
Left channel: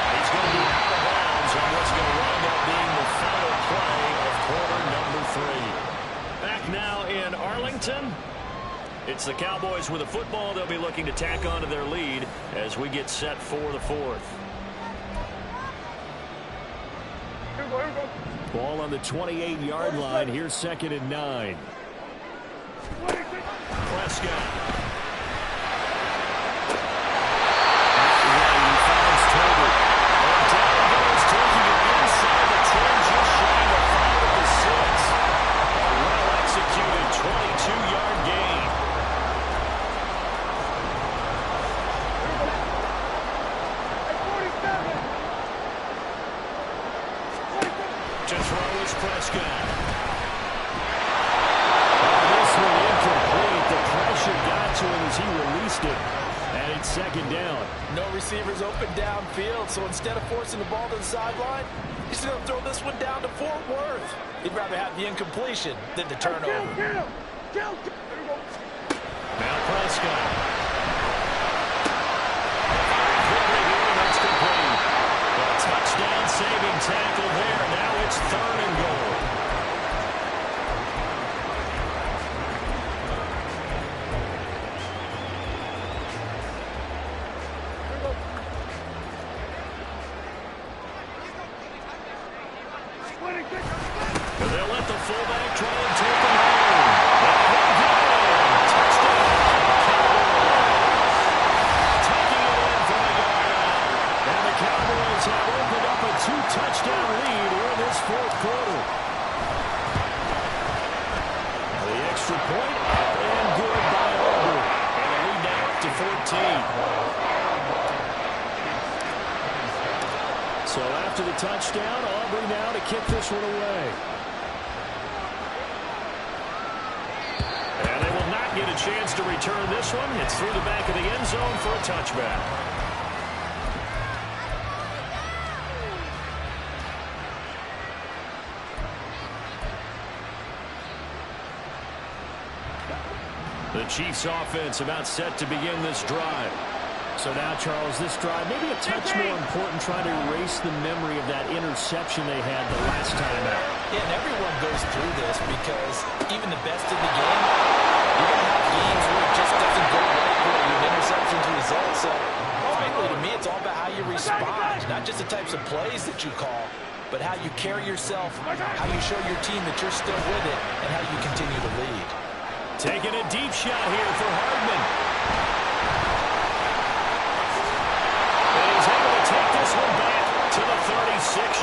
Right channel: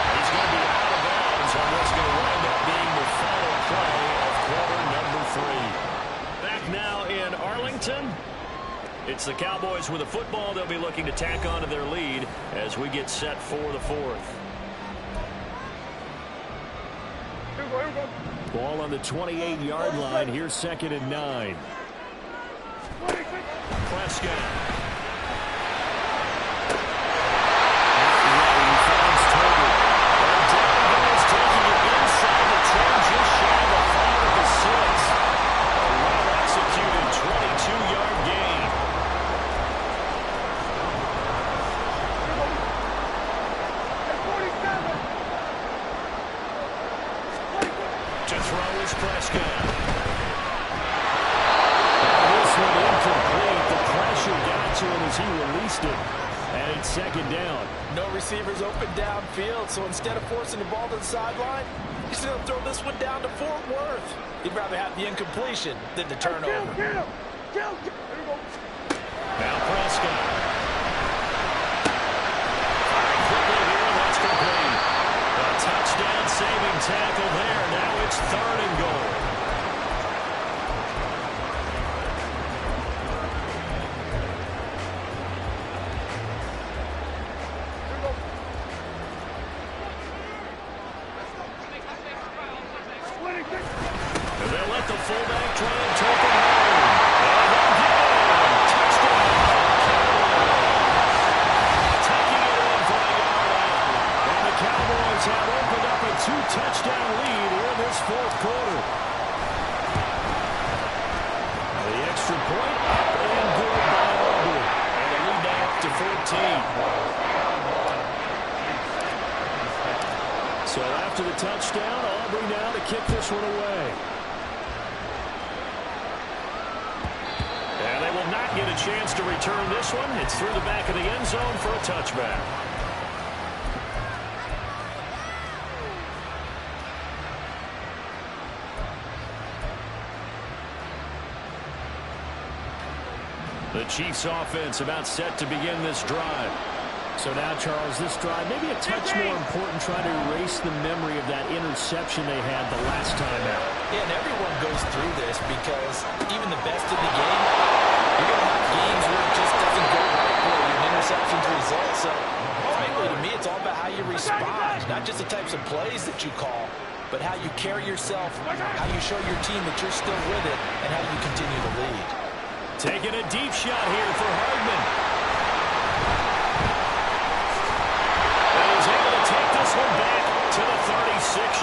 He's going to be out of bounds on what's going to wind up being the final play of quarter number 3. Back now in Arlington. It's the Cowboys with a football. They'll be looking to tack onto their lead as we get set for the 4th. Ball on the 28-yard line. Here's 2nd and 9. Prescott. He finds Tolbert. And down goes, taking it inside the 10, just shy of the 5 of the 6. A well-executed 22-yard gain. To throw is Prescott. This one incomplete. The pressure got to him as he released it. And it's 2nd down. No receivers open downfield, so instead of forcing the ball to the sideline, he's going to throw this one down to Fort Worth. He'd rather have the incompletion than the turnover. Now Prescott. Firing quickly here, and that's complete. A touchdown saving tackle there. Now it's 3rd and goal. They'll let the fullback try and take him home. And he'll get in. Touchdown, Cowboys. Taking it in from the yard out. And the Cowboys have opened up a 2-touchdown lead here in this 4th quarter. Now the extra point up and good by Aubrey. And a lead now up to 14. So after the touchdown, Aubrey now to kick this one away. And they will not get a chance to return this one. It's through the back of the end zone for a touchback. The Chiefs offense about set to begin this drive. So now, Charles, this drive maybe a touch more important, trying to erase the memory of that interception they had the last time out. Yeah, and everyone goes through this because even the best in the game, you're going to have games where it just doesn't go right for you, and interceptions result. So, frankly, to me, it's all about how you respond, not just the types of plays that you call, but how you carry yourself, how you show your team that you're still with it, and how you continue to lead. Taking a deep shot here for Hardman. And he's able to take this one back to the 36